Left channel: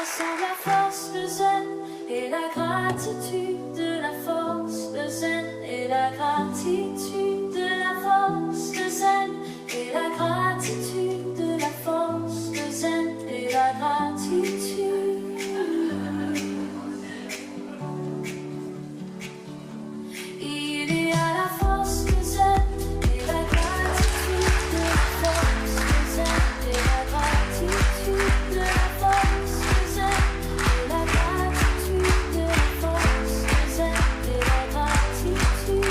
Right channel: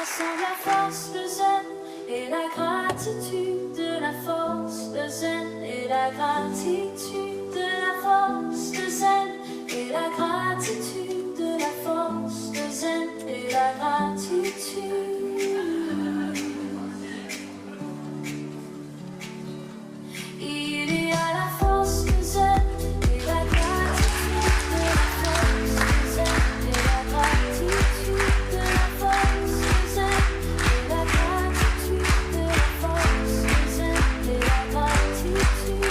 rassemble la force, le zen et la gratitude, de la force, le zen et la gratitude, de la force, le zen et la gratitude, de la force, le zen et la gratitude. Il y a la force, le zen et la gratitude, de la force, le zen et la gratitude, de la force, le zen et la gratitude, de la force, le zen et la gratitude.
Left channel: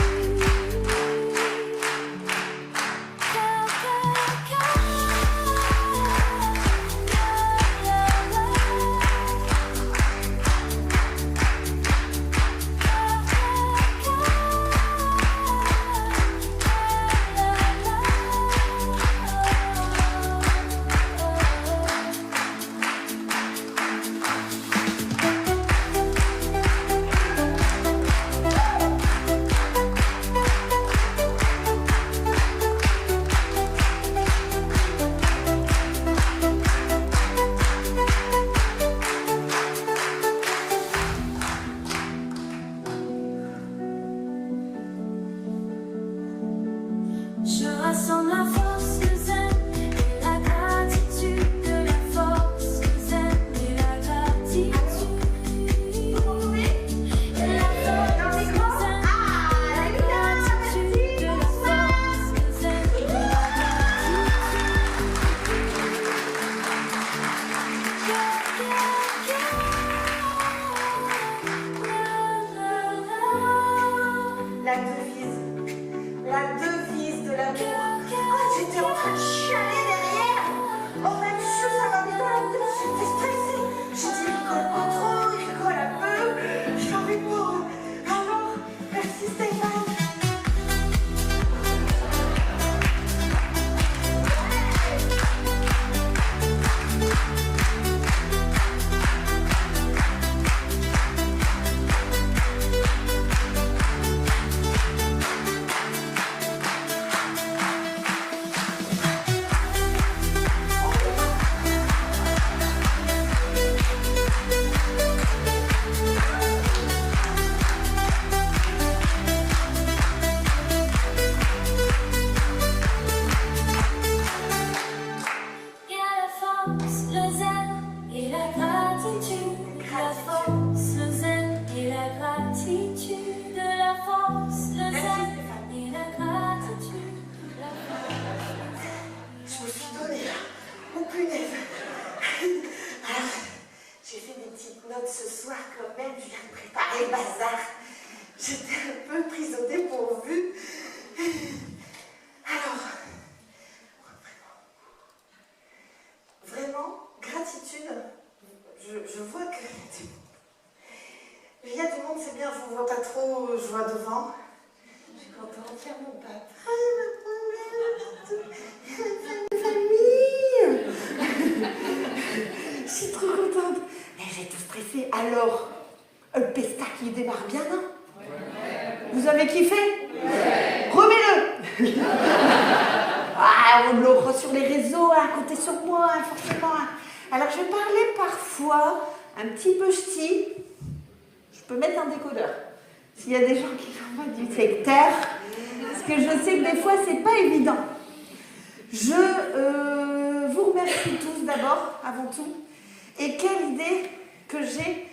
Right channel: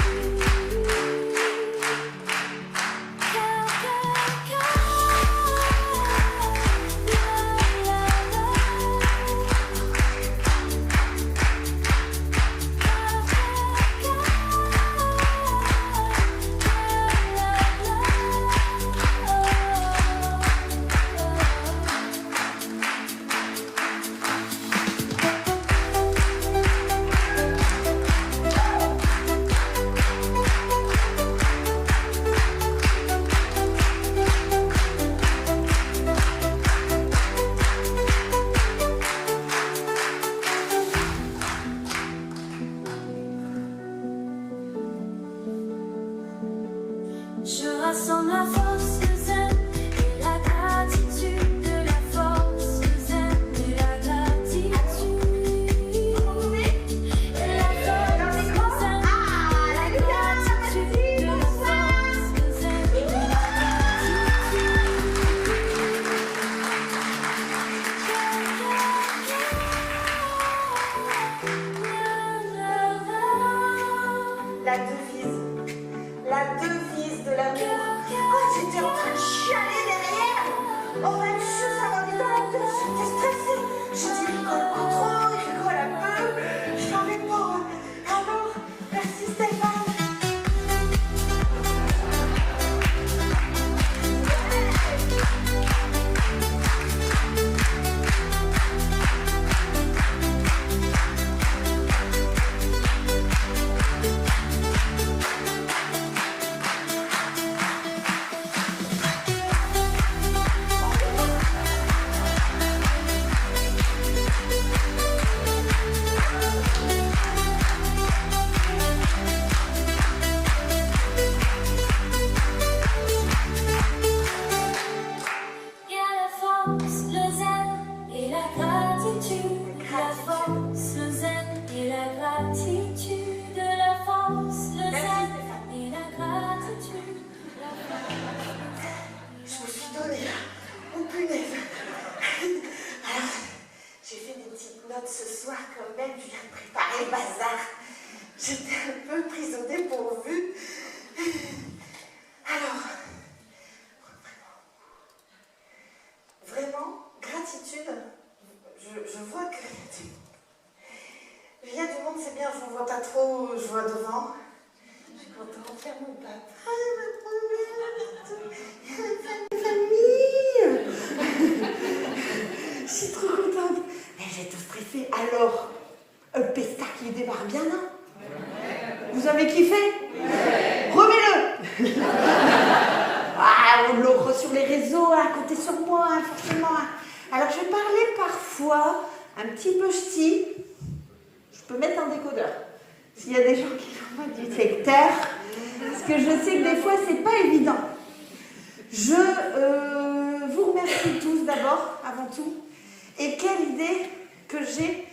Je rassemble la force, le zen et la gratitude, de la force, le zen et la gratitude. Et la force, le zen et la gratitude, de la force, le zen et la gratitude. La devise de l'amour. Oh, j'étais en train de chialer derrière. Oh, même chose, ça m'avait dans la tête. J'étais stressée. J'ai dit, il rigole pas trop, il rigole un peu. Je savais pas. Alors, merci Stéphane. Il y a la force, le zen et la gratitude, la force, le zen et la gratitude, de la force, le zen et la gratitude, la force, le zen. Je me suis donnée là. Oh punaise. Alors, j'ai fait des petites notes ce soir quand même. Je viens de préparer le bazar. J'étais un peu prise au dépourvu. Alors, vraiment, gratitude. Je vois que il y a du monde, c'est bien, je ne vois pas trop, je vois devant. Je suis contente de faire mon papa. Je suis trop contente. Mais j'ai tout stressé. Alors, le pestac, il démarre bien, non? Vous avez kiffé? Remets-le. Ah, on l'offre sur les réseaux, hein, comptez sur moi, hein, forcément. Hein. Alors, je parlais parfois un petit peu ch'ti. Je peux mettre un décodeur. S'il y a des gens qui n'ont pas du secteur, parce que je sais que des fois, c'est pas évident. Je vous remercie tous d'abord, avant tout. Et quelle idée que j'ai.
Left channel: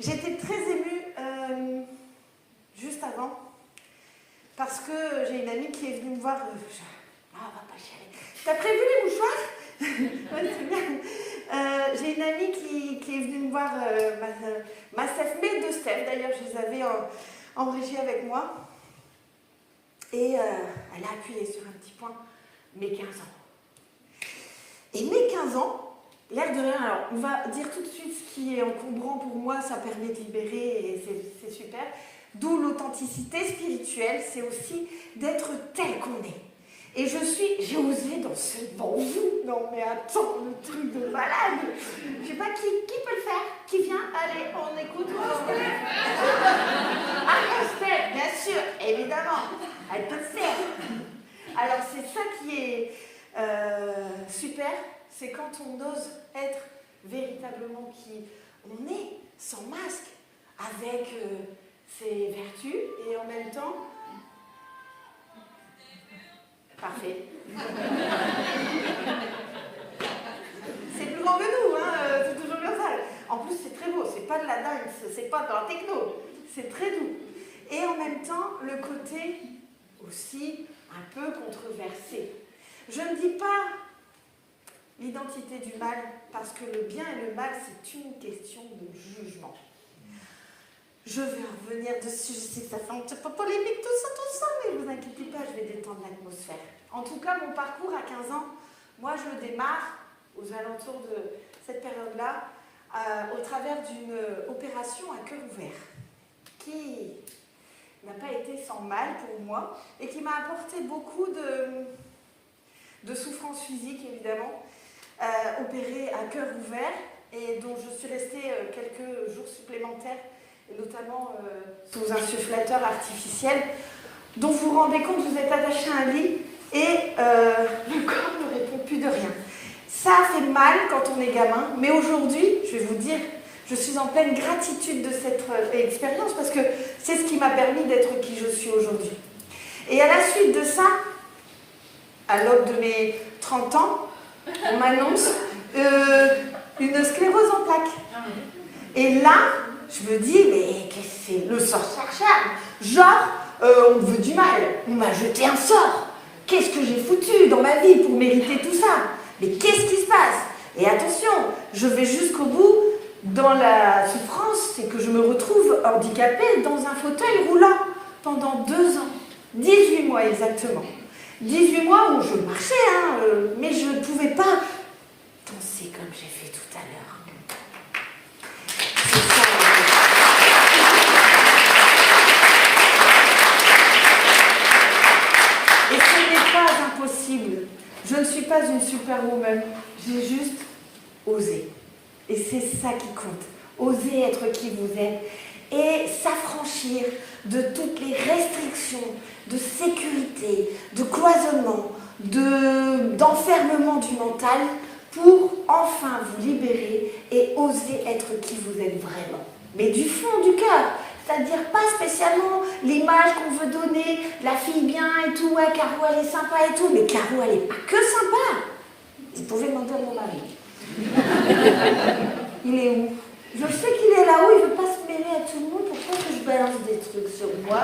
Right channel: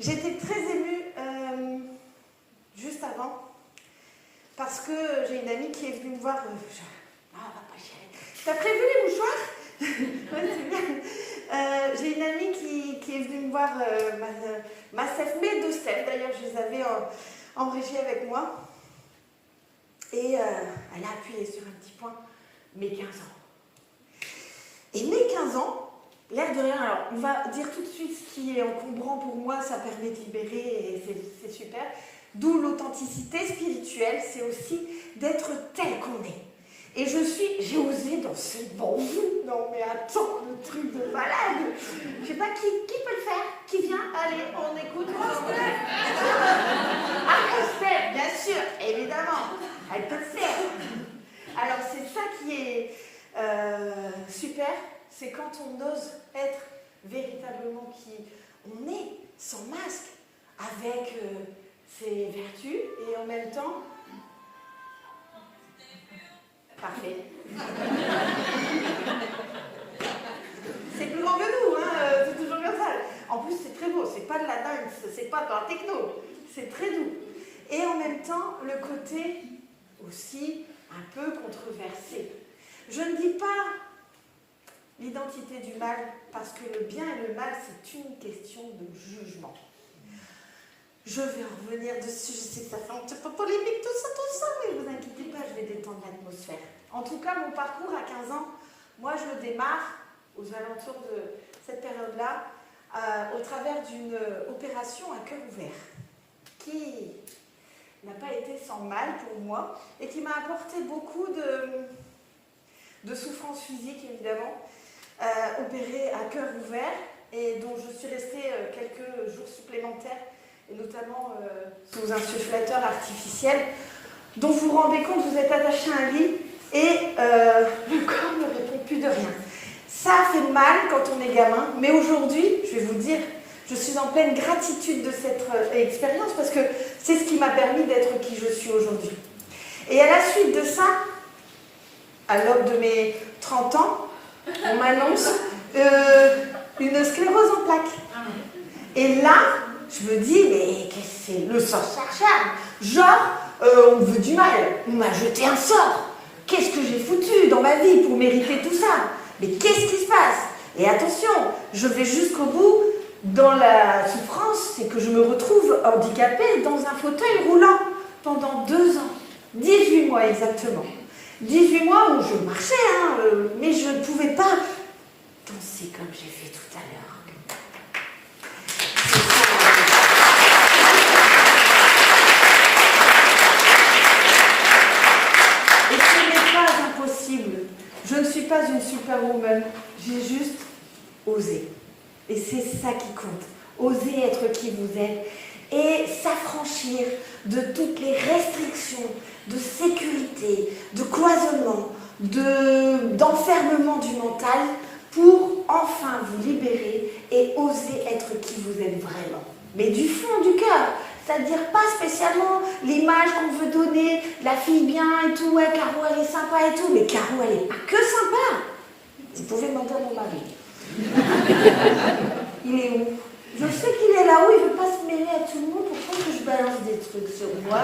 J'étais très émue juste avant, parce que j'ai une amie qui est venue me voir. T'as prévu les mouchoirs? Ouais, c'est bien. J'ai une amie qui est venue me voir, ma Steph, mes deux Steph, d'ailleurs, je les avais en régie avec moi. Et elle a appuyé sur un petit point, mes 15 ans. Et mes 15 ans, l'air de rien, alors on va dire tout de suite ce qui est encombrant pour moi, ça permet de libérer et c'est super. D'où l'authenticité spirituelle, c'est aussi d'être tel qu'on est. Et j'ai osé dans ce bonjour. Non mais attends, le truc de malade. Je sais pas qui peut le faire. Qui vient? Allez, on écoute Rostel. Ah, Rostel, bien sûr, évidemment. Elle peut le faire. Alors c'est ça qui est super, c'est quand on ose être véritablement qui on est, sans masque, avec ses vertus, et en même temps... Parfait. C'est plus grand que nous, hein, c'est toujours comme ça. En plus, c'est très beau, c'est pas de la dance, c'est pas dans la techno, c'est très doux. Et en même temps, le côté aussi un peu controversé. Je ne dis pas l'identité du mal, parce que le bien et le mal, c'est une question de jugement. Je vais revenir dessus, je sais que ça fait un petit peu polémique tout ça, mais vous inquiétez pas, je vais détendre l'atmosphère. En tout cas, mon parcours à 15 ans, moi je le démarre aux alentours de cette période-là, au travers d'une opération à cœur ouvert, qui n'a pas été sans mal pour moi, et qui m'a apporté beaucoup de souffrance physique, évidemment, opérée à cœur ouvert, et dont je suis restée quelques jours supplémentaires, et notamment sous un insufflateur artificiel, dont vous vous rendez compte, vous êtes attaché à un lit, et le corps ne répond plus de rien. Ça fait mal quand on est gamin, mais aujourd'hui, je vais vous dire, je suis en pleine gratitude de cette expérience, parce que c'est ce qui m'a permis d'être qui je suis aujourd'hui. Et à la suite de ça, à l'aube de mes 30 ans, on m'annonce une sclérose en plaques. Et là, je me dis, mais qu'est-ce que c'est? Le sort chargeable. Genre, on veut du mal. On m'a jeté un sort. Qu'est-ce que j'ai foutu dans ma vie pour mériter tout ça? Mais qu'est-ce qui se passe? Et attention, je vais jusqu'au bout dans la souffrance, c'est que je me retrouve handicapée dans un fauteuil roulant pendant 2 ans. 18 mois exactement. 18 mois où je marchais, mais je ne pouvais pas danser comme j'ai fait tout à l'heure. C'est ça. Et ce n'est pas impossible. Je ne suis pas une superwoman. J'ai juste osé. Et c'est ça qui compte. Oser être qui vous êtes et s'affranchir de toutes les restrictions de sécurité, de cloisonnement, d'enfermement du mental pour enfin vous libérer et oser être qui vous êtes vraiment. Mais du fond du cœur, c'est-à-dire pas spécialement l'image qu'on veut donner, la fille bien et tout, ouais, Caro elle est sympa et tout, mais Caro elle est pas que sympa. Vous pouvez mentir à mon mari. Il est où? Je sais qu'il est là-haut, il ne veut pas se mêler à tout le monde, pourquoi que je balance des trucs sur moi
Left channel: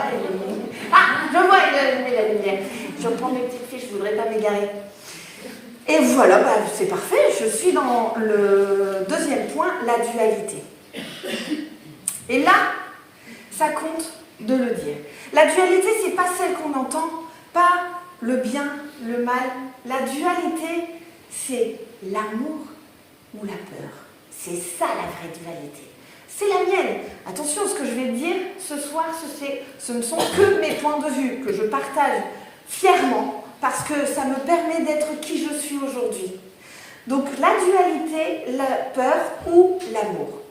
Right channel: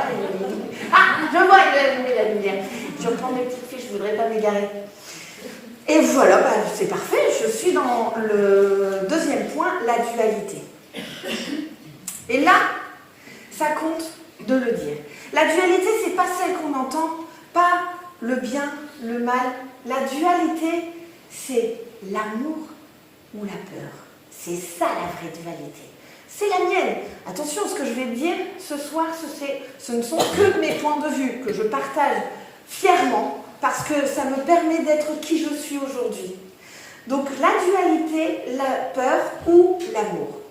Ah, je vois, il a mis la lumière. Je reprends mes petites fiches, je ne voudrais pas m'égarer. Et voilà, c'est parfait, je suis dans le deuxième point, la dualité. Et là, ça compte de le dire. La dualité, c'est pas celle qu'on entend, pas le bien, le mal. La dualité, c'est l'amour ou la peur. C'est ça la vraie dualité. C'est la mienne. Attention, ce que je vais dire ce soir, ce ne sont que mes points de vue que je partage fièrement parce que ça me permet d'être qui je suis aujourd'hui. Donc la dualité, la peur ou l'amour.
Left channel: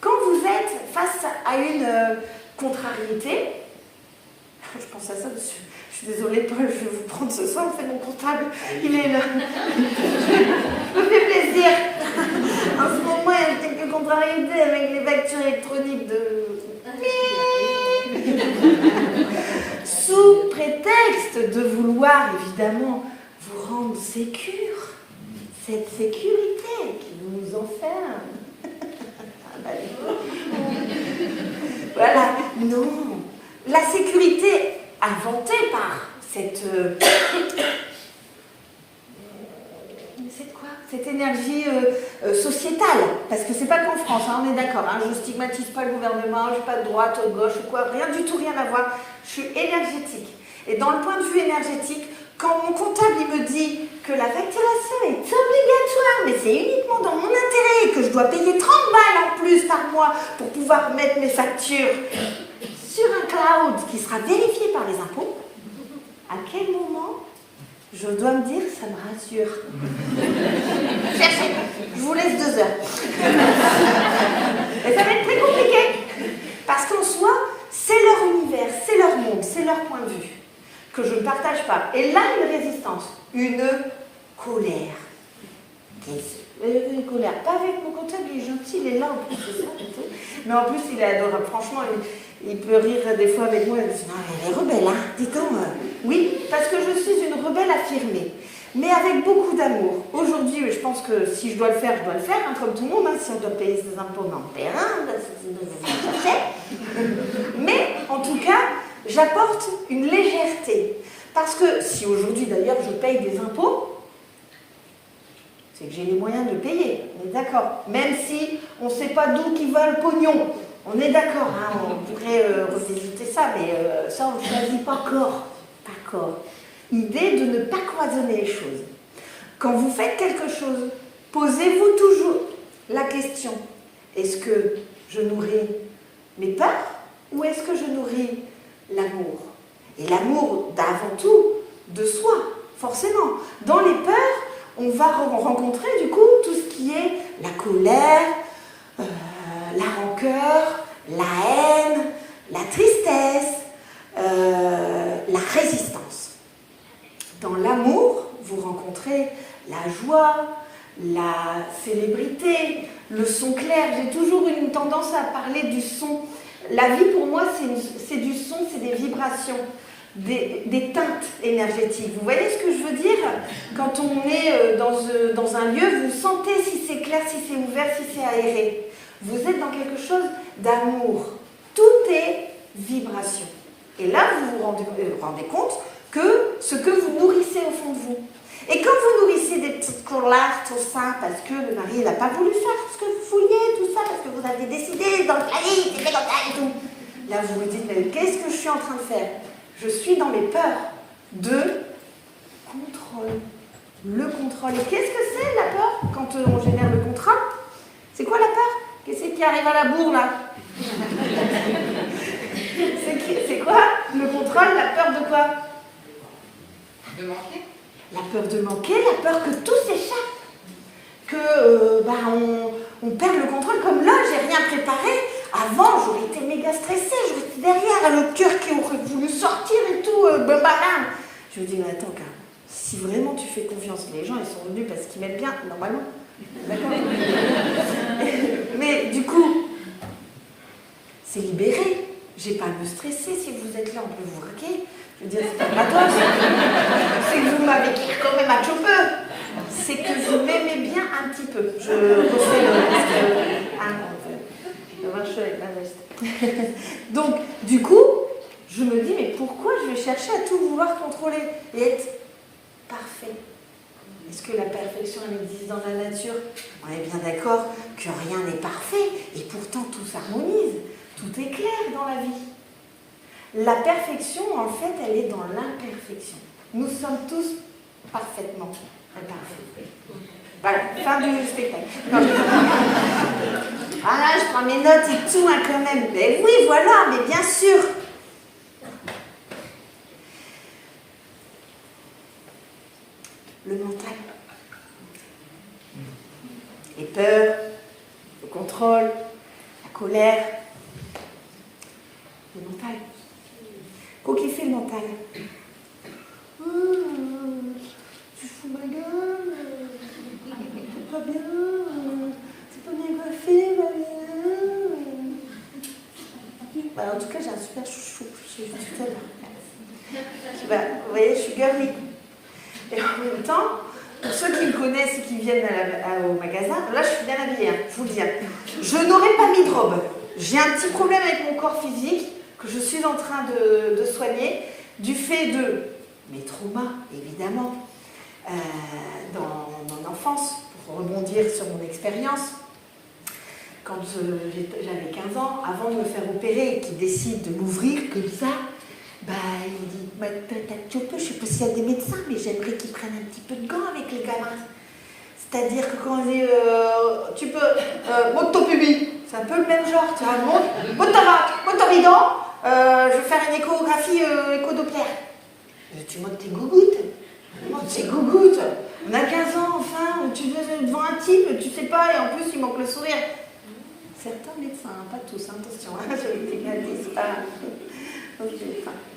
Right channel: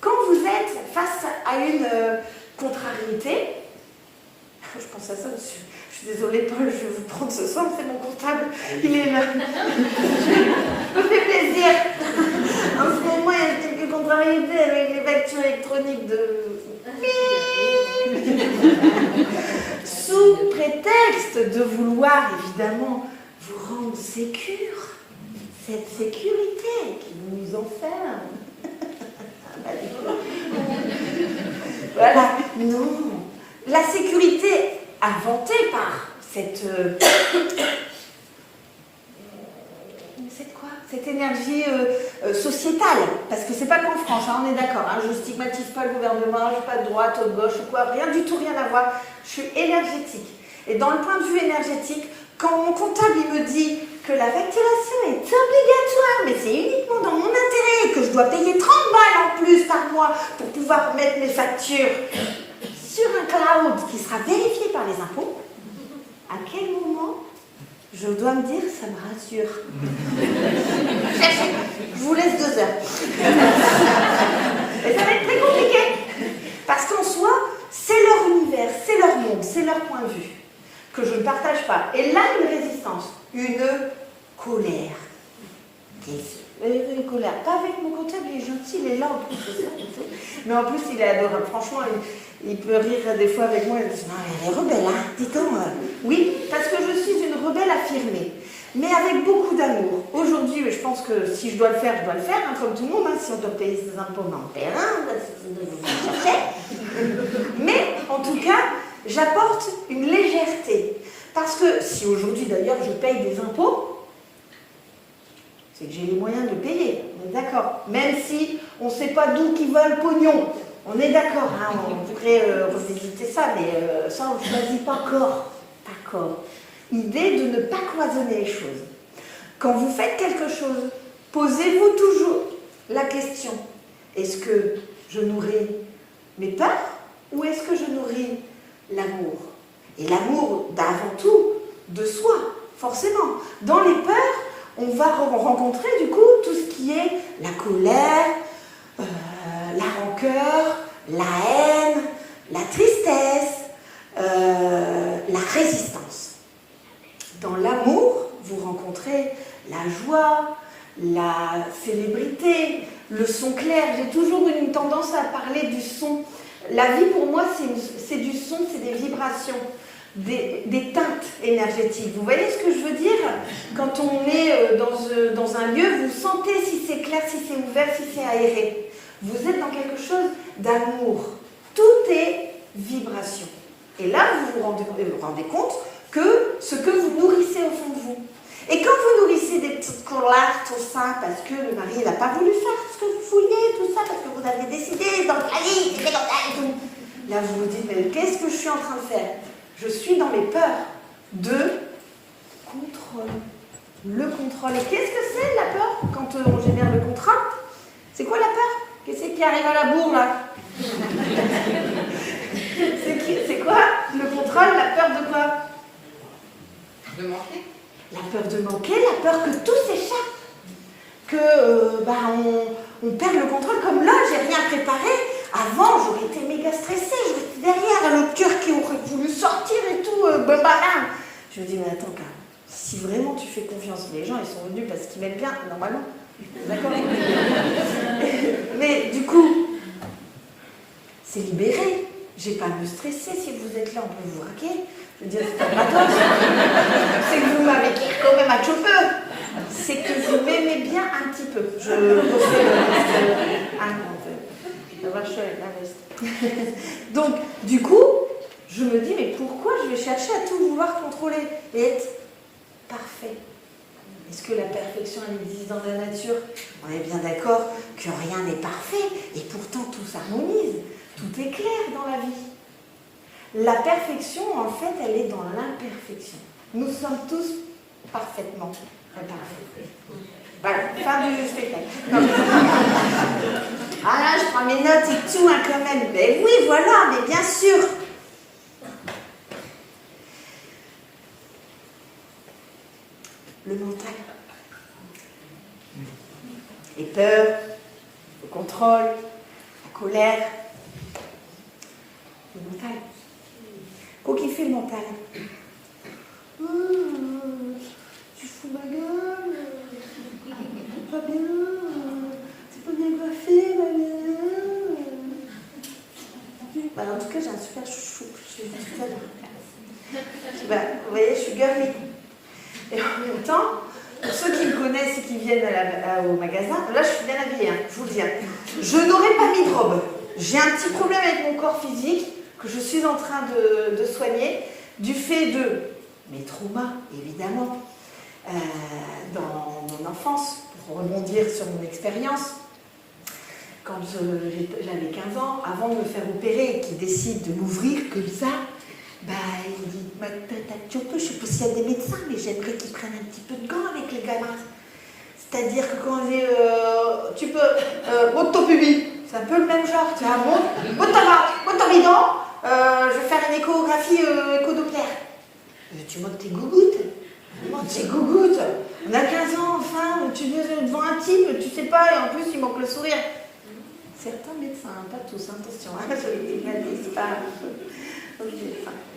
Quand vous êtes face à une contrariété, je pense à ça dessus. Je suis désolée, Paul, je vais vous prendre ce soir, c'est mon comptable, il est là. Je me fais plaisir. En ce moment, il y a quelques contrariétés avec les factures électroniques de... Sous prétexte de vouloir, évidemment, vous rendre sécure, cette sécurité qui vous enferme. Voilà, non. La sécurité inventée par cette énergie sociétale, parce que c'est pas qu'en France, hein, on est d'accord, hein, je stigmatise pas le gouvernement, je suis pas de droite ou de gauche ou quoi, rien du tout, rien à voir, je suis énergétique. Et dans le point de vue énergétique, quand mon comptable il me dit que la facturation est obligatoire, mais c'est uniquement dans mon intérêt, et que je dois payer 30 balles en plus par mois pour pouvoir mettre mes factures sur un cloud qui sera vérifié par les impôts, à quel moment je dois me dire que ça me rassure? Je vous laisse 2 heures. Et ça va être très compliqué. Parce qu'en soi, c'est leur univers, c'est leur monde, c'est leur point de vue, que je ne partage pas. Et là, une résistance, une colère. colère. Pas avec mon comptable, il est gentil, il est là en plus, c'est ça. Mais en plus, il est adorable. Franchement, il peut rire des fois avec moi. Il dit, elle est rebelle, hein, dis-donc. Oui, parce que je suis une rebelle affirmée, mais avec beaucoup d'amour. Aujourd'hui, je pense que si je dois le faire, je dois le faire, hein, comme tout le monde. Hein. Si on doit payer ses impôts, on en paie un. Mais en tout cas, j'apporte une légèreté. Parce que si aujourd'hui, d'ailleurs, je paye des impôts, c'est que j'ai les moyens de payer, on est d'accord. Même si on ne sait pas d'où qui va le pognon, on est d'accord, hein, on pourrait revisiter ça, mais ça on ne choisit pas corps. Idée de ne pas cloisonner les choses. Quand vous faites quelque chose, posez-vous toujours la question, est-ce que je nourris mes peurs ou est-ce que je nourris l'amour? Et l'amour d'avant tout, de soi, forcément. Dans les peurs, on va rencontrer du coup tout ce qui est la colère, la rancœur, la haine, la tristesse, la résistance. Dans l'amour, vous rencontrez la joie, la célébrité, le son clair. J'ai toujours eu une tendance à parler du son. La vie pour moi c'est du son, c'est des vibrations. Des teintes énergétiques. Vous voyez ce que je veux dire? Quand on est dans un lieu, vous sentez si c'est clair, si c'est ouvert, si c'est aéré. Vous êtes dans quelque chose d'amour. Tout est vibration. Et là, vous vous rendez compte que ce que vous nourrissez au fond de vous. Et quand vous nourrissez des petites colères, tout ça, parce que le mari n'a pas voulu faire ce que vous vouliez, tout ça, parce que vous avez décidé dans le cahier, c'était comme ça et tout. Là, vous vous dites, mais qu'est-ce que je suis en train de faire? Je suis dans les peurs de contrôle. Le contrôle. Qu'est-ce que c'est la peur quand on génère le contrat? C'est quoi la peur? Qu'est-ce qui arrive à la bourre là? C'est quoi le contrôle? La peur de quoi? De manquer. La peur de manquer, la peur que tout s'échappe. Que on perd le contrôle. Comme là, j'ai rien préparé. Avant, j'aurais été méga stressée, j'aurais été derrière, le cœur qui aurait voulu sortir et tout, Je me dis, mais attends, Carl, si vraiment tu fais confiance, les gens, ils sont venus parce qu'ils m'aiment bien, normalement. D'accord. Mais du coup, c'est libéré. J'ai pas à me stresser. Si vous êtes là, on peut vous raquer. Je veux dire, c'est pas gratos. C'est que vous m'avez quand même un chauffeur. C'est que vous m'aimez bien un petit peu. Je refais Donc, du coup, je me dis, mais pourquoi je vais chercher à tout vouloir contrôler et être parfait? Est-ce que la perfection existe dans la nature? On est bien d'accord que rien n'est parfait et pourtant tout s'harmonise, tout est clair dans la vie. La perfection, en fait, elle est dans l'imperfection. Nous sommes tous parfaitement imparfaits. Voilà, fin du spectacle. Ah là, je prends mes notes et tout, hein, quand même. Mais oui, voilà, mais bien sûr. Le mental. Les peurs, le contrôle, la colère. Le mental. Qu'est-ce qu'il fait le mental? Tu fous ma gueule. C'est pas bien. C'est pas bien coiffé, ma bien. En tout cas, j'ai un super chouchou. Je suis tout à l'heure. Vous voyez, je suis girly. Et en même temps, pour ceux qui me connaissent et qui viennent au magasin, là, je suis bien habillée, hein, je vous le dis. Je n'aurais pas mis de robe. J'ai un petit problème avec mon corps physique que je suis en train de soigner du fait de mes traumas, évidemment, dans mon enfance, pour rebondir sur mon expérience. Quand j'avais 15 ans, avant de me faire opérer et qu'il décide de m'ouvrir comme ça, il dit, tu peux, je sais pas s'il y a des médecins, mais j'aimerais qu'ils prennent un petit peu de gants avec les gamins. C'est-à-dire que quand on dit, tu peux, monte ton pubis, c'est un peu le même genre, tu vois, monte ton bidon, je vais faire une échographie éco-doppler. Tu montes tes gougouttes. C'est gougouttes. On a 15 ans, enfin, tu veux devant un type, tu sais pas, et en plus, il manque le sourire. Certains médecins, pas tous, attention, je c'est pas...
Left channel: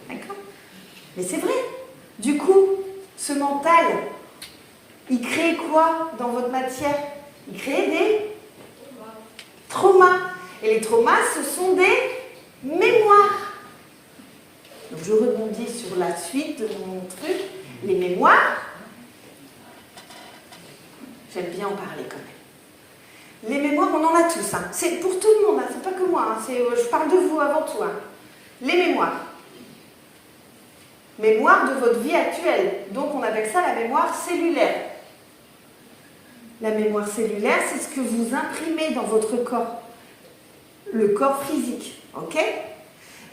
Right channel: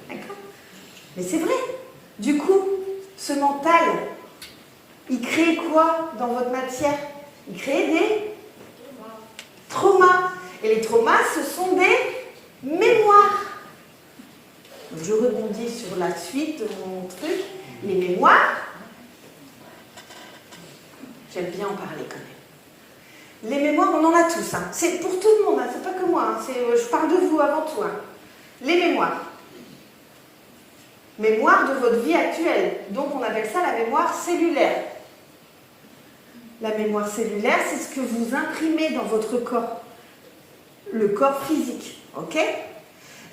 D'accord. Mais c'est vrai. Du coup, ce mental, il crée quoi dans votre matière? Il crée des traumas. Et les traumas, ce sont des mémoires. Donc je rebondis sur la suite de mon truc. Les mémoires, j'aime bien en parler quand même. Les mémoires, on en a tous. Hein. C'est pour tout le monde, hein. C'est pas que moi. Hein. Je parle de vous avant tout. Hein. Les mémoires. Mémoire de votre vie actuelle. Donc on appelle ça la mémoire cellulaire. La mémoire cellulaire, c'est ce que vous imprimez dans votre corps. Le corps physique. Ok ?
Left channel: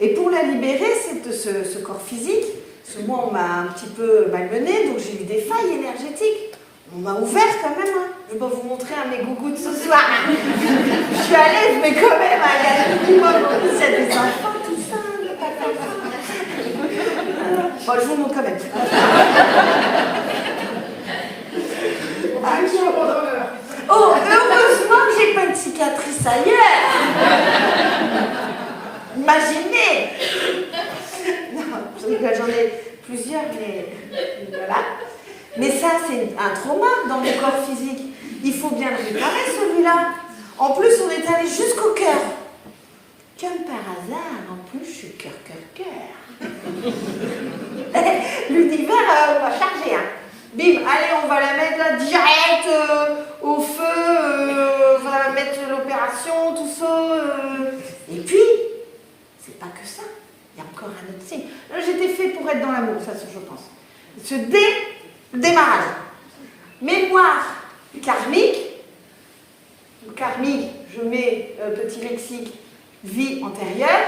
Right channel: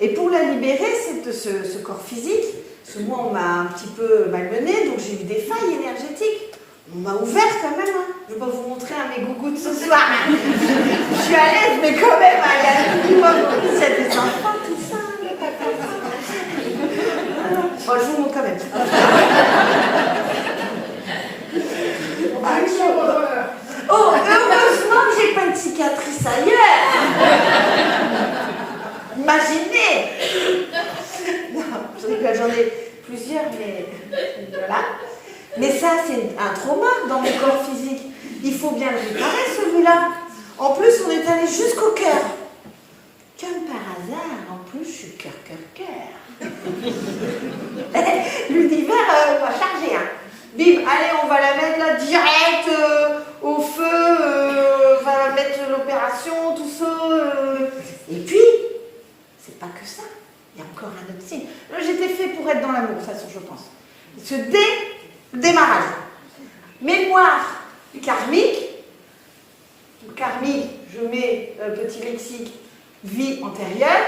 Et pour la libérer, ce corps physique, parce que moi on m'a un petit peu malmené, donc j'ai eu des failles énergétiques. On m'a ouvert quand même. Hein. Je ne vais pas vous montrer un mes gougouttes ce soir. Je suis à l'aise, mais quand même, il y a tout le monde. Il y a des enfants, tout ça. Il n'y a pas de... Bon, je vous montre quand même. Oh, heureusement que j'ai pas une cicatrice ailleurs. Imaginez. Non, j'en ai plusieurs, mais voilà. Mais ça, c'est un trauma dans le corps physique. Il faut bien le réparer, celui-là. En plus, on est allé jusqu'au cœur. Comme par hasard, en plus, je suis cœur. L'univers va charger. Hein. Bim, allez, on va la mettre là direct au feu. On va mettre l'opération, tout ça. Et puis, c'est pas que ça. Il y a encore un autre signe. J'étais fait pour être dans l'amour, ça, je pense. Ce démarrage. Mémoire karmique. Karmique, je mets petit lexique, vie antérieure.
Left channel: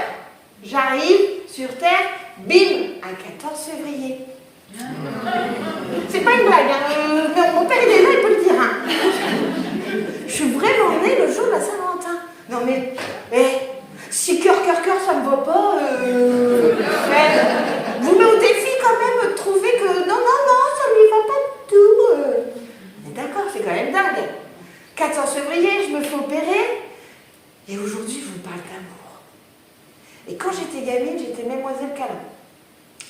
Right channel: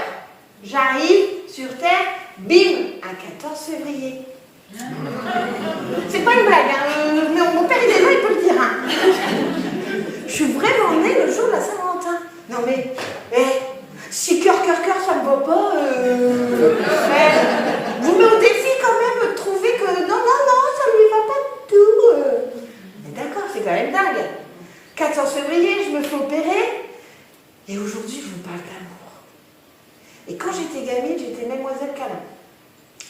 J'arrive sur Terre, bim, un 14 février. C'est pas une blague, hein. Mais mon père il est là, il peut le dire. Hein. Je suis vraiment née le jour de la Saint-Valentin. Non mais, si cœur, ça me va pas. Vous mettez au défi quand même de trouver que non, ça lui va pas du tout. Mais d'accord, c'est quand même dingue. 14 février, je me fais opérer. Et aujourd'hui, je vous parle d'amour. Et quand j'étais gamine, j'étais Mademoiselle Câlin.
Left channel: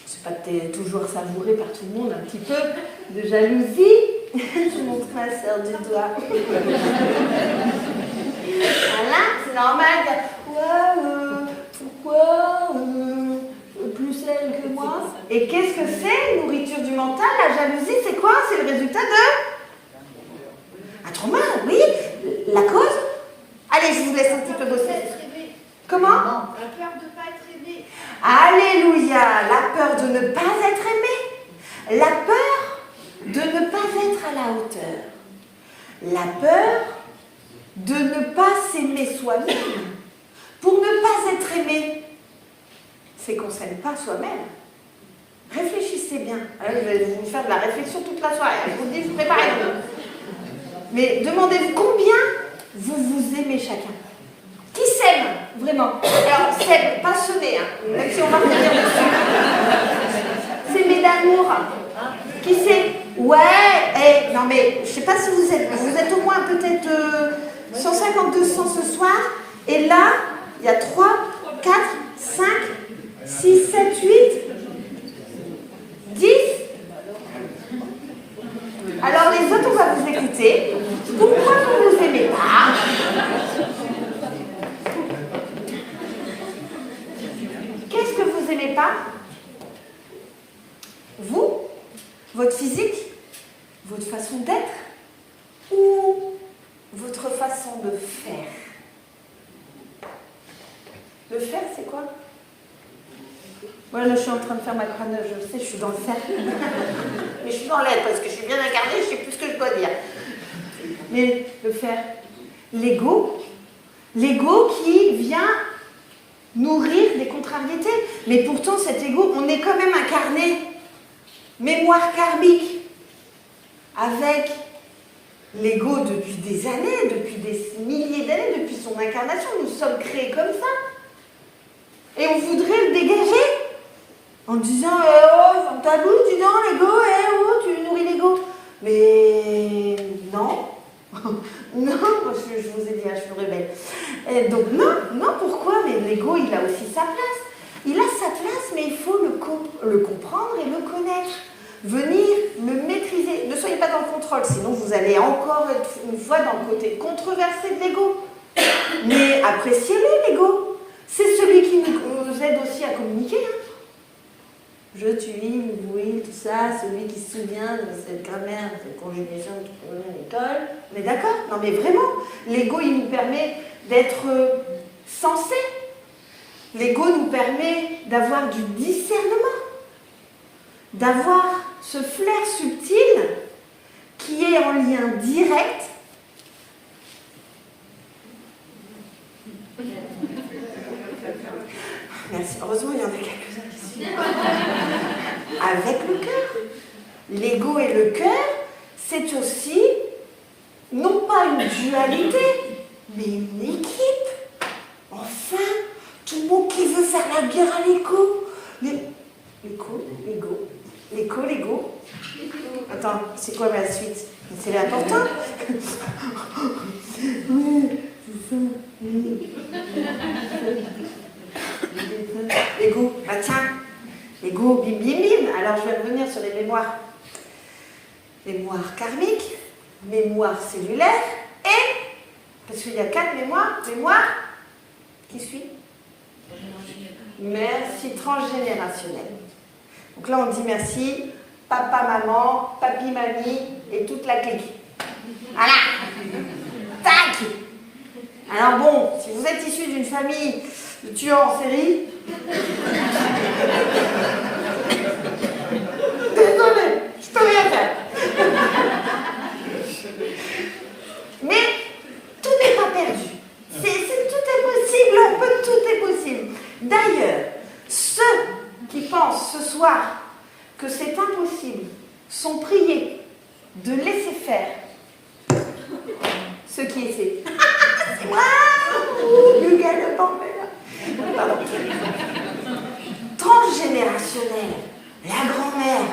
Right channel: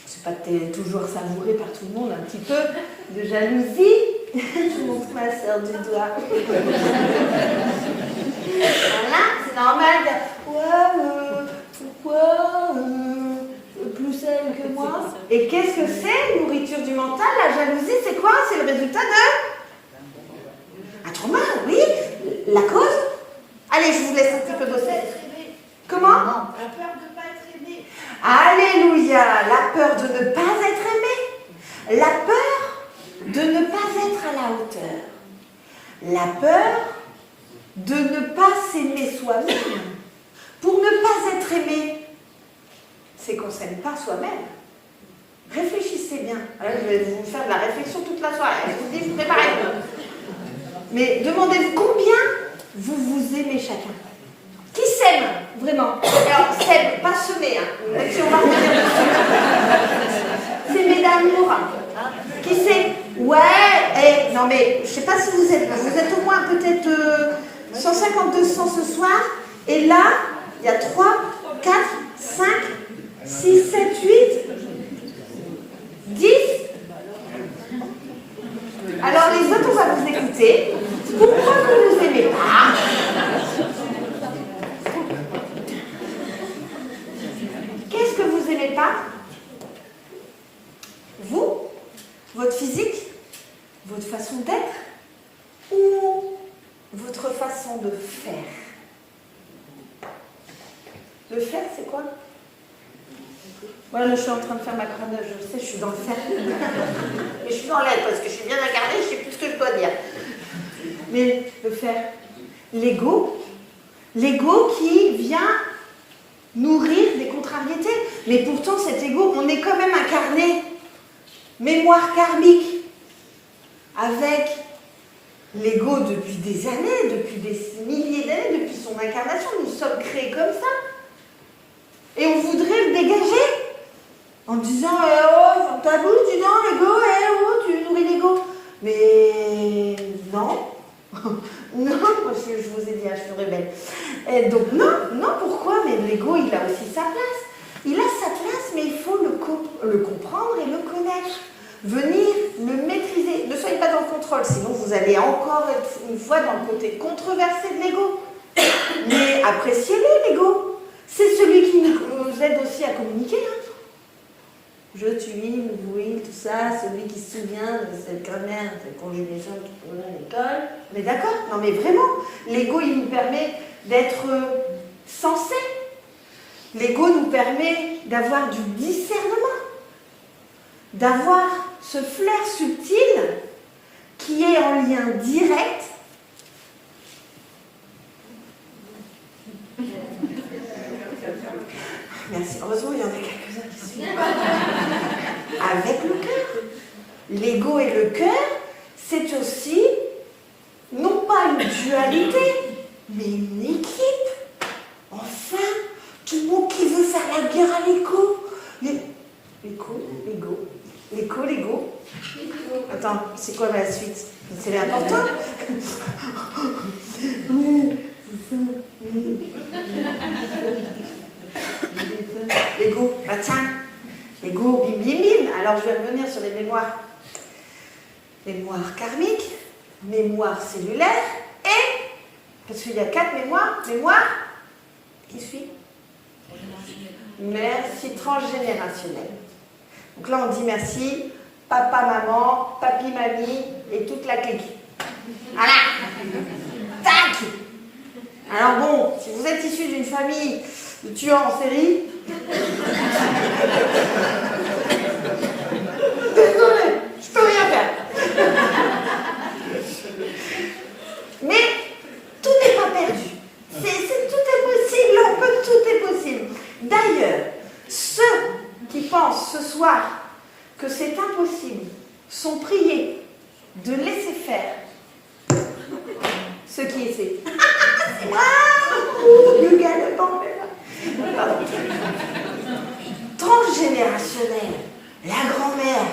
C'est pas toujours savouré par tout le monde, un petit peu de jalousie. Je montre ma soeur du doigt. Voilà, c'est normal. Ouais, pourquoi plus elle que moi? Et qu'est-ce que c'est? Nourriture du mental, la jalousie, c'est quoi? C'est le résultat de un trauma, oui. La cause? Allez, je vous laisse un petit peu bosser. Comment? La peur de ne pas être aimé. Alléluia, la peur de ne pas être aimé, la peur de ne pas être à la hauteur, la peur de ne pas s'aimer soi-même. Pour ne pas être aimé, c'est qu'on ne s'aime pas soi-même. Réfléchissez bien. Je vais vous faire de la réflexion toute la soirée. Je vous dis, préparez un peu. Mais demandez-vous combien vous vous aimez chacun. Qui s'aime vraiment? Alors, s'aime, pas semer, hein. Même si on va revenir dessus. S'aimer d'amour. Qui c'est? Ouais, non mais, je sais pas si vous êtes au moins peut-être 150, 200 ce soir. Et là, il y a 3, 4, 5, 6, 7, 8, 10. Alors les autres, on va vous écouter. Pourquoi vous ne vous aimez pas? Qu'est-ce que vous n'aimez pas? Vous? Votre physique? Votre façon d'être? Ou votre façon de faire? Le faire, c'est quoi? Voilà, je suis en train de faire ma crâne, je sais, je suis dans le faire. Mais je suis dans l'aide parce que je suis bien incarnée, je sais plus ce que je dois dire. Mais le faire, l'ego qui vient nourrir des contrariétés. Mais pourtant, cet ego, on est quand même incarné. Mémoire karmique. Avec l'ego depuis des années, depuis des milliers d'années, depuis son incarnation. Nous sommes créés comme ça. Et on voudrait le dégager. En disant, oh, tabou, dis donc, l'ego, tu nourris l'ego. Mais non. Non, je vous ai dit, je me révèle. Et donc non, pourquoi? Mais l'ego, il a aussi sa place. Il a sa place, mais il faut le comprendre et le connaître. venir le maîtriser. Ne soyez pas dans le contrôle, sinon vous allez encore être une fois dans le côté controversé de l'ego. Mais appréciez-le, l'ego. C'est celui qui nous aide aussi à communiquer. Hein. Je, tu, il, oui, tout ça, celui qui se souvient de cette grammaire de conjugaison qu'on a à l'école. Mais d'accord, non mais vraiment, l'ego il nous permet d'être sensé. L'ego nous permet d'avoir du discernement, d'avoir ce flair subtil qui est en lien direct merci, heureusement il y en a quelques-uns qui suivent. Avec le cœur. L'ego et le cœur, c'est aussi, non pas une dualité, mais une équipe. Enfin, tout le monde qui veut faire la guerre à l'écho. L'ego. Attends, c'est quoi la suite? C'est important. L'ego, bah tiens, l'ego, bim bim bim. Alors je vais revenir sur les mémoires. Mémoire karmique, mémoire cellulaire et, parce qu'il y a 4 mémoires, mémoire, qui suit? Merci, transgénérationnel. Donc là on dit merci, papa, maman, papi, mamie et toute la clique. Voilà. Tac. Alors bon, si vous êtes issu d'une famille de tueurs en série, désolé, je peux rien faire. Mais tout n'est pas perdu. Tout est possible, tout est possible. D'ailleurs, ceux qui pensent ce soir que c'est impossible sont priés de laisser faire ce qui est fait. Waouh, le gars de transgénérationnel, la grand-mère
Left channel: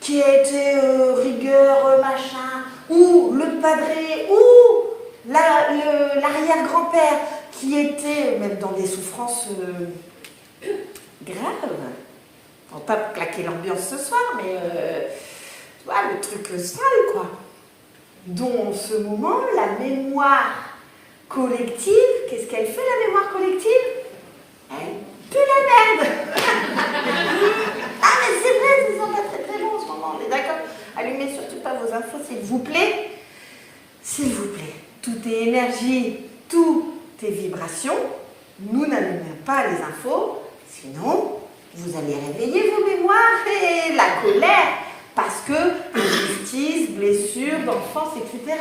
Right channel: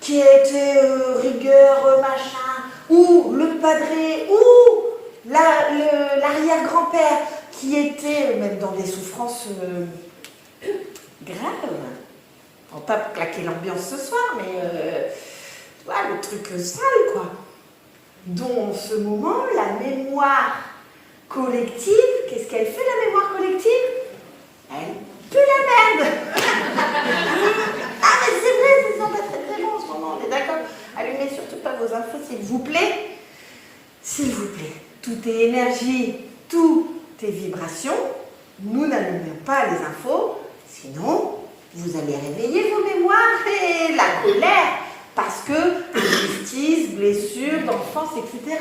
qui a été rigueur, machin, ou le padré, ou l'arrière-grand-père qui était même dans des souffrances graves. On va pas claquer l'ambiance ce soir, mais voilà, le truc sale, quoi. Dont en ce moment, la mémoire collective, qu'est-ce qu'elle fait, la mémoire collective? Elle pue la merde. Ah mais c'est vrai, vous en êtes très très bon en ce moment, on est d'accord? Allumez surtout pas vos infos, s'il vous plaît. S'il vous plaît. Tout est énergie, tout est vibration. Nous n'allumons pas les infos, sinon vous allez réveiller vos mémoires et la colère, parce que justice, blessures d'enfance, etc.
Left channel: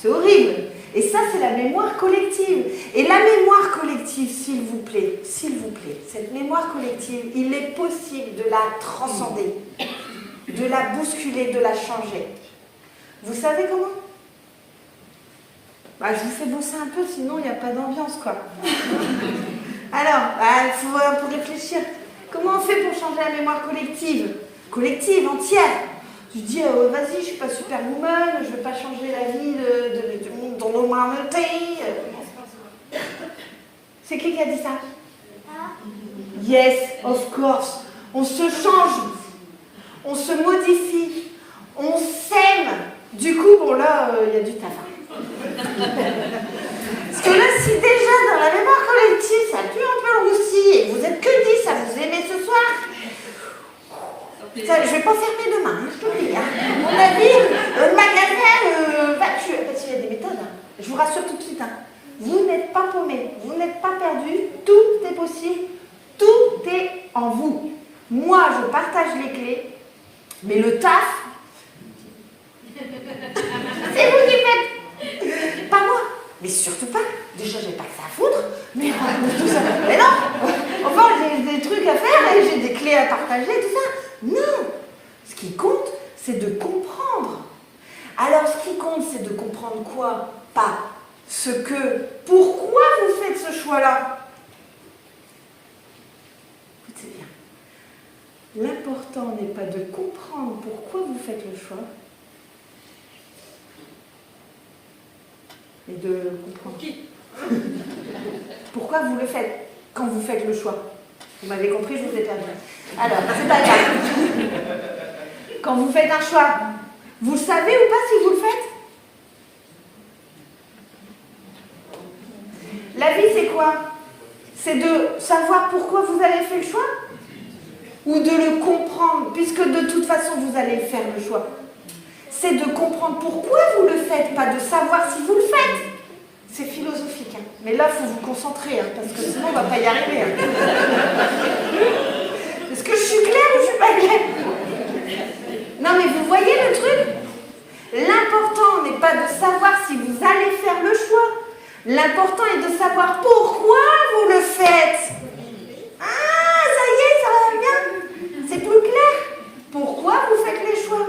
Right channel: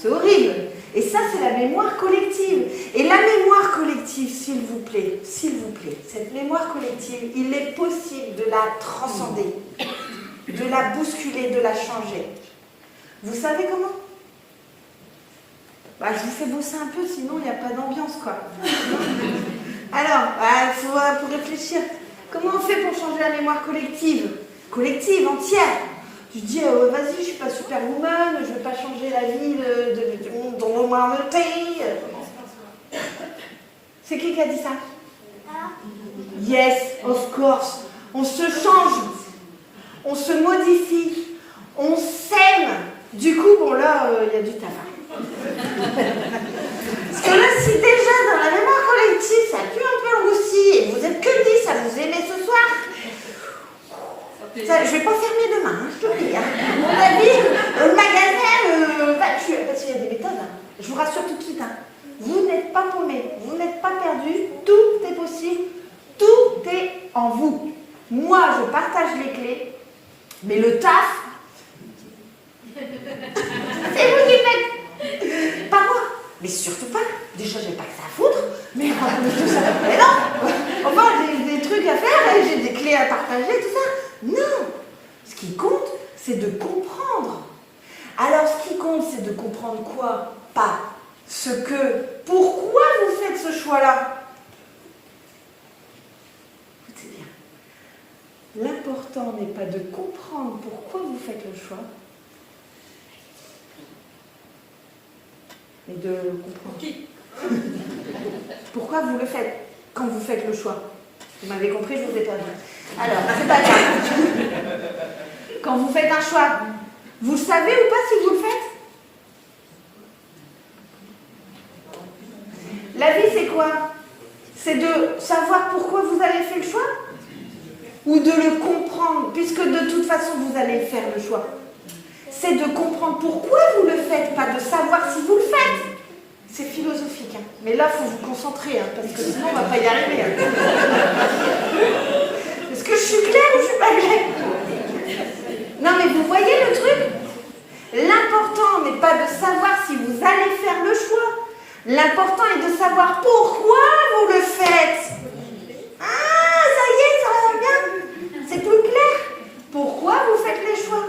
C'est horrible. Et ça, c'est la mémoire collective. Et la mémoire collective, s'il vous plaît, cette mémoire collective, il est possible de la transcender, de la bousculer, de la changer. Vous savez comment? Je vous fais bosser un peu, sinon il n'y a pas d'ambiance, quoi. Alors, il faut un peu réfléchir. Comment on fait pour changer la mémoire collective? Collective, entière. Tu dis, vas-y, je suis pas superwoman, je vais pas changer la vie du monde dans l'humanité. C'est qui a dit ça? Yes, of course. On se change, on se modifie, on s'aime. Du coup, bon là, il y a du taf. Parce que là, si déjà dans la mémoire collective, ça pue un peu en Russie, et vous êtes que 10 à vous aimer ce soir, ça, je vais pas fermer demain, hein, je te le dis. Hein. À mon avis, le magasin va tuer, parce qu'il y a des méthodes. Hein. Je vous rassure tout de suite. Hein. Vous n'êtes pas paumé, vous n'êtes pas perdu, tout est possible, tout est en vous. Moi, je partage les clés, mais le taf, c'est vous qui faites. Pas moi. Mais surtout pas. Déjà, j'ai pas que ça à foutre. Mais tout ça. Mais non. Enfin, j'ai des trucs à faire, et j'ai des clés à partager, tout ça. Non. Ce qui compte, c'est de comprendre. Alors, ce qui compte, c'est de comprendre quoi? Pas ce que. Pourquoi vous faites ce choix-là? Écoutez bien. L'important n'est pas de comprendre pourquoi vous faites le choix, mais de comprendre. Pourquoi vous le faites quand vous faites le choix? Vous m'avez compris, je vous ai pas dit. Alors, c'est pas grave. quand vous faites un choix, vous le savez ou pas si vous le faites? La vie, c'est quoi? C'est de savoir pourquoi vous avez fait le choix? Ou de le comprendre, puisque de toute façon, vous allez faire le choix. C'est de comprendre pourquoi vous le faites, pas de savoir si vous le faites. C'est philosophique, hein. Mais là, il faut vous concentrer, hein, parce que sinon, on ne va pas y arriver. Hein. Est-ce que je suis claire ou je suis pas claire? Non, mais vous voyez le truc? L'important n'est pas de savoir si vous allez faire le choix. L'important est de savoir pourquoi vous le faites. Ah, ça y est, ça va bien. C'est plus clair. Pourquoi vous faites les choix?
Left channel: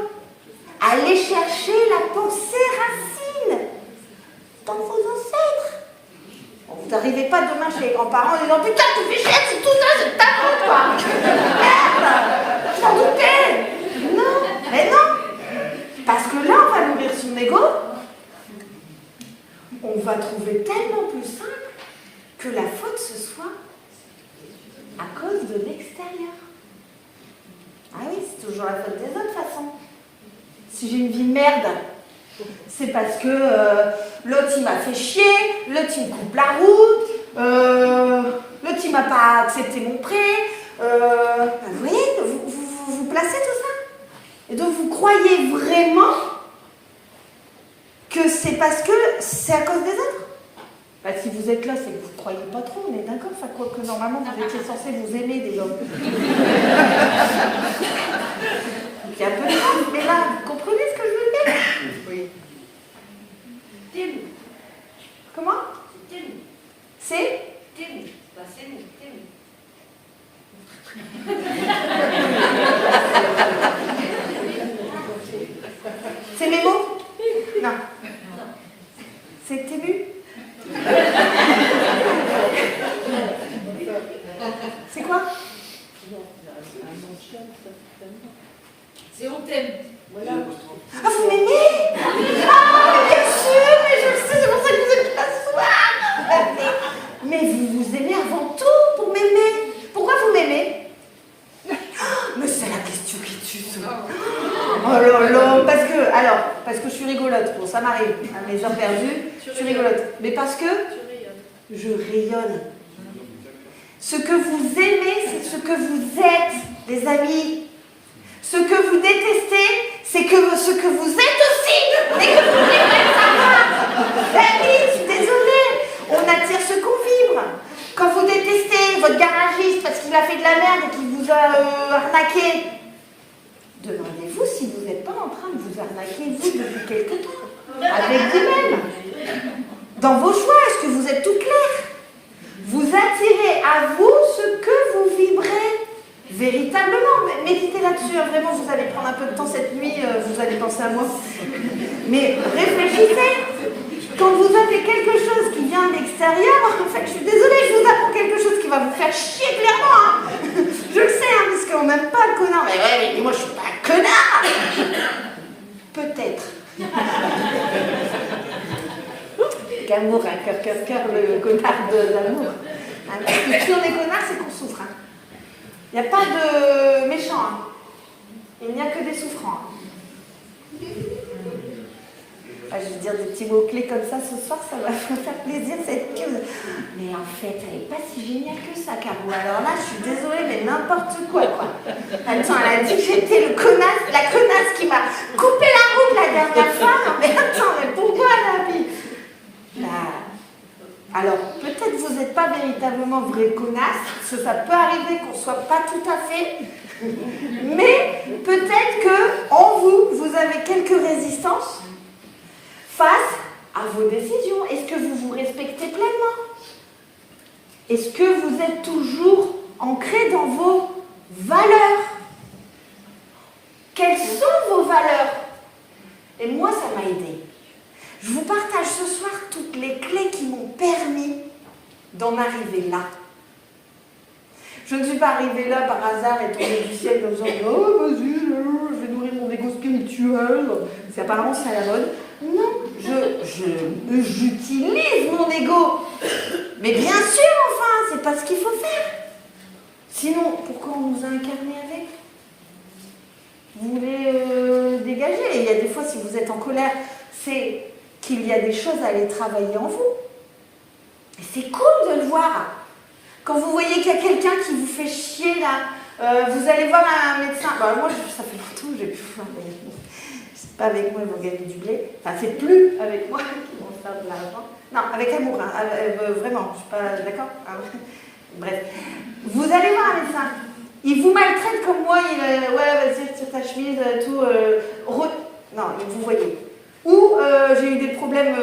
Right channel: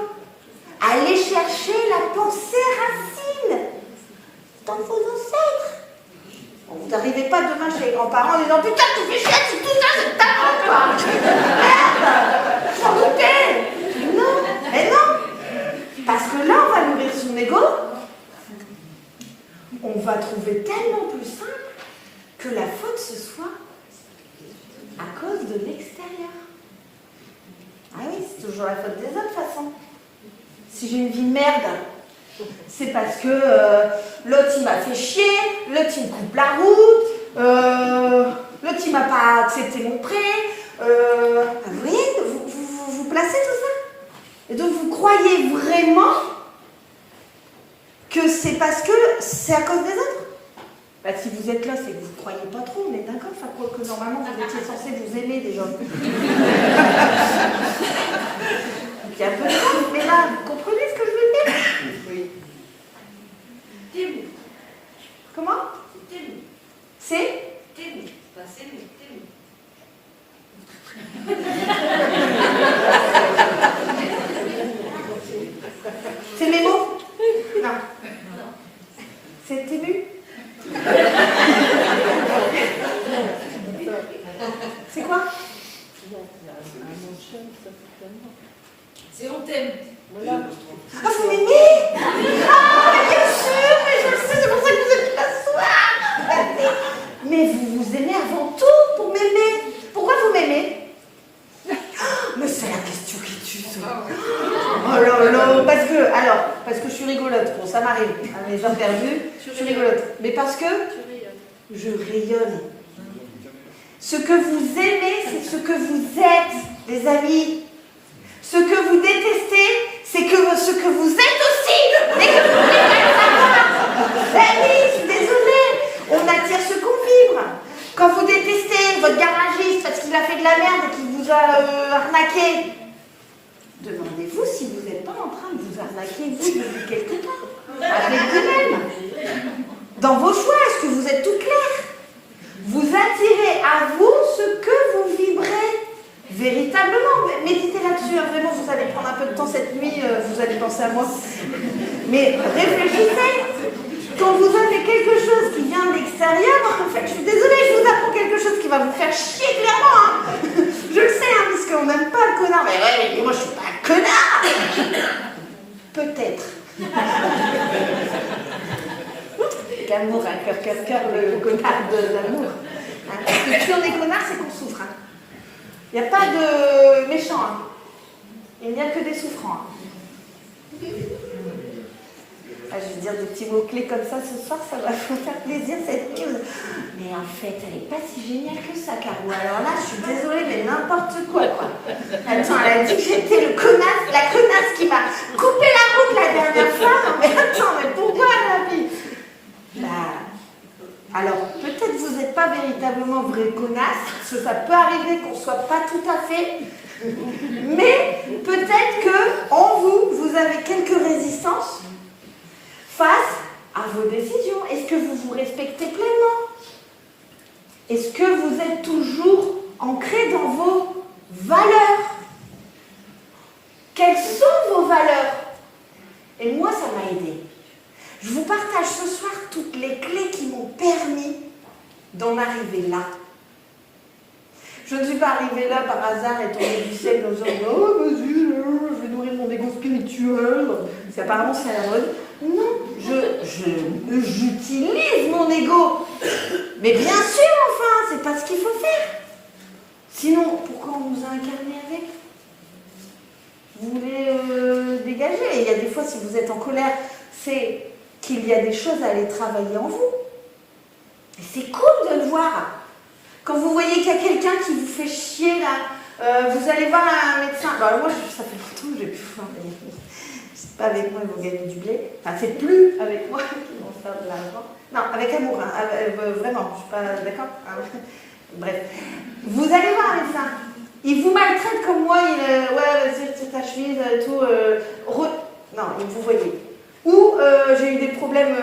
Allez chercher la pensée racine dans vos ancêtres. Bon, vous n'arrivez pas demain chez les grands-parents en disant putain, tout fait chier, c'est tout ça, c'est ta faute, quoi. Merde, j'en doutais. Non, mais non. Parce que là, on va nourrir son ego. On va trouver tellement plus simple que la faute ce soit à cause de l'extérieur. Ah oui, c'est toujours la faute des autres, de toute façon. Si j'ai une vie de merde, c'est parce que l'autre il m'a fait chier, l'autre il me coupe la route, l'autre il m'a pas accepté mon prêt. Vous voyez, vous placez tout ça. Et donc vous croyez vraiment que c'est parce que c'est à cause des autres? Bah, si vous êtes là, c'est que vous ne croyez pas trop, on est d'accord? Enfin, quoi que normalement, vous étiez censé vous aimer déjà. C'est un peu grave, mais là, vous comprenez ce que je veux dire? Oui. T'aimes. Comment? T'aimes. C'est? T'aimes. Bah, c'est nous. T'aimes. C'est mes mots? Non. C'est ému? C'est quoi? C'est on t'aime. Voilà. Ah, vous m'aimez? Ah, bien sûr, mais je le sais, c'est pour ça que vous êtes là ce soir. Mais vous vous aimez avant tout pour m'aimer. Pourquoi vous m'aimez? Mais c'est la question qui tue, ça. Oh là là, parce que je suis rigolote. Bon, ça m'arrive, à mes heures perdues, je suis rigolote. Mais parce que je rayonne. Ce que vous aimez, c'est ce que vous êtes, les amis. Ce que vous détestez, c'est que ce que vous êtes aussi. Mais que vous voulez pas le savoir. Eh oui, je suis désolée. On attire ce qu'on vibre. Quand vous détestez votre garagiste parce qu'il a fait de la merde et qu'il vous a arnaqué, demandez-vous si vous n'êtes pas en train de vous arnaquer, vous, depuis quelque temps. Avec vous-même. Dans vos choix, est-ce que vous êtes tout clair? Vous attirez à vous ce que vous vibrez véritablement. Méditez là-dessus, hein. Vraiment, vous allez prendre un peu de temps cette nuit, vous allez penser à moi. Mais réfléchissez. Quand vous avez quelque chose qui vient de l'extérieur, en fait, je suis désolée, je vous apprends quelque chose qui va vous faire chier clairement. Hein. Je le sais, hein, parce qu'on n'aime pas le connard. Mais moi, je suis pas un connard. Peut-être. L'amour, hein, cœur, le connard de l'amour. Hein, parce que si on est connard, c'est qu'on souffre. Hein. Il n'y a pas de méchants. Hein. Il n'y a que des souffrants. Hein. Ah, je vais dire des petits mots-clés comme ça ce soir, ça va me faire plaisir cette news. Mais en fait, elle n'est pas si géniale que ça, Caro. Alors là, je suis désolée, mais n'importe quoi. Attends, elle a dit que j'étais la connasse qui m'a coupé la route la dernière fois. Non, mais attends, mais pourquoi, la vie? Alors, peut-être que vous n'êtes pas véritablement vraie connasse, ça peut arriver qu'on ne soit pas tout à fait, mais peut-être qu'en vous avez quelques résistances face à vos décisions. Est-ce que vous vous respectez pleinement? Est-ce que vous êtes toujours ancré dans vos valeurs? Quelles sont vos valeurs? Et moi, ça m'a aidé. Je vous partage ce soir toutes les clés qui m'ont permis d'en arriver là. Je ne suis pas arrivée là par hasard et tombée du ciel en disant « Oh, vas-y, je vais nourrir mon égo spirituel. » Apparemment, c'est à la mode. Non, j'utilise mon ego. Mais bien sûr, enfin, c'est pas ce qu'il faut faire. Sinon, pourquoi on nous a incarnés avec? Vous voulez vous êtes en colère, c'est qu'il y a des choses à aller travailler en vous. Et c'est cool de le voir. Quand vous voyez qu'il y a quelqu'un qui vous fait chier là, vous allez voir un médecin. Bah, moi, ça fait longtemps que j'ai plus voir. C'est pas avec moi, ils vont gagner du blé. Enfin, c'est plus avec moi qu'ils vont faire de l'argent. Non, avec amour, hein. Vraiment, je suis pas d'accord. Bref, vous allez voir un médecin. Il vous maltraite comme moi, ouais, vas-y, retire ta chemise, tout. Non, vous voyez. Ou j'ai eu des problèmes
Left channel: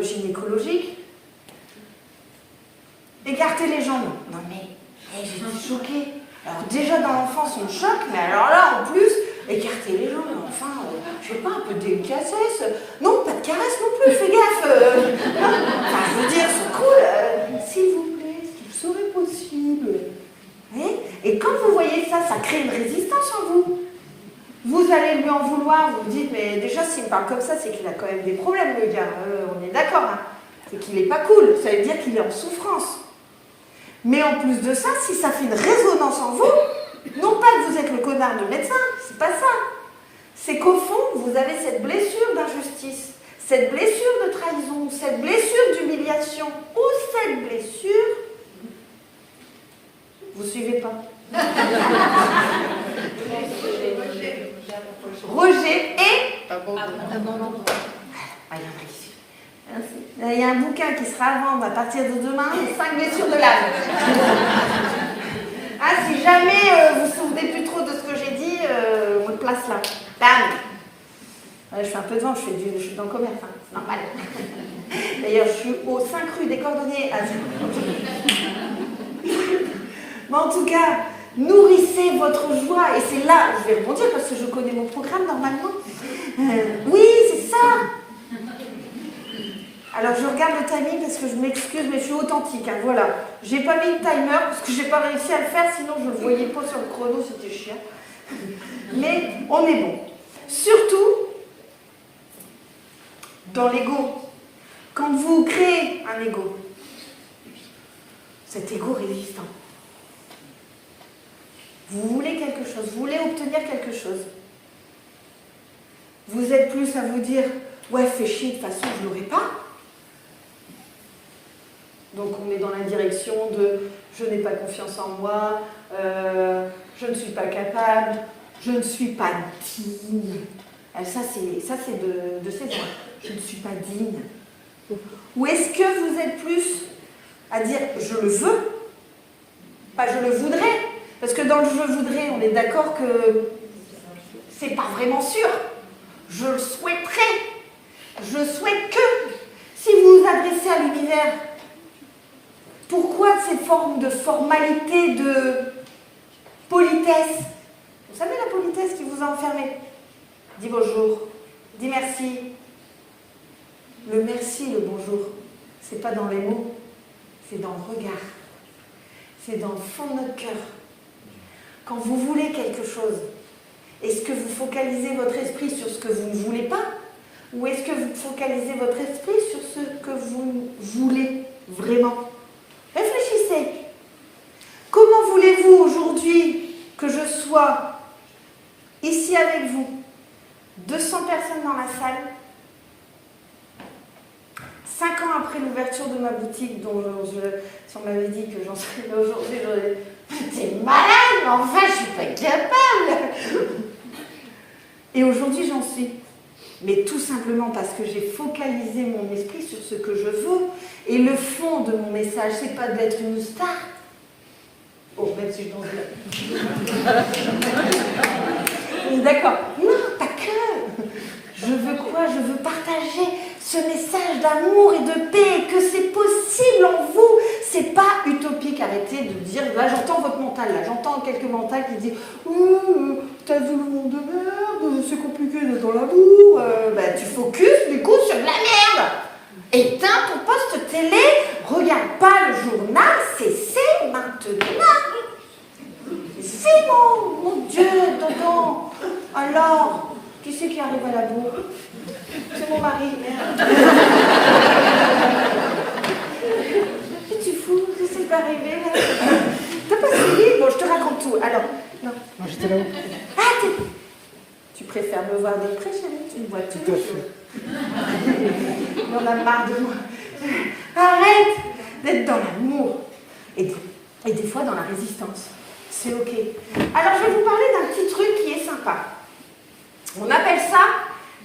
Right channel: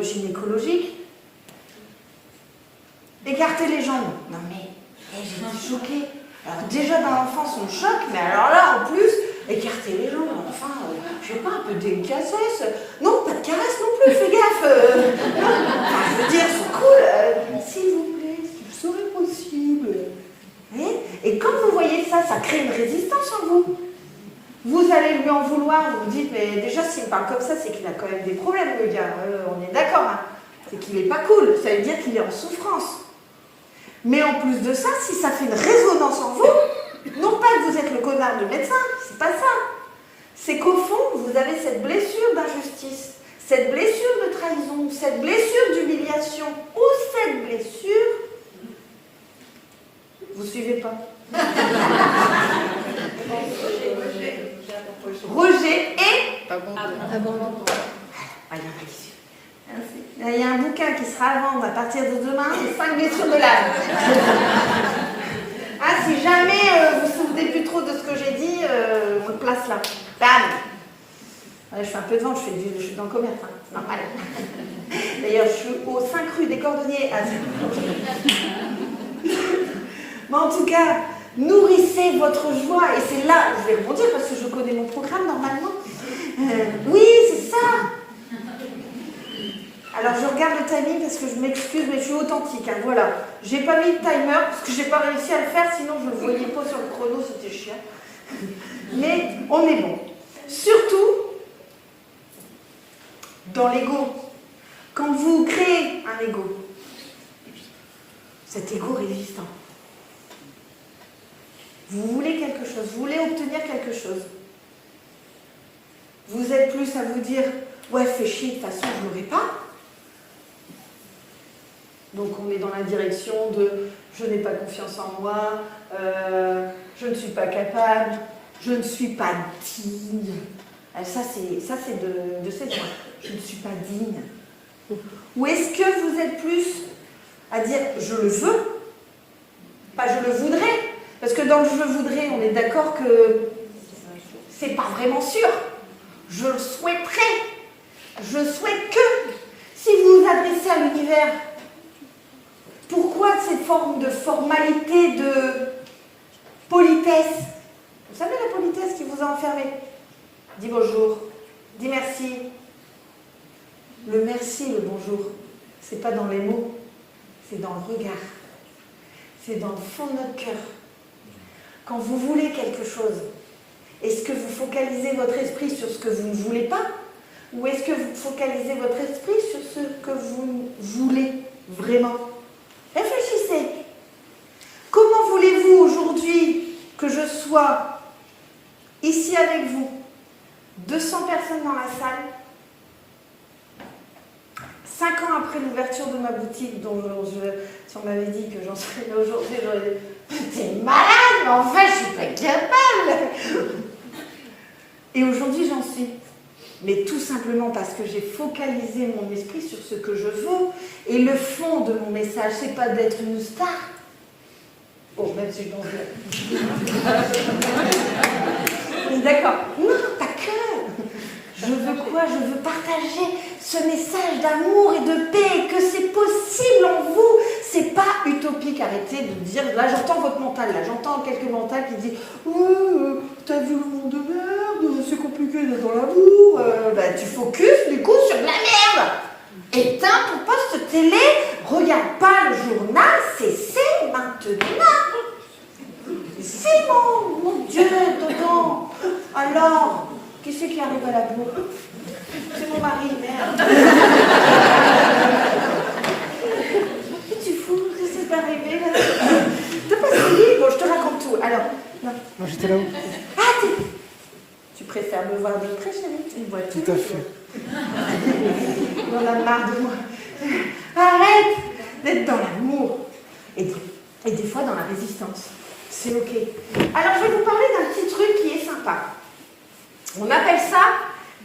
gynécologiques. Écartez les jambes. Non mais, j'étais choquée. Alors déjà dans l'enfance on choque, mais alors là en plus, écarter les jambes, enfin, je veux pas, un peu de délicatesse. Non, pas de caresse non plus, fais gaffe. Enfin, je veux dire, c'est cool. S'il vous plaît, est-ce qu'il serait possible? Oui. Et quand vous voyez ça, ça crée une résistance en vous. Vous allez lui en vouloir, vous vous dites, mais déjà s'il me parle comme ça, c'est qu'il a quand même des problèmes, le gars. On est d'accord, hein. C'est qu'il n'est pas cool, ça veut dire qu'il est en souffrance. Mais en plus de ça, si ça fait une résonance en vous, non pas que vous êtes le connard de médecin, c'est pas ça. C'est qu'au fond, vous avez cette blessure d'injustice, cette blessure de trahison, cette blessure d'humiliation, ou cette blessure... Vous suivez pas? Rejet et... Il y a un bouquin qui sera à vendre à partir de demain, les 5 blessures de l'âme. Si jamais vous vous souvenez plus trop de ce que j'ai dit, on le place là. L'âme. Je fais un peu de vent, je suis dans le commerce, hein. C'est normal. D'ailleurs, je suis au 5 rue des Cordonniers. Mais en tout cas, nourrissez votre joie. Et c'est là, je vais rebondir parce que je connais mon programme normalement. Oui, c'est ça. Alors je regarde le timing parce que je m'excuse, mais je suis authentique. Hein, voilà. J'ai pas mis le timer parce que j'ai pas réussi à le faire, sinon je le voyais pas sur le chrono, c'était chiant. Mais on est bon. Surtout dans l'ego. Quand vous créez un ego, cet ego résistant. Vous voulez quelque chose, vous voulez obtenir quelque chose. Vous êtes plus à vous dire, ouais, fais chier, de toute façon, je ne l'aurai pas. Donc on est dans la direction de je n'ai pas confiance en moi, je ne suis pas capable, je ne suis pas digne. Ça c'est de ces mots. Je ne suis pas digne. Ou est-ce que vous êtes plus à dire je le veux, pas je le voudrais? Parce que dans le je voudrais, on est d'accord que c'est pas vraiment sûr. Je le souhaiterais. Je souhaite que. Si vous vous adressez à l'univers, pourquoi ces formes de formalité, de politesse? Vous savez la politesse qui vous a enfermé? Dis bonjour, dis merci. Le merci, le bonjour, c'est pas dans les mots, c'est dans le regard. C'est dans le fond de notre cœur. Quand vous voulez quelque chose, est-ce que vous focalisez votre esprit sur ce que vous ne voulez pas? Ou est-ce que vous focalisez votre esprit sur ce que vous voulez vraiment? Réfléchissez. Comment voulez-vous aujourd'hui que je sois ici avec vous? 200 personnes dans la salle. 5 ans après l'ouverture de ma boutique, dont si on m'avait dit que j'en serais là aujourd'hui, j'aurais dit « T'es malade, mais enfin, je suis pas capable !» Et aujourd'hui, j'en suis. Mais tout simplement parce que j'ai focalisé mon esprit sur ce que je veux. Et le fond de mon message, c'est pas d'être une star. Oh, même si je pense que... D'accord. Non, pas que. Je veux quoi? Je veux partager ce message d'amour et de paix, que c'est possible en vous. C'est pas utopique. Arrêtez de dire, là j'entends votre mental, là j'entends quelques mentales qui disent t'as vu le monde de merde, c'est compliqué d'être dans l'amour. Tu focuses du coup sur de la merde. Éteins ton poste télé, regarde pas le journal, c'est maintenant. C'est mon Dieu, dedans. Alors, qui c'est qui arrive à la bourre? C'est mon mari, merde. Qu'est-ce que tu fous? Qu'est-ce qui t'est arrivé là? T'as pas fini? Bon, je te raconte tout. Alors, non. Moi j'étais là-haut. Ah, tu préfères me voir très chérie, tu me vois tous Tout à les fait. jours. On a marre de moi. Arrête d'être dans l'amour et des fois dans la résistance. C'est ok. Alors je vais vous parler d'un petit truc qui est sympa. On appelle ça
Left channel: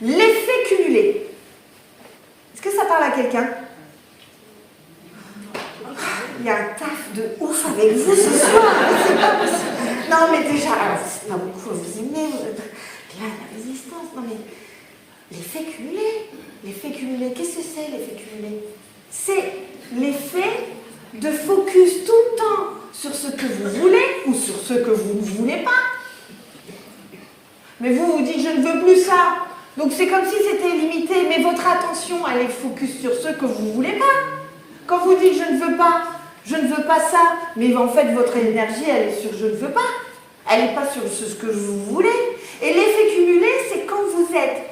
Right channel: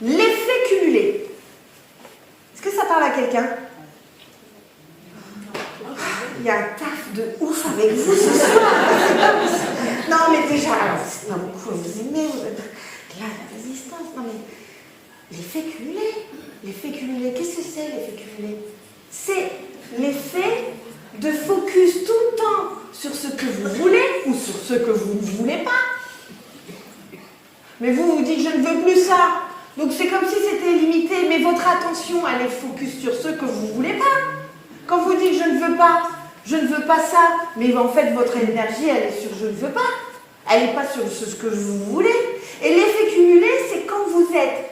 l'effet cumulé. Est-ce que ça parle à quelqu'un? Il y a un taf de ouf avec vous ce soir. Non mais déjà, non, pourquoi vous aimez là, la résistance? Non mais l'effet cumulé. L'effet cumulé, qu'est-ce que c'est l'effet cumulé? C'est l'effet de focus tout le temps sur ce que vous voulez ou sur ce que vous ne voulez pas. Mais vous vous dites je ne veux plus ça. Donc c'est comme si c'était limité, mais votre attention elle est focus sur ce que vous ne voulez pas. Quand vous dites je ne veux pas ça, mais en fait votre énergie elle est sur je ne veux pas. Elle n'est pas sur ce que vous voulez. Et l'effet cumulé, c'est quand vous êtes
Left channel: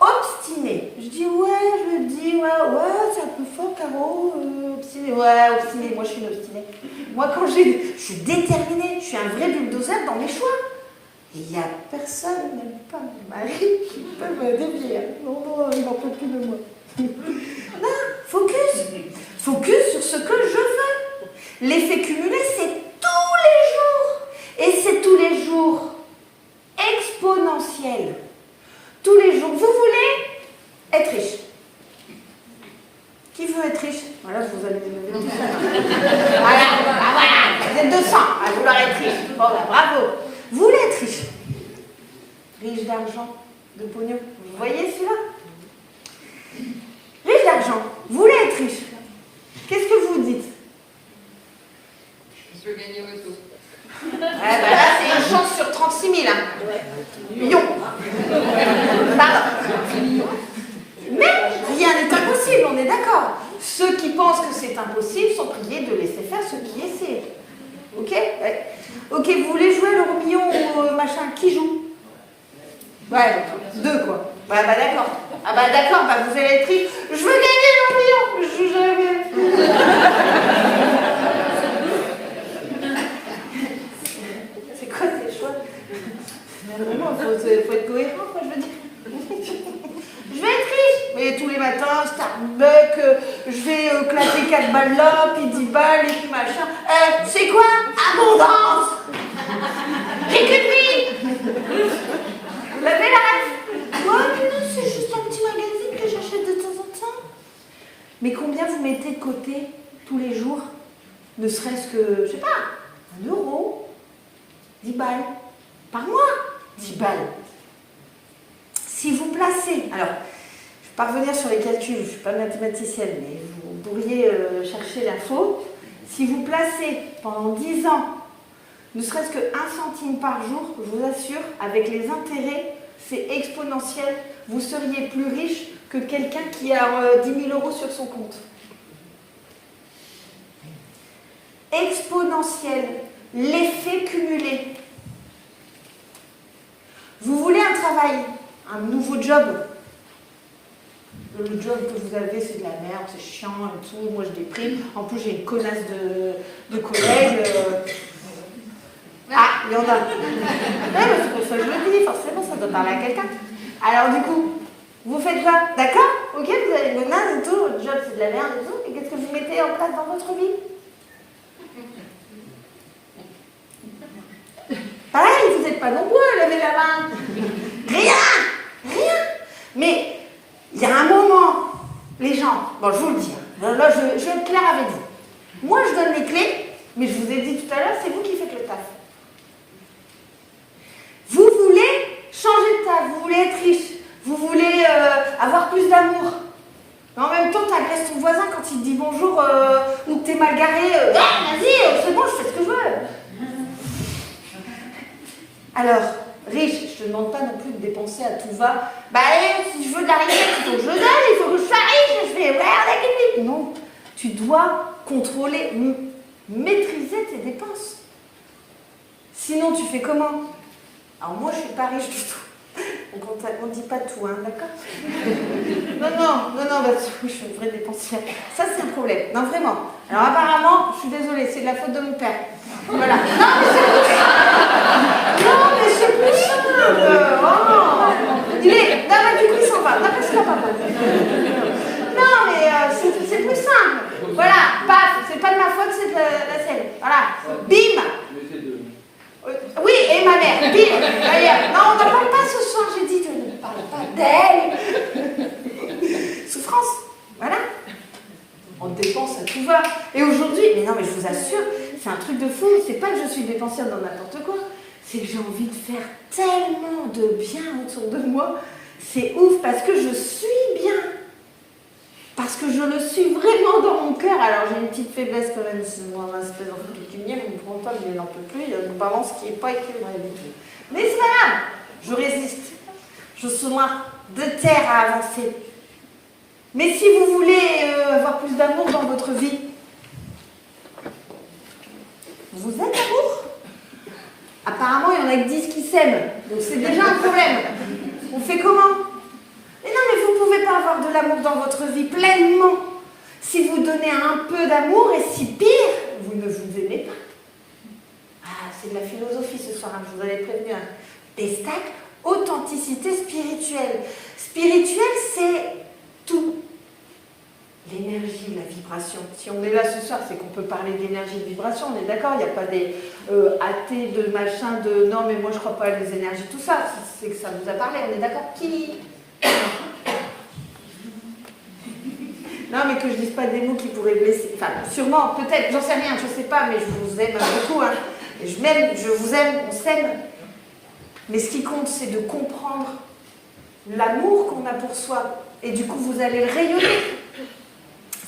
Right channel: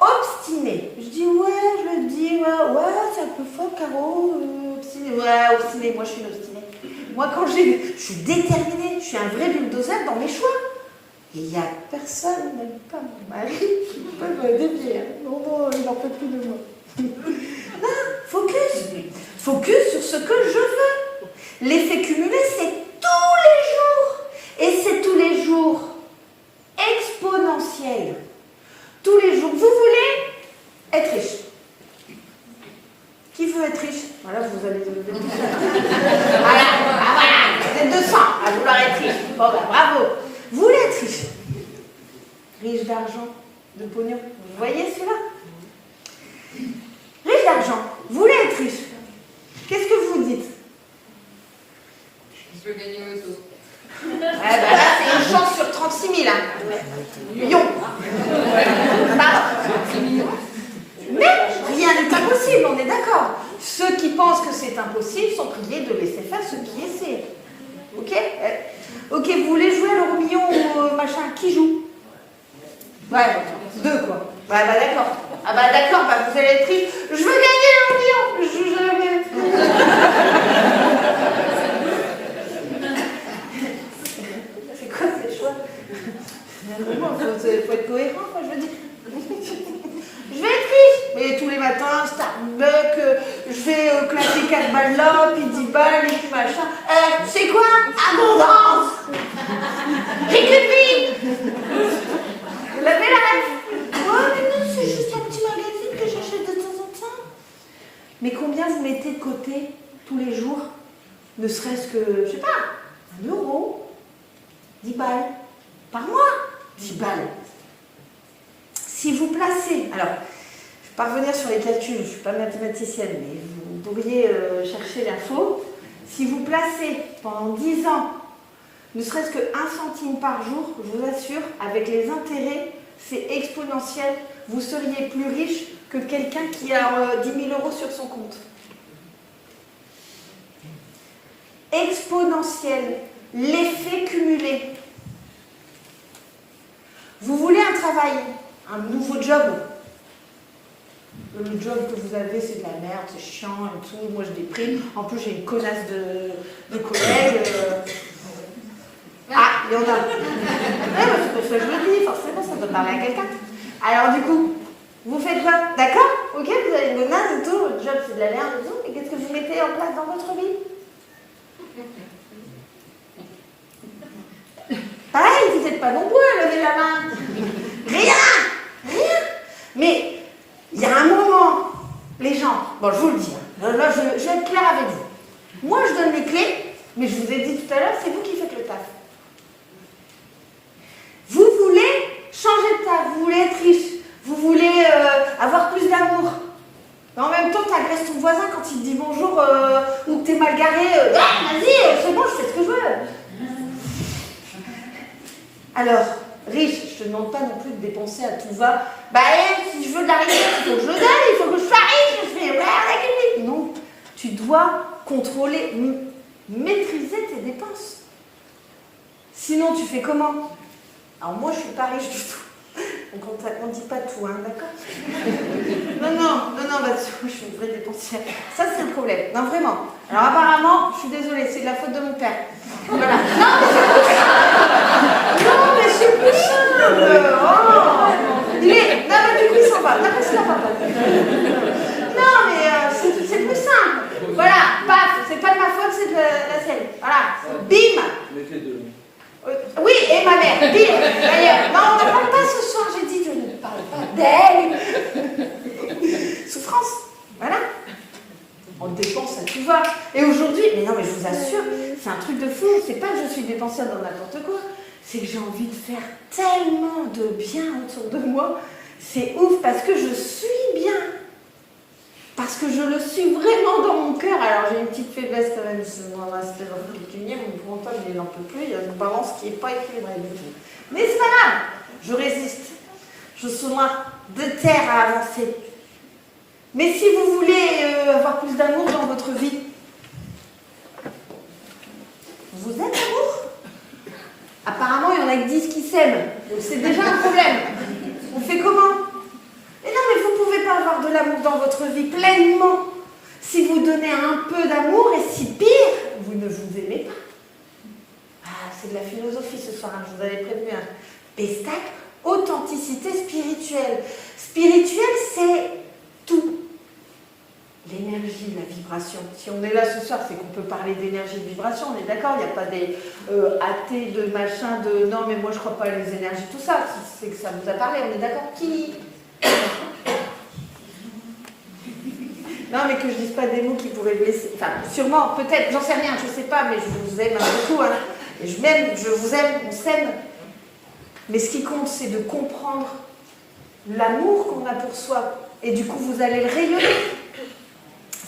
obstiné. Je dis ouais, je le dis, ouais, c'est un peu fort, Caro, obstiné. Ouais, obstiné, moi je suis une obstinée. Moi quand je suis déterminée, je suis un vrai bulldozer dans mes choix. Et il n'y a personne, même pas mon mari, qui peut me dévier. Non, il n'en peut plus de moi. Non, focus. Focus sur ce que je veux. L'effet cumulé, c'est tous les jours. Et c'est tous les jours exponentiel. Tous les jours. Vous voulez être riche. Qui veut être riche? Voilà, je vous allez lever tout ça. Voilà, vous êtes 200 à vouloir être riche. Bon, bah, bravo. Vous voulez être riche. Riche d'argent, de pognon. Vous voyez celui-là? Riche d'argent. Vous voulez être riche. Qu'est-ce que vous dites? Je veux gagner au auto. Là, c'est une chance sur 36 000. Millions. Pardon. Mais rien n'est impossible, on est d'accord. Ceux qui pensent que c'est impossible sont priés de laisser faire ceux qui essaient. Ok? Ok, vous voulez jouer à l'euro million ou machin? Qui joue? Ouais, 2 quoi. Ouais, bah d'accord. Ah bah d'accord, bah vous allez être riche. Je veux gagner l'euro million. Je joue jamais. C'est quoi ces choix? Vraiment, faut être cohérent, quoi, je veux dire. Je vais être riche. Mais tous les matins, Starbucks, je vais claquer 4 balles là, puis 10 balles, et puis machin. C'est quoi? Abondance. J'ai qu'une vie. Vous l'avez la rêve? Ouais, mais non, c'est juste un petit magazine que j'achète de temps en temps. Mais combien vous mettez de côté tous les jours? Ne serait-ce que, je sais pas, 1 euro, 10 balles par mois. 10 balles. Si vous placez, alors, je ne vais pas revenir sur les calculs, je ne suis pas mathématicienne, mais vous pourriez chercher l'info. Si vous placez pendant 10 ans, ne serait-ce que 1 centime par jour, je vous assure, avec les intérêts, c'est exponentiel. Vous seriez plus riche que quelqu'un qui a 10 000 euros sur son compte. Exponentiel, l'effet cumulé. Vous voulez un travail, un nouveau job. Le job que vous avez, c'est de la merde, c'est chiant et tout. Moi, je déprime. En plus, j'ai une connasse de collègues. Ah, il y en a. Ouais, c'est pour ça que je le dis. Forcément, ça doit parler à quelqu'un. Alors, du coup, vous faites quoi? D'accord? Ok, vous avez une connasse et tout. Le job, c'est de la merde et tout. Et qu'est-ce que vous mettez en place dans votre vie? Pareil, vous n'êtes pas nombreux à lever la main. Rien. Mais il y a un moment, les gens, bon, je vous le dis, là, je vais être claire avec vous. Moi, je donne les clés, mais je vous ai dit tout à l'heure, c'est vous qui faites le taf. Vous voulez changer de taf, vous voulez être riche, vous voulez avoir plus d'amour. Mais en même temps, tu agresses ton voisin quand il te dit bonjour ou que t'es mal garé. Vas-y, c'est bon, je fais ce que je veux. Alors, riche, je te demande pas non plus de dépenser à tout va. Bah, si je veux de la richesse, il faut que je le donne, il faut que je sois riche, je fais merde. Non, tu dois contrôler, maîtriser tes dépenses. Sinon, tu fais comment? Alors, moi, je suis pas riche du tout. Donc, on ne dit pas tout, hein, d'accord? Non, je suis une vraie dépensière. Ça, c'est le problème. Non, vraiment. Alors, apparemment, je suis désolée, c'est de la faute de mon père. Voilà. Non, mais c'est plus simple. Oh, Il est... Non, mais du coup, il s'en va. Non, parce qu'il n'a pas peur. Non, mais c'est plus simple. Voilà, paf, c'est pas de ma faute, c'est de la sienne. Voilà, bim. Oui, et ma mère, bim. D'ailleurs, non, on n'en parle pas ce soir, j'ai dit, je ne parle pas d'elle. Souffrance, voilà. On dépense à tout va. Et aujourd'hui, mais non, mais je vous assure, c'est un truc de fou. C'est pas que je suis dépenseuse dans n'importe quoi. C'est que j'ai envie de faire tellement de bien autour de moi. C'est ouf parce que je suis bien. Parce que je le suis vraiment dans mon cœur. Alors j'ai une petite faiblesse quand même dans l'aspect pécuniaire. Mon mental, il n'en peut plus. Il y a une balance qui n'est pas équilibrée du tout. Mais c'est pas grave. Je résiste. Je suis loin de terre à avancer. Mais si vous voulez avoir plus d'amour dans votre vie, vous êtes amour. Apparemment, il y en a que 10 qui s'aiment. Donc c'est déjà un problème. On fait comment? Et non, mais vous ne pouvez pas avoir de l'amour dans votre vie pleinement si vous donnez un peu d'amour et si pire, vous ne vous aimez pas. Ah, c'est de la philosophie ce soir, hein, je vous avais prévenu. Pestac, authenticité spirituelle. Spirituelle, c'est tout. L'énergie, la vibration. Si on est là ce soir, c'est qu'on peut parler d'énergie et de vibration, on est d'accord, il n'y a pas des athées de machin, de non mais moi je crois pas à les énergies, tout ça, c'est que ça vous a parlé, on est d'accord? Qui? Non mais que je dise pas des mots qui pourraient blesser, enfin sûrement, peut-être, j'en sais rien, je sais pas, mais je vous aime beaucoup, hein. Et je m'aime, je vous aime, on s'aime. Mais ce qui compte, c'est de comprendre l'amour qu'on a pour soi, et du coup vous allez le rayonner.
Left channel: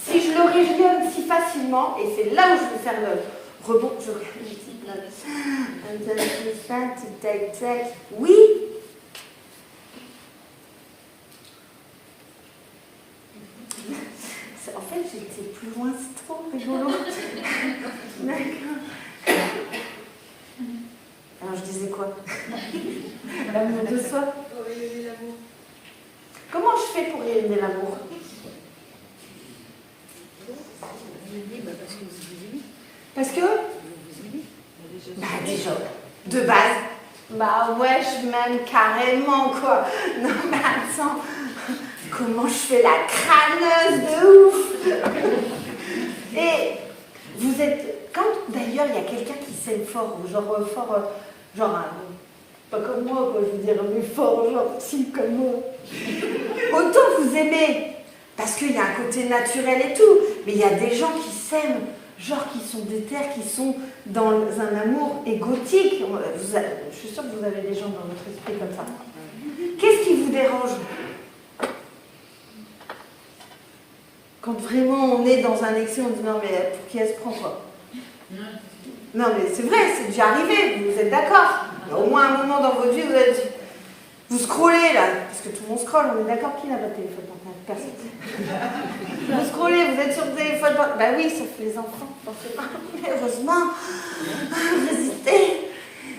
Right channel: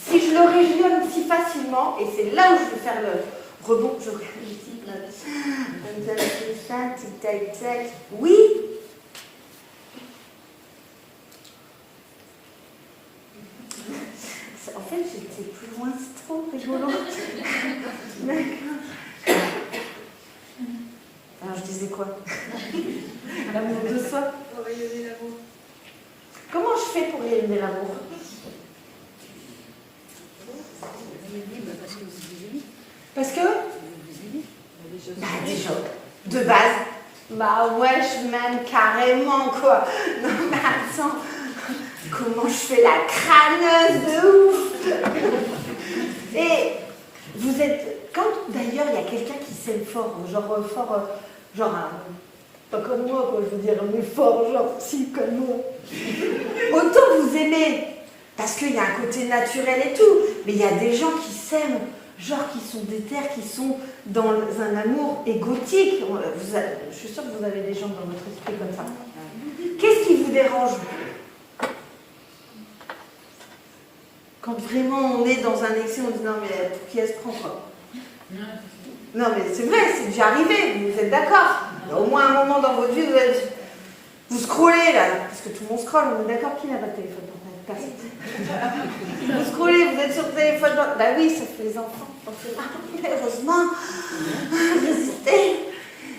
Si je le rayonne si facilement, et c'est là où je vais faire le rebond, je oui. En fait, j'étais plus loin, c'est trop rigolo. D'accord. Alors, je disais quoi? L'amour de soi. Pour rayonner l'amour. Comment je fais pour rayonner l'amour? Parce que bah déjà, de base, bah ouais, je m'aime carrément quoi. Non mais attends, comment je fais la crâneuse de ouf. Et vous êtes, quand d'ailleurs il y a quelqu'un qui s'aime fort, genre pas comme moi quoi, je veux dire mais fort, genre si comme moi. Autant vous aimez. Parce qu'il y a un côté naturel et tout, mais il y a des gens qui s'aiment, genre qui sont déter, qui sont dans un amour égotique. Je suis sûre que vous avez des gens dans votre esprit comme ça. Qu'est-ce qui vous dérange? Quand vraiment on est dans un excès, on dit non mais pour qui elle se prend quoi? Non mais c'est vrai, c'est déjà arrivé, vous êtes d'accord? Au moins un moment dans votre vie, vous scrollez là, parce que tout le monde scrolle, on est d'accord, qui n'a pas de téléphone portable? Personne. Vous scrollez, vous êtes sur le téléphone portable. Bah oui, ça fait les enfants. Heureusement, résistez.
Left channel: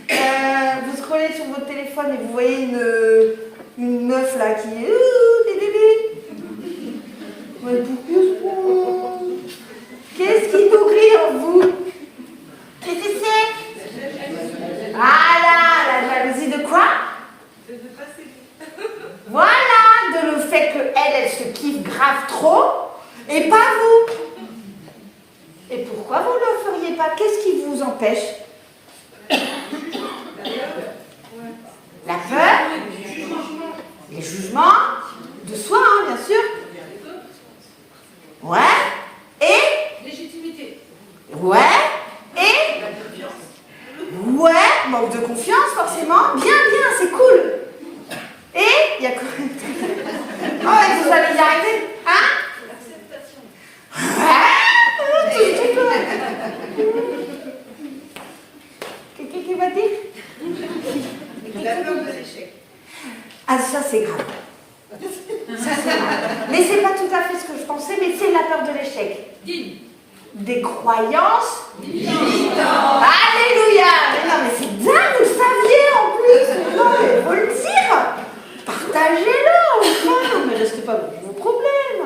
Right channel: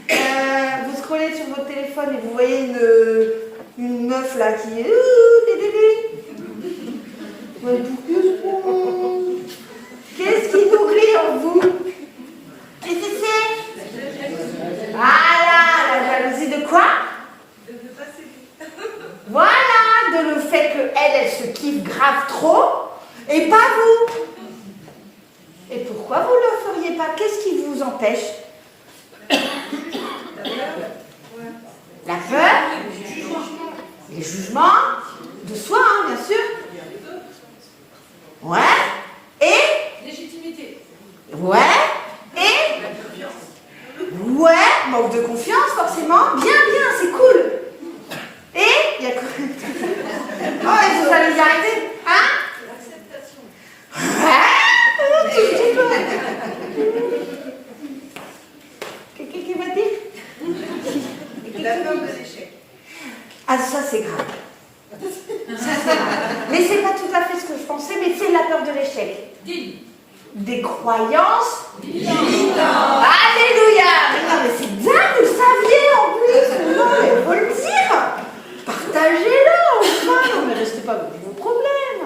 Vous scrollez sur votre téléphone et vous voyez une meuf là qui est. Qu'est-ce qui nous crie en vous? Qu'est-ce que c'est? Ah là, la jalousie de quoi? De ne pas s'aimer. Voilà, de le fait qu'elle se kiffe grave trop, et pas vous. Et pourquoi vous ne le feriez pas? Qu'est-ce qui vous empêche? La peur, les jugements, de soi, hein, bien sûr. Ouais, et Légitimité. ouais, et ouais, manque de confiance, forcément. Bien, c'est cool. Et il y a quoi? Oh, et vous allez y arrêter? Hein? L'acceptation. Quelqu'un qui m'a dit? La peur de l'échec. Ah, ça c'est grave. Ça c'est grave. Mais c'est pas tout à fait ce que je pensais, mais c'est la peur de l'échec. Des croyances. Alléluia! Mais non, mais c'est bien, vous le saviez en plus. Non, mais faut le dire. Partagez-le, enfin. Non, mais restez pas avec vos problèmes.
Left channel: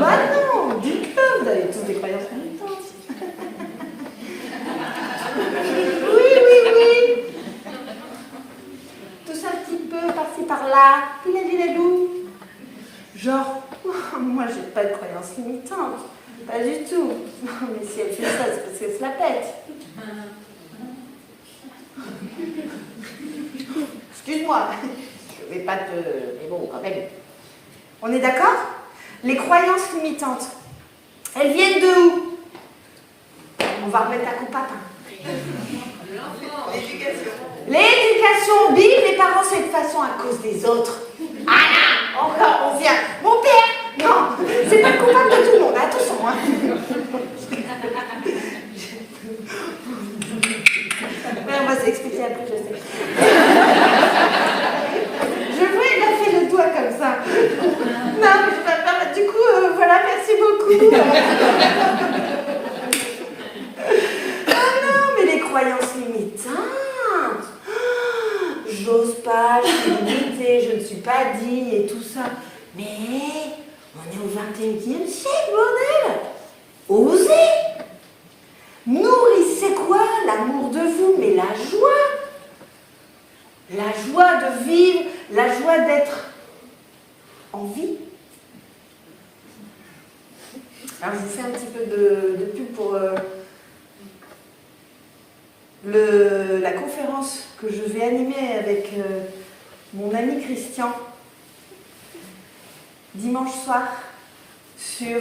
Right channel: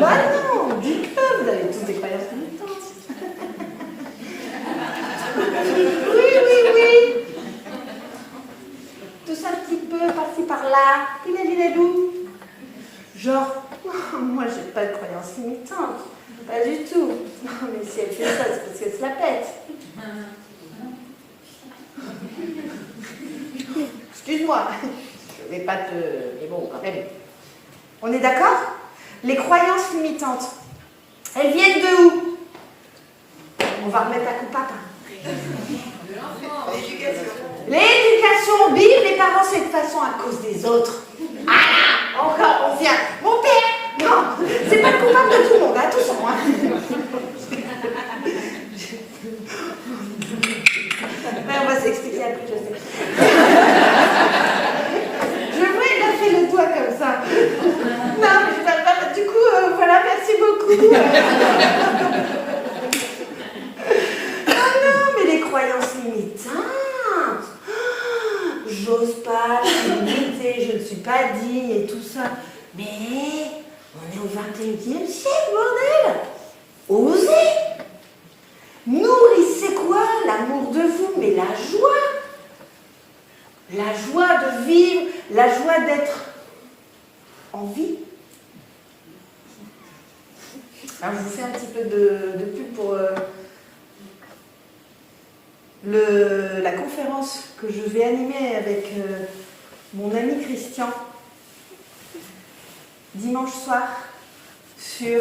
Bah non, dites-le, vous avez tous des croyances limitantes. Oui. Tout ça un petit peu, par-ci, par-là. pas de croyances limitantes. Pas du tout. Non, mais si elle fait ça, c'est parce qu'elle se la pète. Excuse-moi, je vais pas te... Mais bon, quand même. On est d'accord? Les croyances limitantes, elles viennent de où? On va remettre la coupe à pain. L'éducation. L'éducation, bim, les parents, c'est de toute façon à cause des autres. Ah là, encore, on vient. Mon père, non, c'est pas coupable de tout le monde, attention. Hein. Mais on va s'expliquer après, je sais. Je vois, il a fait le doigt comme ça. Non, mais je vais pas. Du coup, voilà, merci beaucoup. Ah non, mais les croyances limitantes. J'ose pas, je suis limitée, je ne suis pas digne et tout ça. Mais on est au 21e siècle, bordel. Osez. Nourrissez quoi? L'amour de vous, mais la joie. La joie de vivre, la joie d'être en vie. Alors, je vous fais un petit peu de pub pour la conférence que je vais animer avec mon ami Christian dimanche soir sur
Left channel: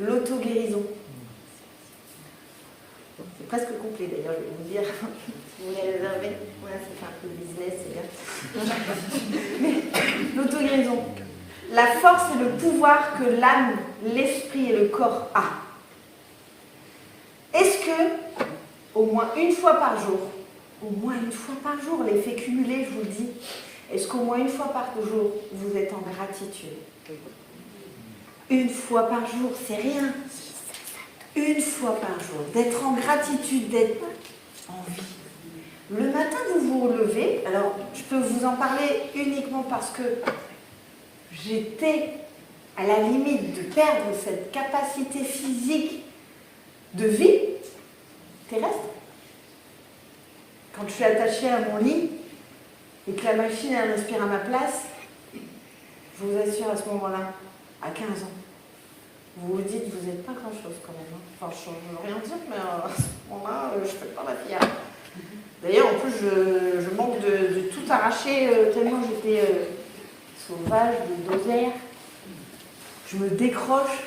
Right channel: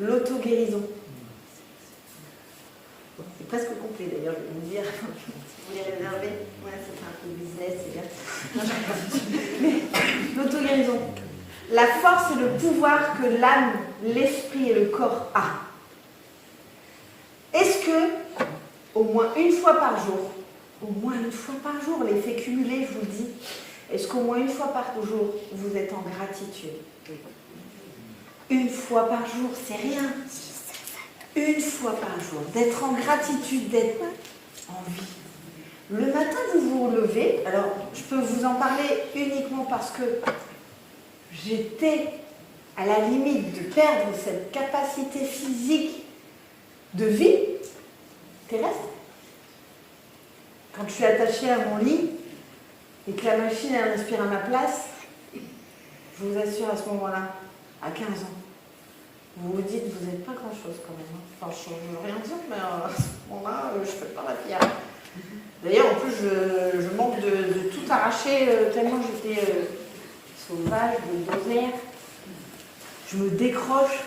l'auto-guérison. C'est presque complet d'ailleurs, je vais vous dire. Si vous voulez réserver, ouais, c'est un peu de business, c'est bien. Mais l'auto-guérison. La force et le pouvoir que l'âme, l'esprit et le corps a. Est-ce que, au moins une fois par jour, l'effet cumulé, je vous le dis, est-ce qu'au moins une fois par jour, vous êtes en gratitude? Une fois par jour, c'est rien. Une fois par jour, d'être en gratitude, d'être en vie. Le matin, vous vous relevez. Alors, je peux vous en parler uniquement parce que j'étais à la limite de perdre cette capacité physique de vie terrestre. Quand je suis attachée à mon lit et que la machine elle respire à ma place, je vous assure à ce moment-là, à 15 ans, vous vous dites que vous n'êtes pas grand-chose quand même. Enfin, je ne veux rien dire, mais à ce moment-là, je ne fais pas la fière. D'ailleurs, en plus, je manque de tout arracher tellement j'étais sauvage, de dosaire. Je me décroche.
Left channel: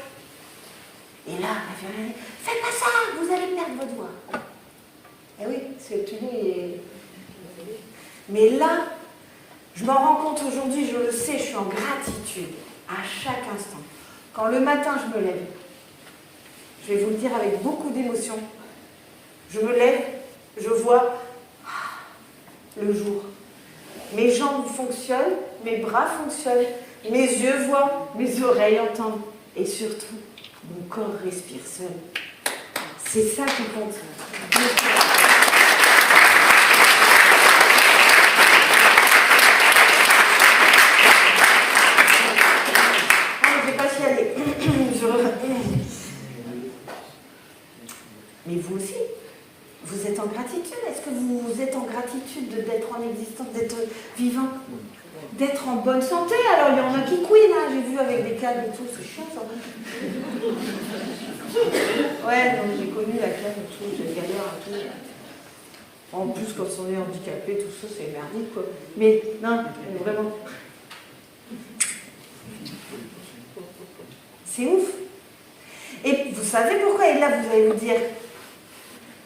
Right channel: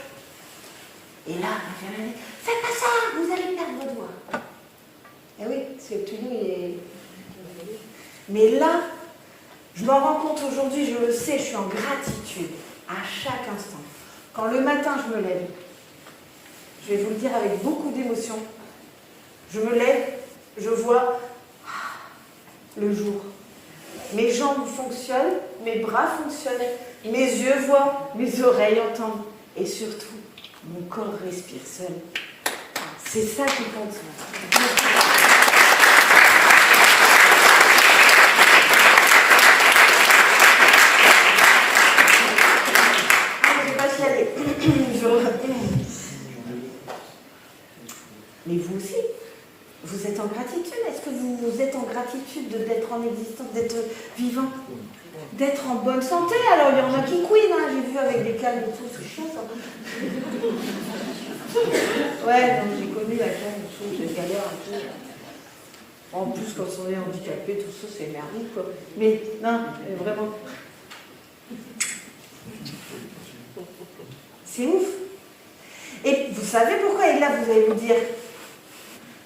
Et là, on me dit, faites pas ça, vous allez perdre votre voix. Eh oui, c'est tout est... Mais là, je m'en rends compte aujourd'hui, je le sais, je suis en gratitude à chaque instant. Quand le matin, je me lève, je vais vous le dire avec beaucoup d'émotion, je me lève, je vois le jour. Mes jambes fonctionnent, mes bras fonctionnent, mes yeux voient, mes oreilles entendent, et surtout, mon corps respire seul. C'est ça qui compte. Mais vous aussi, vous êtes en gratitude. Est-ce que vous êtes en gratitude d'être en existence, d'être vivant, d'être en bonne santé? Alors, il y en a qui couinent, hein, j'ai vu avec des câbles et tout, c'est chaud ça. Ouais, donc j'ai connu la câble et tout, j'ai galère un peu. En plus, quand on est handicapé, tout ça, c'est merdique, quoi. Mais non, mais vraiment. C'est ouf. Et vous savez pourquoi? Et là, vous allez vous dire,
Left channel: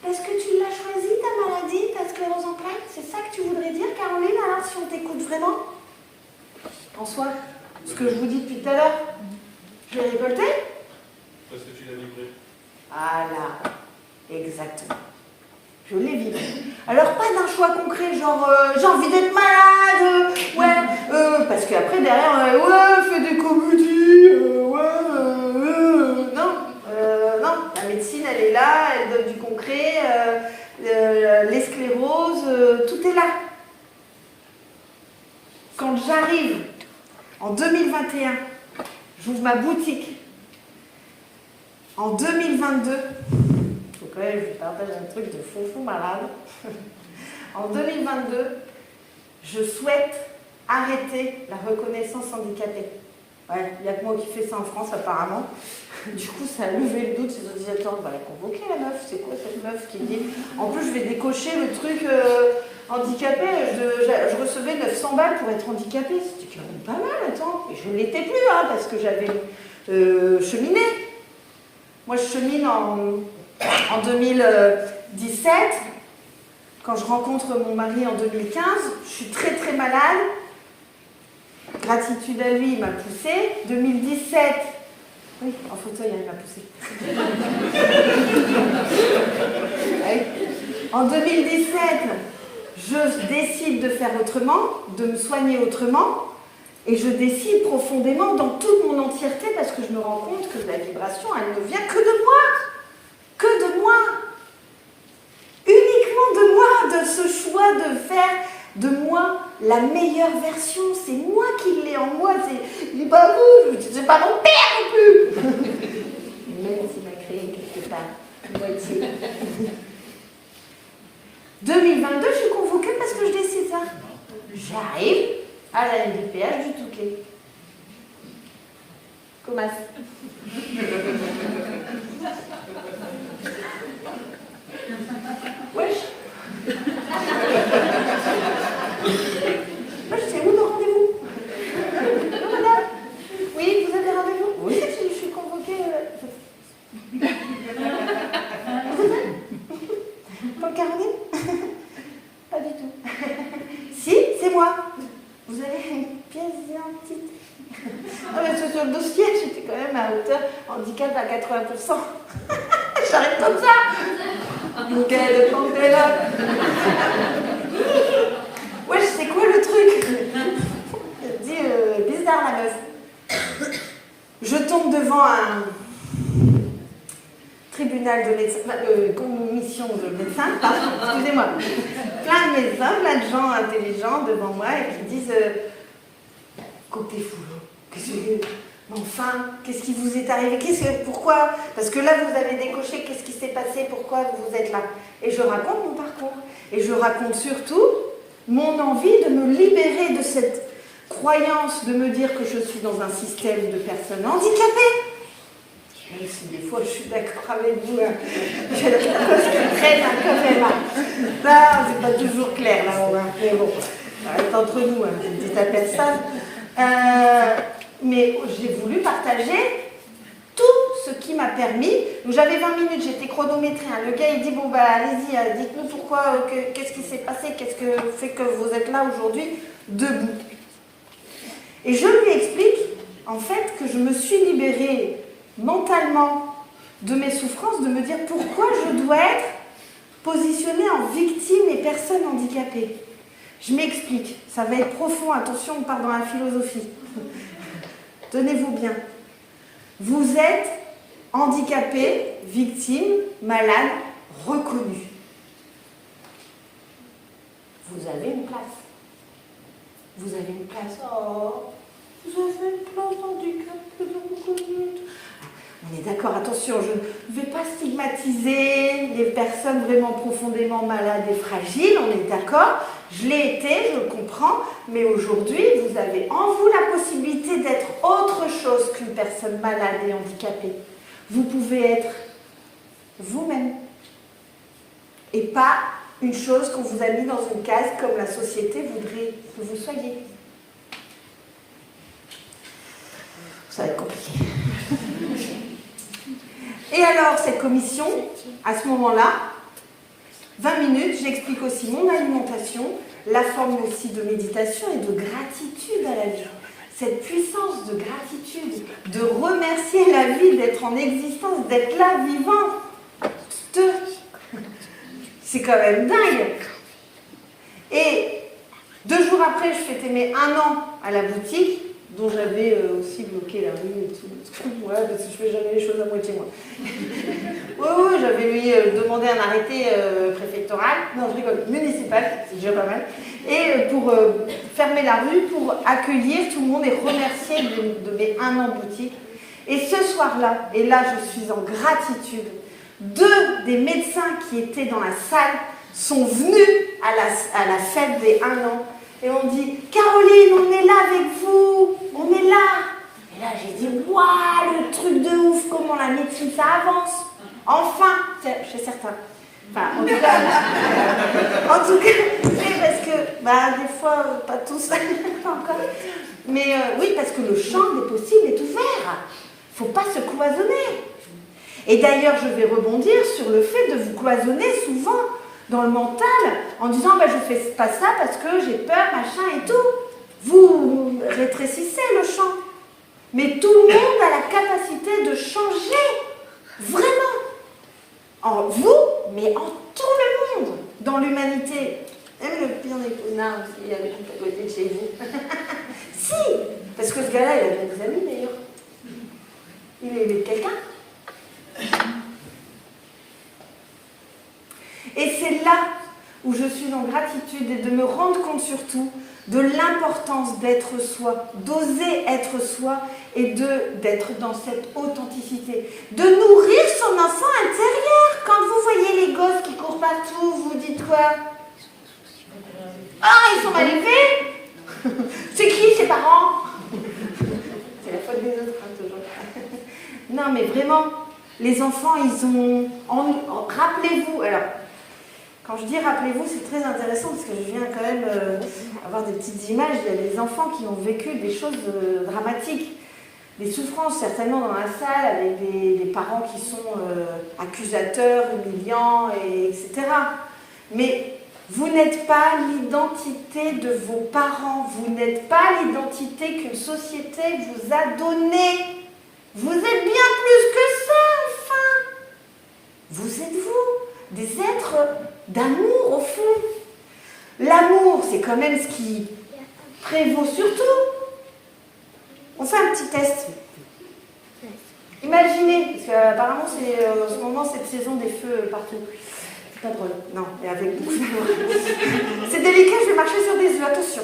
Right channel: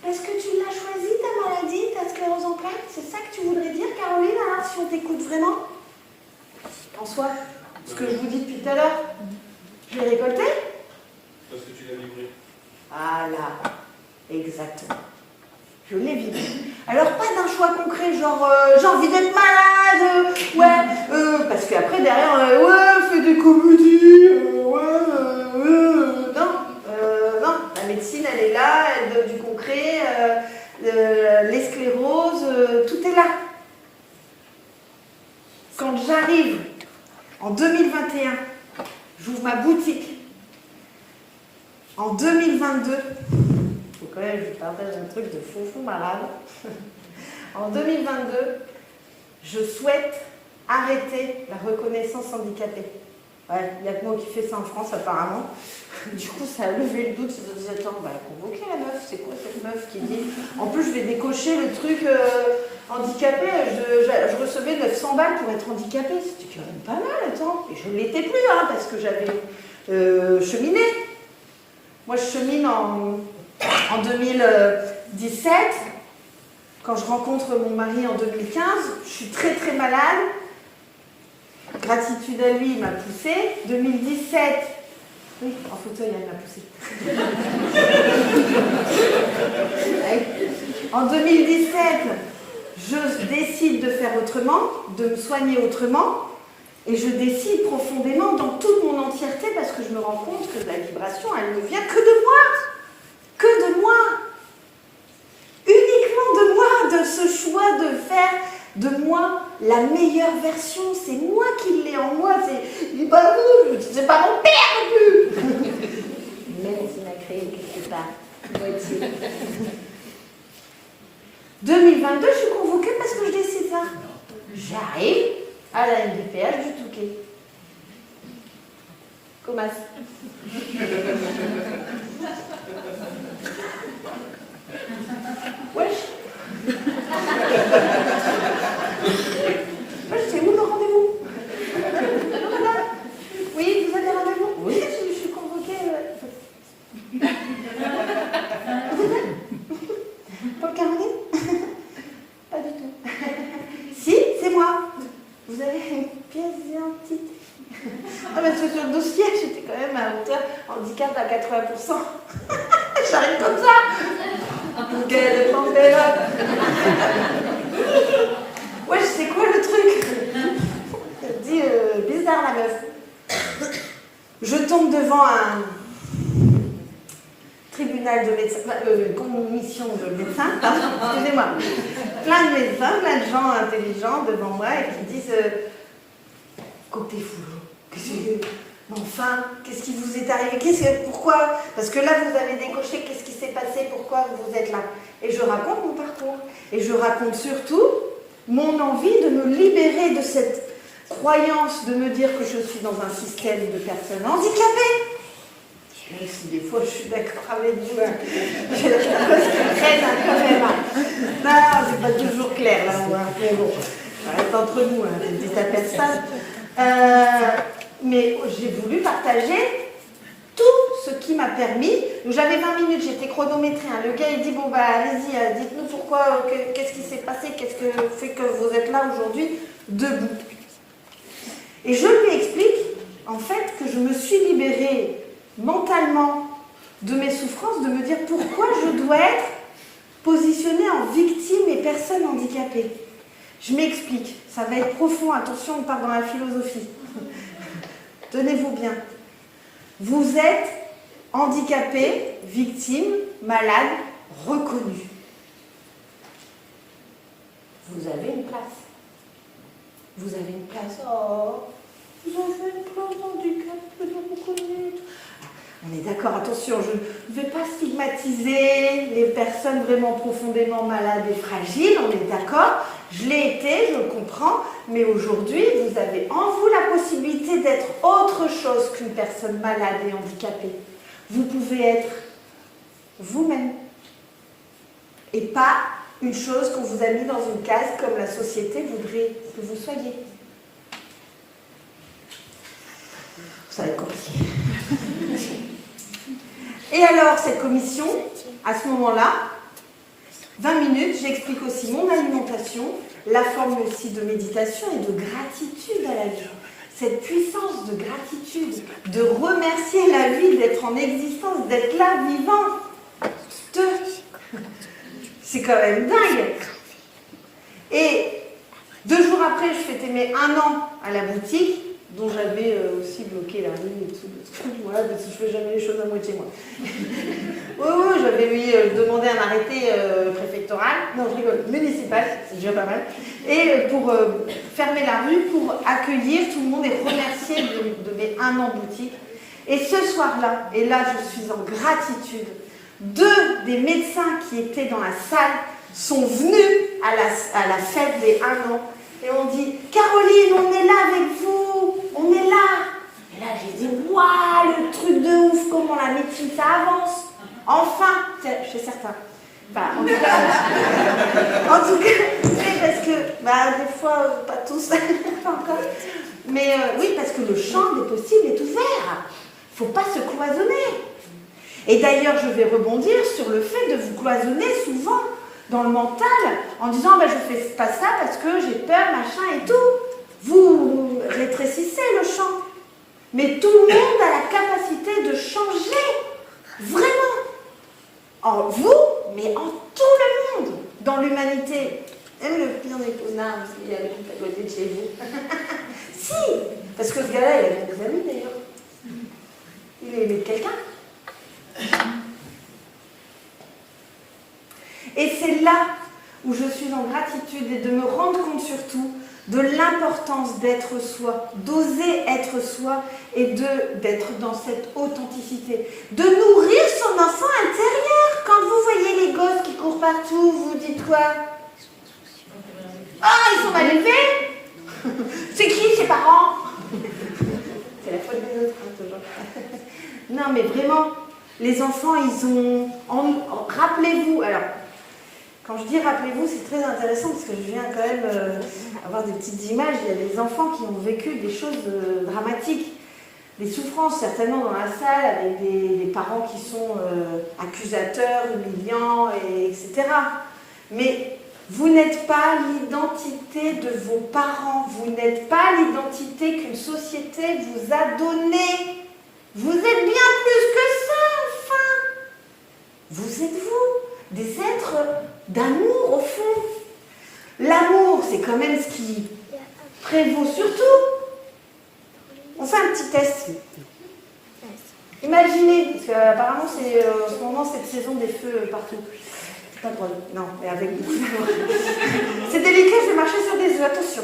est-ce que tu l'as choisi, ta maladie, ta sclérose en plaques? C'est ça que tu voudrais dire, Caroline, alors, si on t'écoute vraiment? En soi, ce que je vous dis depuis tout à l'heure, je l'ai récolté? Parce que tu l'as vibré. Voilà, exactement. Je l'ai vibré. Alors, pas d'un choix concret, genre, j'ai envie d'être malade, ouais, parce qu'après, derrière, ouais, fais des comédies, non, la médecine, elle est là, elle donne du concret, les scléroses, tout est là. Quand j'arrive en 2021, j'ouvre ma boutique. En 2022, donc là, je partage un truc de fond malade. En 2022, je souhaite arrêter la reconnaissance handicapée. Ouais, il n'y a que moi qui fais ça en France apparemment. Du coup, ça a levé le doute. Ils se disaient, attends, convoquer la meuf, c'est quoi cette meuf qui dit. En plus, je vais décocher le truc handicapé. Je recevais 900 balles pour être handicapée. C'était quand même pas mal, attends. Et je ne l'étais plus, hein, parce que j'avais cheminé. Moi, je chemine en 2017. Quand je rencontre mon mari en 2015, je suis très très malade. Gratitude à lui, il m'a poussée. 2017, oui, en fauteuil, il m'a poussée. En 2017, je décide de faire autrement, de me soigner autrement, et je décide profondément dans toute mon entièreté, parce que je me rends compte que la vibration, elle ne vient que de moi. Que de moi. Uniquement de moi, de ce choix de faire de moi la meilleure version. C'est moi qui l'ai en moi. C'est pas vous, c'est pas mon père non plus. Même s'il m'a créé quelque part. Moi aussi. 2022, je suis convoquée parce que je décide ça. J'arrive à la NDPH du Touquet. Comment wesh. Wesh, c'est où le rendez-vous? Non, madame. Oui, vous avez rendez-vous? Oui, je suis convoquée. Vous êtes là? Pas le carnet? Pas du tout. Si, c'est moi. Vous avez une pièce d'identité? Ah, mais sur le dossier, j'étais quand même à hauteur handicap à 80%. J'arrive comme ça. Quelle pantélope. Ouais, c'est quoi le truc? Elle dit, bizarre la meuf. Je tombe devant un tribunal de médecins, commission de médecins, excusez-moi. Plein de médecins, plein de gens intelligents devant moi et qui disent côté fou. Mais enfin, qu'est-ce qui vous est arrivé? Pourquoi? Parce que là, vous avez décoché, qu'est-ce qui s'est passé? Pourquoi vous êtes là? Et je raconte mon parcours. Et je raconte surtout mon envie de me libérer de cette croyance de me dire que je suis dans un système de personnes handicapées. Même si des fois, je suis d'accord avec vous. J'ai quelque chose qui traîne quand même. Non, c'est pas toujours clair. Là, mais bon, ça reste entre nous, une petite personne. Mais j'ai voulu partager tout ce qui m'a permis. Donc j'avais 20 minutes, j'étais chronométrée. Le gars il dit bon allez-y, dites-nous pourquoi, qu'est-ce qui s'est passé, qu'est-ce que fait que vous êtes là aujourd'hui debout. Et je lui explique en fait que je me suis libérée mentalement de mes souffrances, de me dire pourquoi je dois être positionnée en victime et personne handicapée. Je m'explique, ça va être profond, attention, on part dans la philosophie. Tenez-vous bien. Vous êtes handicapé, victime, malade, reconnu. Vous avez une place. Vous avez une place. Oh, vous avez une place handicapée, reconnu. On est d'accord, attention, je ne vais pas stigmatiser les personnes vraiment profondément malades et fragiles, on est d'accord, je l'ai été, je le comprends, mais aujourd'hui, vous avez en vous la possibilité d'être autre chose qu'une personne malade et handicapée. Vous pouvez être vous-même, et pas une chose qu'on vous a mis dans une case comme la société voudrait que vous soyez. Ça va être compliqué. Et alors, cette commission, à ce moment-là, 20 minutes, j'explique aussi mon alimentation, la forme aussi de méditation et de gratitude à la vie. Cette puissance de gratitude, de remercier la vie, d'être en existence, d'être là, vivant. C'est quand même dingue. Et 2 jours après, je fêtais mes 1 an à la boutique, dont j'avais aussi bloqué la rue et tout. Ouais, parce que je fais jamais les choses à moitié, moi. Oui, j'avais demandé un arrêté préfectoral, non, je rigole, municipal, c'est déjà pas mal, et pour fermer la rue, pour accueillir tout le monde et remercier de mes 1 an boutique. Et ce soir-là, et là je suis en gratitude, 2 des médecins qui étaient dans la salle sont venus à la fête des 1 an. Et on dit, Caroline, on est là avec vous, on est là. Et Et là, j'ai dit, waouh, le truc de ouf, comment la médecine, ça avance. Enfin, chez certains. Enfin, en tout cas, parce que, des fois, pas tous, pas encore. Mais oui, parce que le champ des possibles est ouvert. Il ne faut pas se cloisonner. Et d'ailleurs, je vais rebondir sur le fait de vous cloisonner souvent dans le mental en disant je ne fais pas ça parce que j'ai peur, machin et tout. Vous rétrécissez le champ. Mais tout le monde a la capacité de changer. Vraiment. En vous, mais en tout le monde. Dans l'humanité. Même le pire des connards aussi, avec une côté de chez vous. Si. Parce que ce gars-là, il avait des amis d'ailleurs. Il aimait quelqu'un. Et c'est là où je suis en gratitude et de me rendre compte surtout de l'importance d'être soi, d'oser être soi et d'être dans cette authenticité, de nourrir son enfant intérieur. Quand vous voyez les gosses qui courent partout, vous dites quoi? Ah, ils sont mal élevés. C'est qui ses parents? C'est la faute des autres, toujours. Non, mais vraiment, les enfants, ils ont... Rappelez-vous, alors, quand je dis rappelez-vous, c'est très intéressant parce que je viens quand même avoir des petites images. Il y a des enfants qui ont vécu des choses dramatiques, des souffrances certainement dans la salle, avec des parents qui sont accusateurs, humiliants, etc. Mais vous n'êtes pas l'identité de vos parents, vous n'êtes pas l'identité qu'une société vous a donnée. Vous êtes bien plus que ça, enfin. Vous êtes vous, des êtres d'amour au fond. L'amour, c'est quand même ce qui prévaut surtout. On fait un petit test. Imaginez, parce qu'apparemment, c'est en ce moment cette saison des feux partout. C'est pas drôle, non, mais avec beaucoup d'amour. C'est délicat, je vais marcher sur des œufs, attention.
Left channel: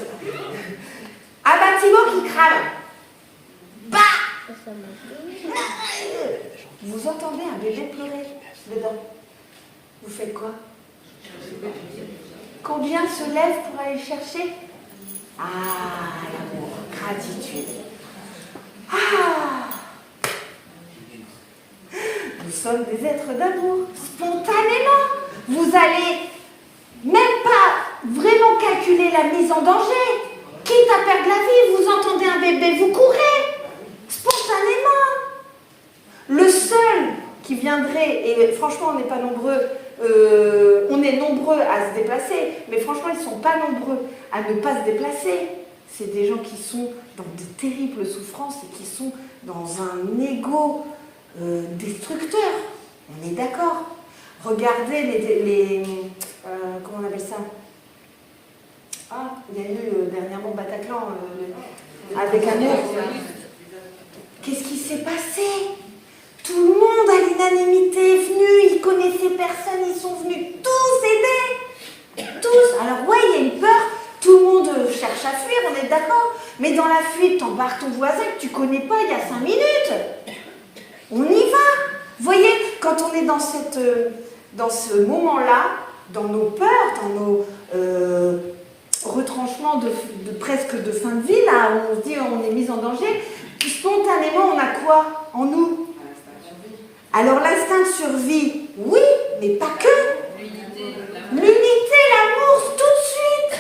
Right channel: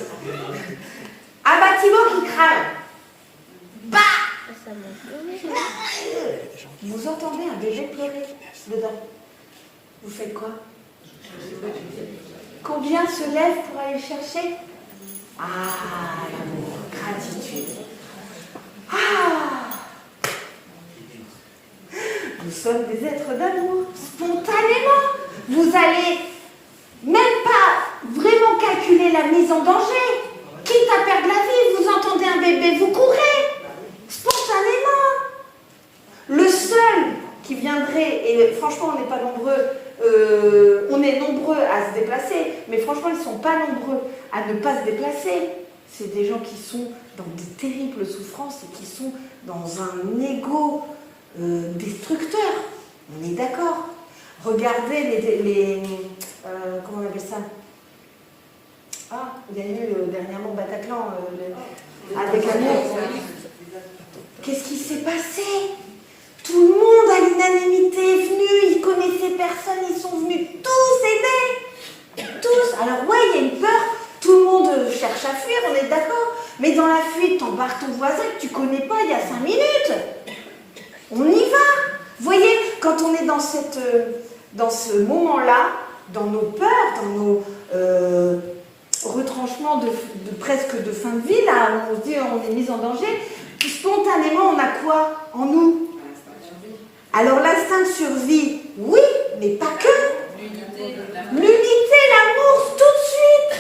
Un bâtiment qui crame. Bah! Vous entendez un bébé pleurer dedans. Vous faites quoi? Combien se lèvent pour aller chercher? Ah, l'amour, gratitude. Ah! Nous sommes des êtres d'amour, spontanément. Vous allez même pas vraiment calculer la mise en danger. Quitte à perdre la vie, vous entendez un bébé, vous courez. Spontanément. Le seul qui viendrait, et franchement on n'est pas nombreux, on est nombreux à se déplacer, mais franchement ils ne sont pas nombreux à ne pas se déplacer. C'est des gens qui sont dans de terribles souffrances et qui sont dans un ego destructeur. On est d'accord. Regardez les comment on appelle ça? Ah, il y a eu dernièrement Bataclan avec Amour. Qu'est-ce qui s'est passé? Tout le monde à l'unanimité est venu, ils connaissaient personne, ils sont venus tous aider. Tous. Alors ouais, il y a une peur, tout le monde cherche à fuir, on est d'accord. Mais dans la fuite, t'embarques ton voisin que tu connais pas il y a 5 minutes. On y va. Vous voyez, quand on est dans ce moment-là, dans nos peurs, dans nos retranchements de presque de fin de vie, là, où on se dit on est mis en danger, puis spontanément, on a quoi en nous? Alors l'instinct de survie, oui, mais pas que. L'unité, l'amour, tout de suite.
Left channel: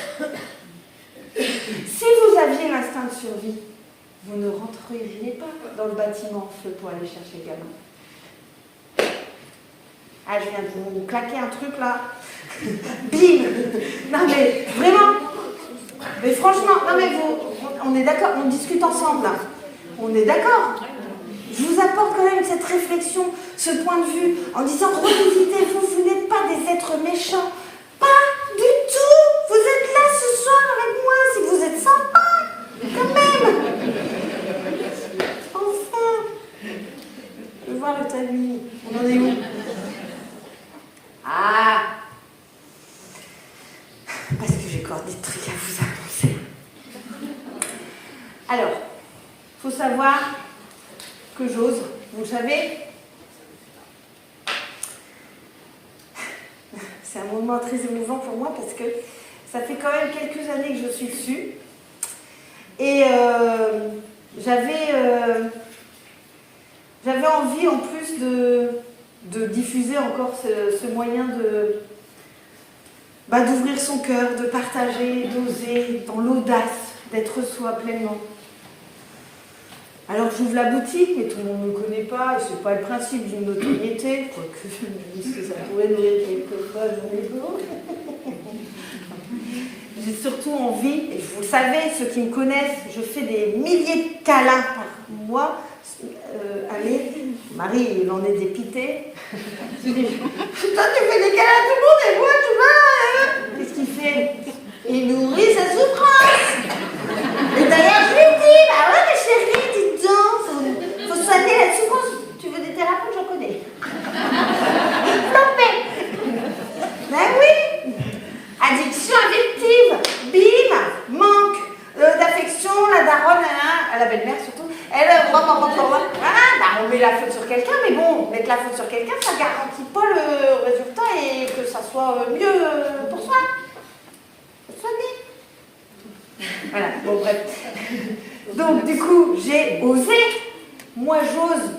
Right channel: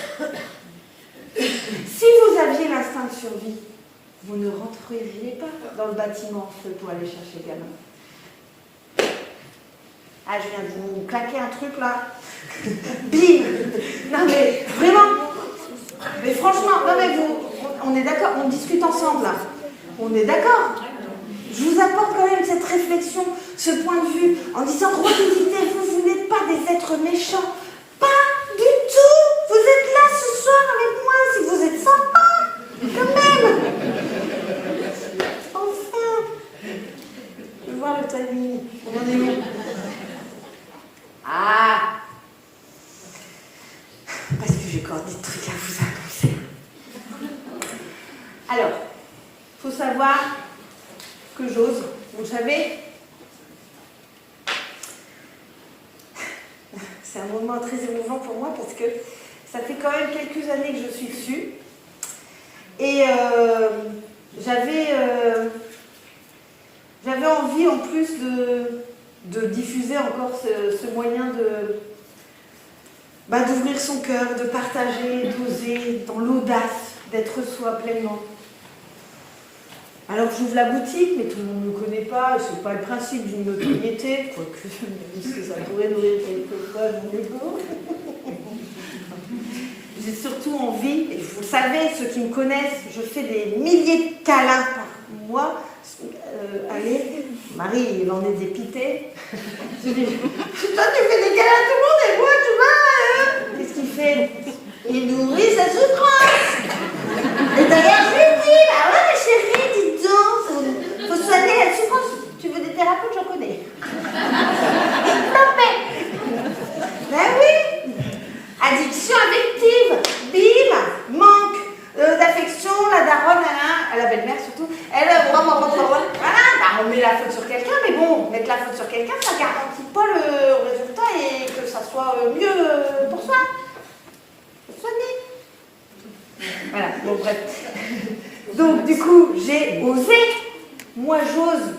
Si vous aviez l'instinct de survie, vous ne rentreriez pas dans le bâtiment en feu pour aller chercher le gamin. Ah, je viens de vous claquer un truc là. Bim. Non mais vraiment. Mais franchement, non mais vous, on est d'accord, on discute ensemble là. On est d'accord. Je vous apporte quand même cette réflexion, ce point de vue, en disant revisitez-vous, vous n'êtes pas des êtres méchants. Pas du tout. Vous êtes là ce soir avec moi, si vous êtes sympa, quand même. Enfin. Je veux voir le tamis. On en est où? Ah. Parce que j'ai encore des trucs à vous annoncer. Alors, il faut savoir que j'ose, vous savez, c'est un moment très émouvant pour moi parce que ça fait quand même quelques années que je suis dessus et j'avais envie en plus de diffuser encore ce moyen d'ouvrir son cœur, de partager, d'oser, dans l'audace, d'être soi pleinement. Alors j'ouvre la boutique, mais tout le monde ne me connaît pas, c'est pas le principe d'une notoriété, quoique je me dis que ça pourrait nourrir quelquefois mon égo. J'ai surtout envie, et vous le savez, ceux qui me connaissent, je fais des milliers de câlins par mois. Allez, Marie, il en est dépité. Je dis, toi tu fais des câlins à tout le monde et moi tu vas. Qu'est-ce qu'il fait? Il nourrit sa souffrance. Et d'ailleurs je lui dis, bah ouais mais chérie, dis donc, faut soigner la souffrance. Tu veux des thérapeutes, j'en connais. Ben oui. Addiction affective, bim, manque d'affection, la daronne, la belle-mère surtout, elle, voilà, bah on met la faute sur quelqu'un, mais bon, mettre la faute sur quelqu'un, ça ne garantit pas le résultat et que ça soit mieux pour soi. Soigner. Voilà, bon bref. Donc du coup, j'ai osé, moi j'ose,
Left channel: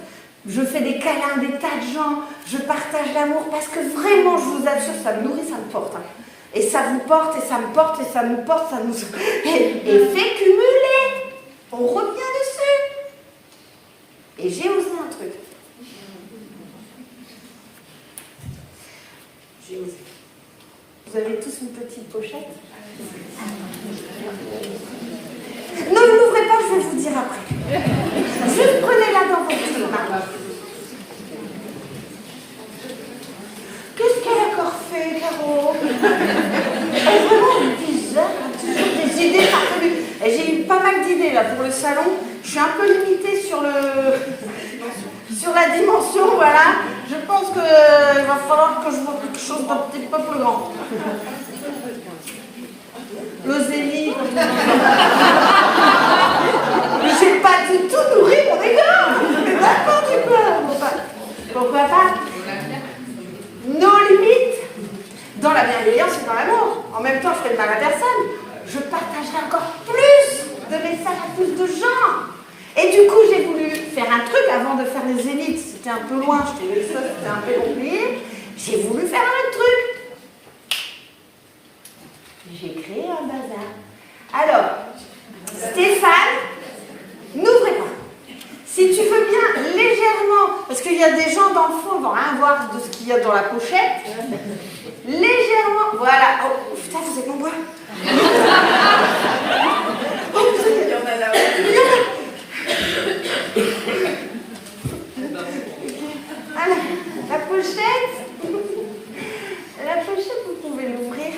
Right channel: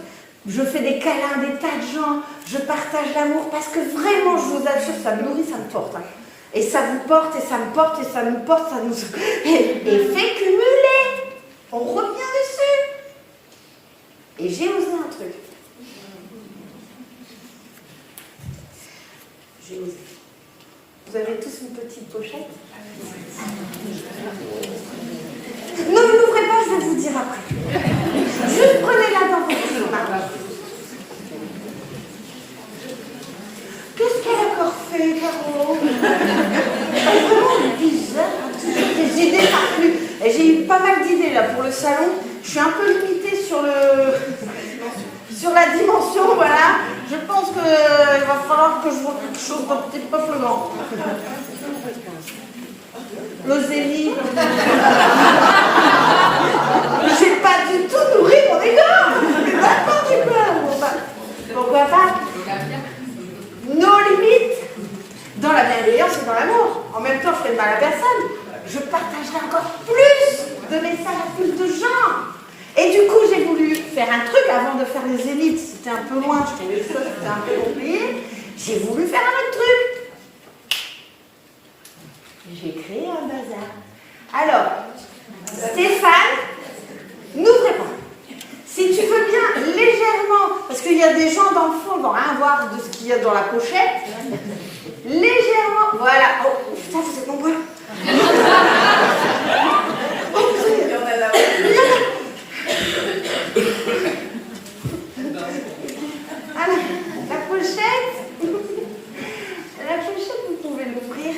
je fais des câlins, des tas de gens, je partage l'amour, parce que vraiment, je vous assure, ça me nourrit, ça me porte. Hein. Et ça vous porte, et ça me porte, et ça nous porte, ça nous... Et fait cumuler. On revient dessus. Et j'ai osé un truc. J'ai osé. Vous avez tous une petite pochette? Ne l'ouvrez pas, je vais vous dire après. Juste prenez-la dans votre main. Qu'est-ce qu'elle a encore fait, Caro? Elle est vraiment bizarre. Des idées farfelues. Et j'ai eu pas mal d'idées là pour le salon. Je suis un peu limitée sur la dimension, voilà. Je pense qu'il va falloir que je vois quelque chose d'un petit peu plus grand. L'Ozélie. J'ai pas du tout nourri mon ego. C'est n'importe quoi. Pourquoi pas? Nos limites. Dans la bienveillance et dans l'amour. En même temps, je t'aime pas la personne. Je partagerai encore plus de messages à plus de gens. Et du coup, j'ai voulu faire un truc avant de faire les élites. C'était un peu loin, je trouvais ça, c'était un peu compliqué. J'ai voulu faire un autre truc. J'ai créé un bazar. Alors, Stéphane, n'ouvrez pas. Si tu veux bien, légèrement, parce qu'il y a des gens dans le fond, vont rien voir de ce qu'il y a dans la pochette. Légèrement, voilà. Oh, putain, vous êtes nombreux. Alors, la pochette, vous pouvez l'ouvrir.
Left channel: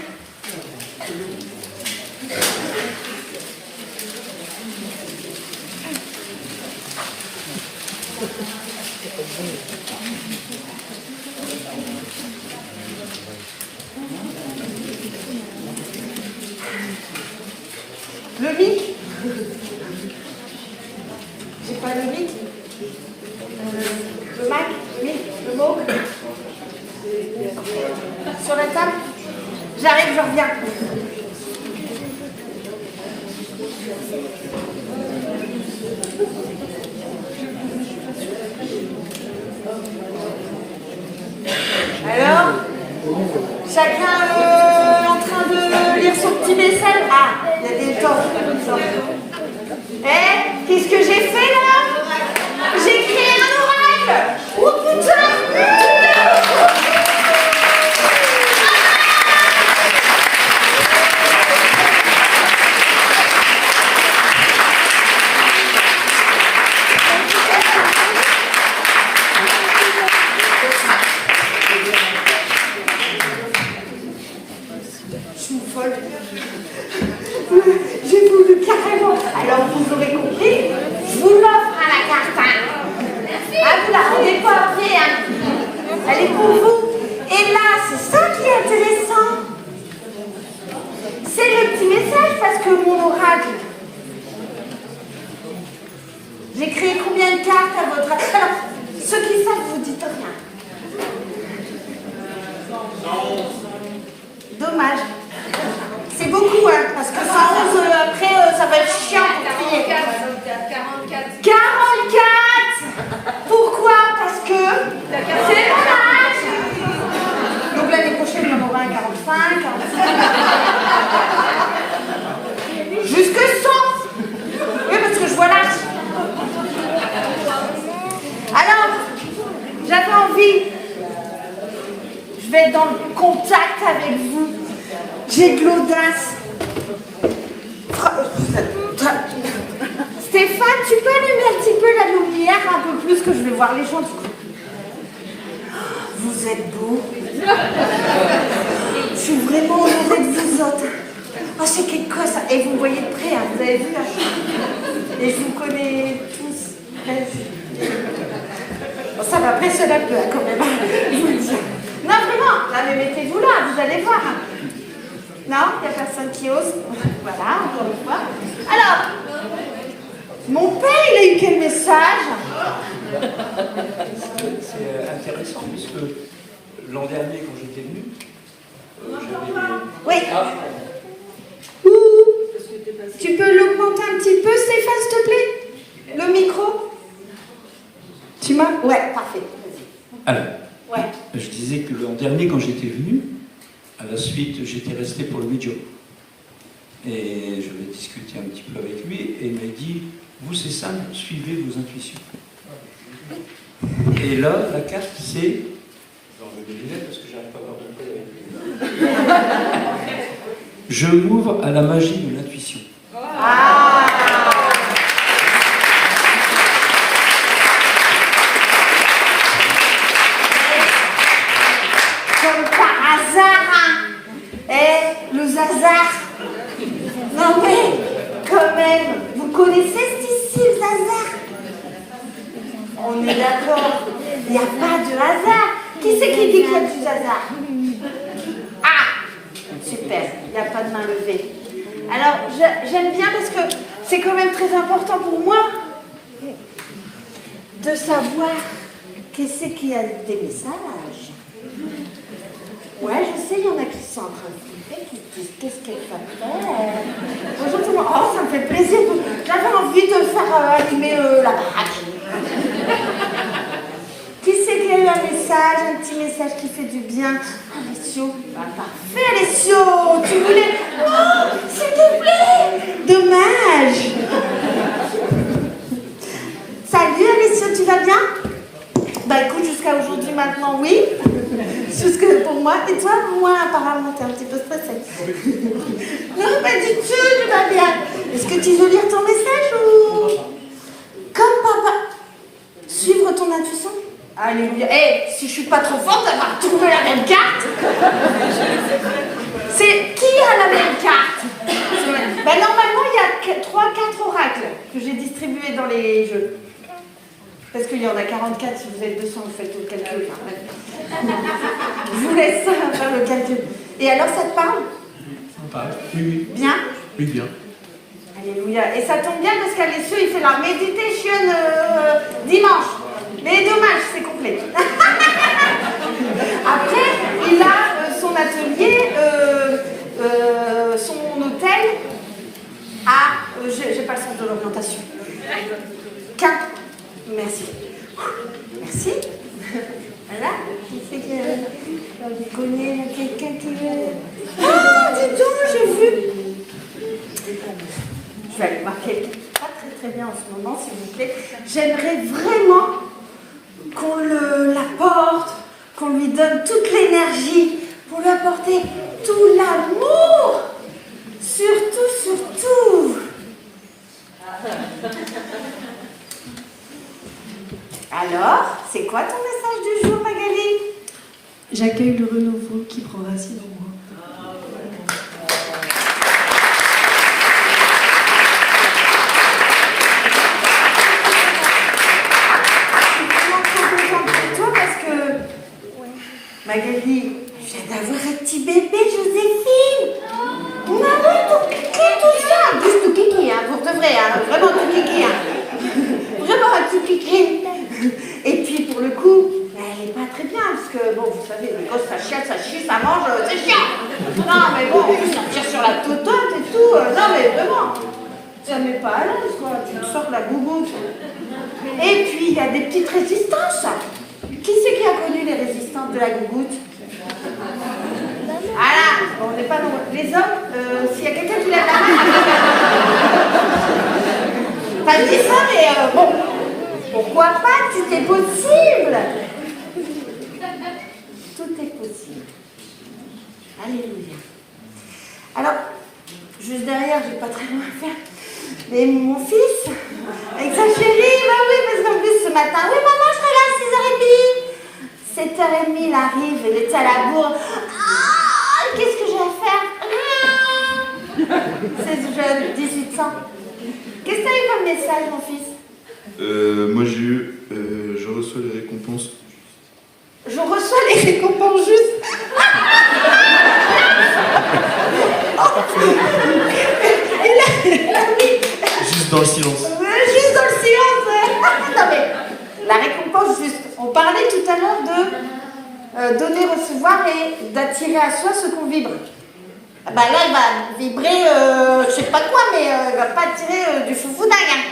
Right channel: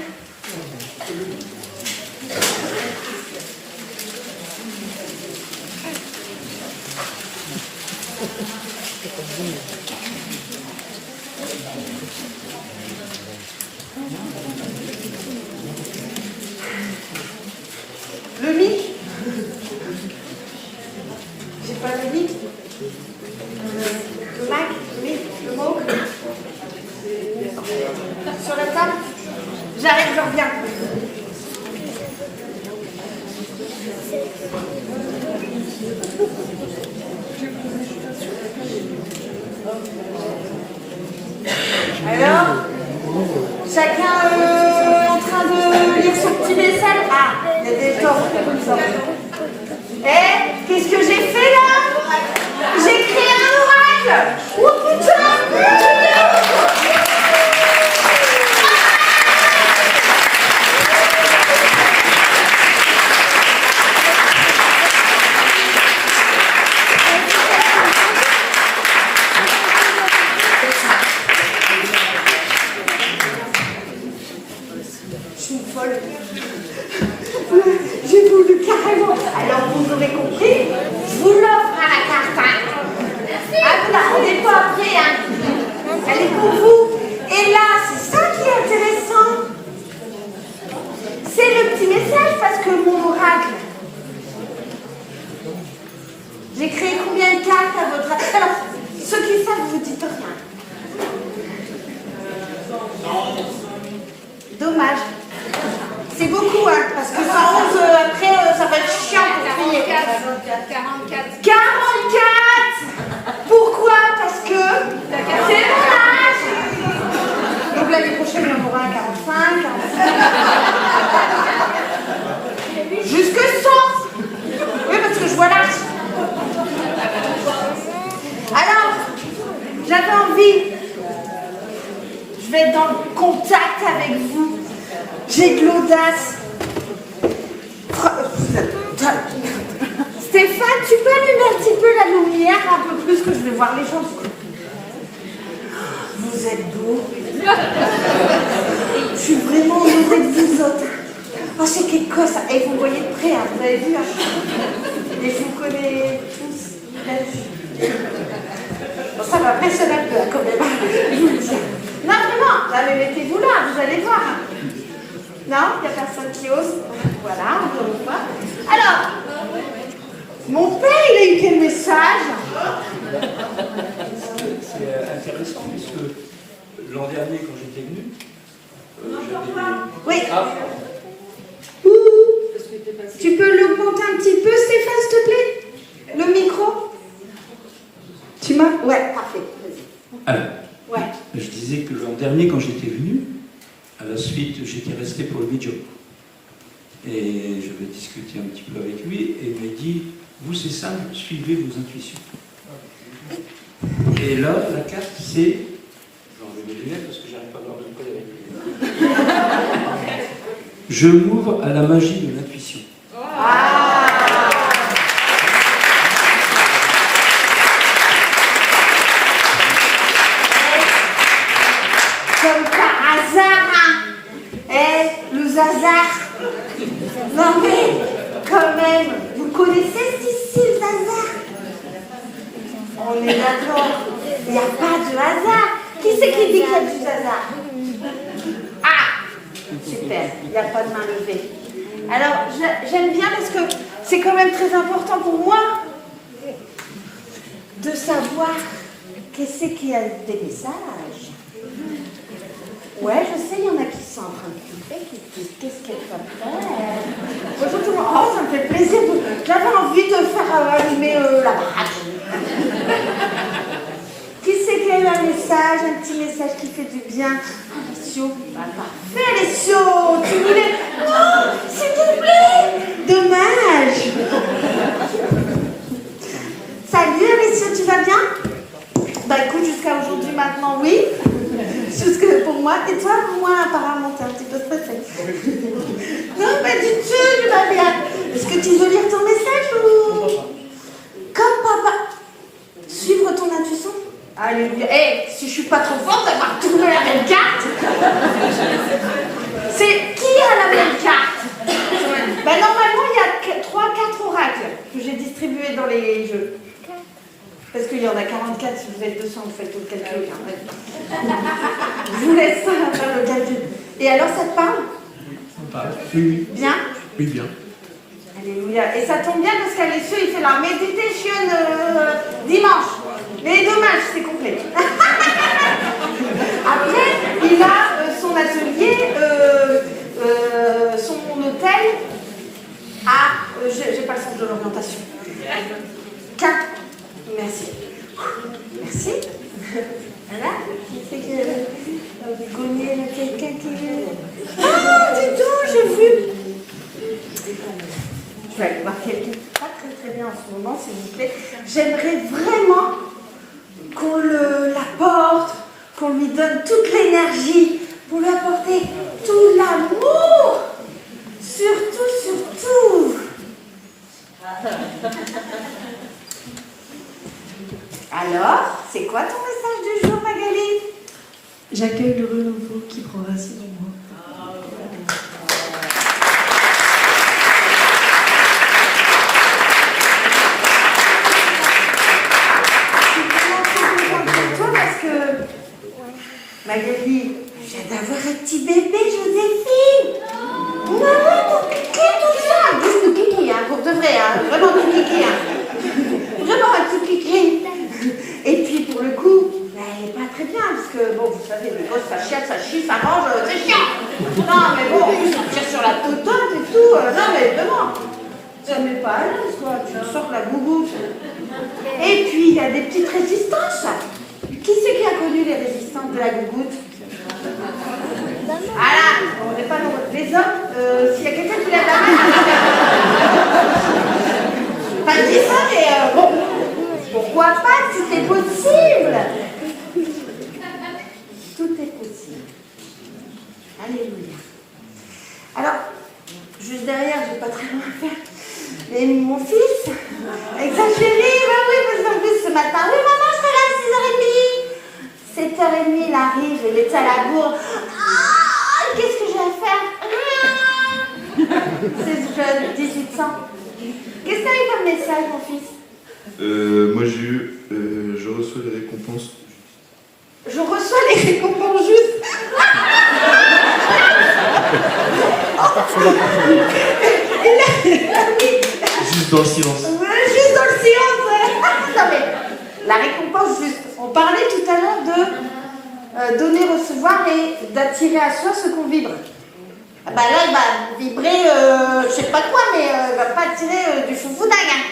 Le mic. J'ai pas le mic. Le Mac, le mic, le mot. Sur la table. J'arrive, je reviens. Alors, chacun est en train de lire son petit message. Ah, il y a des temps comme ça. Eh, qu'est-ce que j'ai fait là? J'ai créé un oracle. Oh putain! J'ai voulu carrément. Alors vous aurez compris, je vous l'offre à la carte. Ah, vous la rendez pas après, hein. Elle est pour vous. Et là, c'est ça qui est intéressant. C'est le petit message parce que mon oracle. J'ai créé combien de cartes à votre avis? Alors, ceux qui savent, vous dites rien. Dommage. C'est beaucoup, hein, parce que 111, après, ça va être chiant pour finir. 44. C'est mon âge. Donc l'année prochaine, il y en aura un 45. Jusque 100. Oui, parce que je vois l'âge. Alors, j'avais envie. Je vais être dans le contact avec vous. J'ai de l'audace. Stéphane, tu peux allumer un petit peu la lumière, un peu plus, que je vais voir les gens. Vous êtes beaux. Je suis vraiment honorée de vous autres. Oh, c'est quelque chose, ça. Et vous me voyez de près, hein, vous avez vu là. Et je vous connais tous. Bon, ça m'impressionne un peu, hein, quand même. Je vous le dis. Non, vraiment. Là, mais mettez-vous là, vous allez voir. Non, il n'y a personne qui ose. Voilà, encore une fois. Alors, mon père, il a eu quel message? C'est intéressant puisque l'an dernier, quand j'étais venu. Oui. Ah, Ouh. Tu peux l'augmenter un petit peu, Stéphane, s'il te plaît? Le micro? Tu m'as? Ouais, parfait. Vas-y. Alors, Ouais. je disais que l'an dernier, quand j'étais venu, à la suite, j'étais resté pour le vidéo. Et je vais discuter un petit peu avec lui, et il m'a dit, vous c'est simple, suivez vos intuitions. Et là, la carte, c'est... Je vais enlever les lunettes parce que j'arrive pas à voir tout le temps. Je m'ouvre à la magie de l'intuition. Comme par hasard, hein. Le hasard. Non mais, quand même, vous connaissez ici le hasard? On est d'accord. Il n'y a pas de hasard. Qui c'est qui dit qu'il y a du hasard? Ah, super, il n'y a pas de main levée. Alors, j'aime bien parce que c'est quand même très important pour moi de savoir qu'est-ce qu'il y a des messages. Ouais, je sais, il y en a qui sont en train de flipper, qui disent qu'est-ce qu'elle fait faire. Bonjour tout le monde. Oh, ça me fait plaisir. J'avais envie de faire allumer la baraque. Qui c'est qui a eu un message, un petit message qui fait du bien? Alessio. Parfait, Alessio. Tu voulais. Oh, s'il te plaît. Dommage. Salut, Alessio, tu vas bien? Bah écoute, jusqu'à aujourd'hui, maintenant, oui. Jusque pour moi. Et toi, pour moi, apparemment, t'es un petit peu stressée. Non, pas du tout, je vais bien. Est-ce que tu veux lire ton message ou... Comme papa. Suivre ton intuition. Alléluia. Si je suis pas trop forte, elle va retrouver la même carte. C'est qui a la même carte? Normalement, il y a 3-4 oracles que j'ai distribués dans les jeux. Parce qu'il y en a 44, si vous êtes 200, vous faites tout le calcul. Je vous laisse faire le calcul. Et alors, ça te parle? Ça parle. Oui. Bien? Oui, bien. Alléluia. Et ça tombe bien parce qu'Alessio, il fait la méditation dimanche. Les dommages, c'est complet. Après, il a son atelier, son hôtel à... j'ai pas le sens de l'orientation. 4. Merci. Merci. Voilà. Vous connaissez quelqu'un qui... Ah, dis donc, j'ai vu. Je vais aller voir quelqu'un qui pas très bien en ce moment, s'il vous plaît. J'aimerais vraiment qu'on l'apporte, qu'on lui donne toute l'énergie, pour lui apporter tout l'amour. Surtout, surtout. Alors, c'est quoi ton message du jour, Magali? J'accueille le renouveau qui prend racine en moi. Magali, je viens d'avoir un petit bébé, Joséphine. Maman, tout cliqué, tout ça. Bouge tout cliqué, hein, pour de vrai, hein. Vraiment tout cliqué, hein. Vraiment un tout cliqué. Et puis, pour le coup, elle n'est pas très bien, parce que, bon, vous savez, les gosses, ça chiate, ça chie, ça mange, c'est chiant. Non, mais bon, ça tire sur la totote et tout. Non, mais vraiment, ça ne met pas à l'aise, quoi. Tu me sors la bouboute. Et puis, il y a des petites résistances. Qu'est-ce Qui c'est qui a connu les résistantes de la gougoute? Voilà, on n'est pas nombreux. Les hommes, s'il y a quelqu'un qui lève la main. T'as dit ça, mais bon, pourquoi pas, tout est possible. Tout est possible. Alléluia. Alors, juste derrière, j'ai pas très loin à faire. Mais mon fils, avec sa chérie, bah oui, parce qu'en plus ce matin, oui maman, je serai là à 6h30. 7h30, il arrive, il est à la bourre. Ah, qu'est-ce que j'ai à faire? C'est jeune, 18 ans. Qu'est-ce que t'as eu comme message, mon fils? Moi j'ai eu, je reçois les récompenses. Je reçois les récompenses juste. Juste dans le silence. Ouais, juste dans le silence, ouais. Non mais, la récompense, juste. On parlait tout à l'heure de donner, recevoir et d'attirer à soi ce qu'on vibre. Ah bah là, elle va vibrer, je sais pas quoi, mais elle va pas attirer du foufoudague. Hein.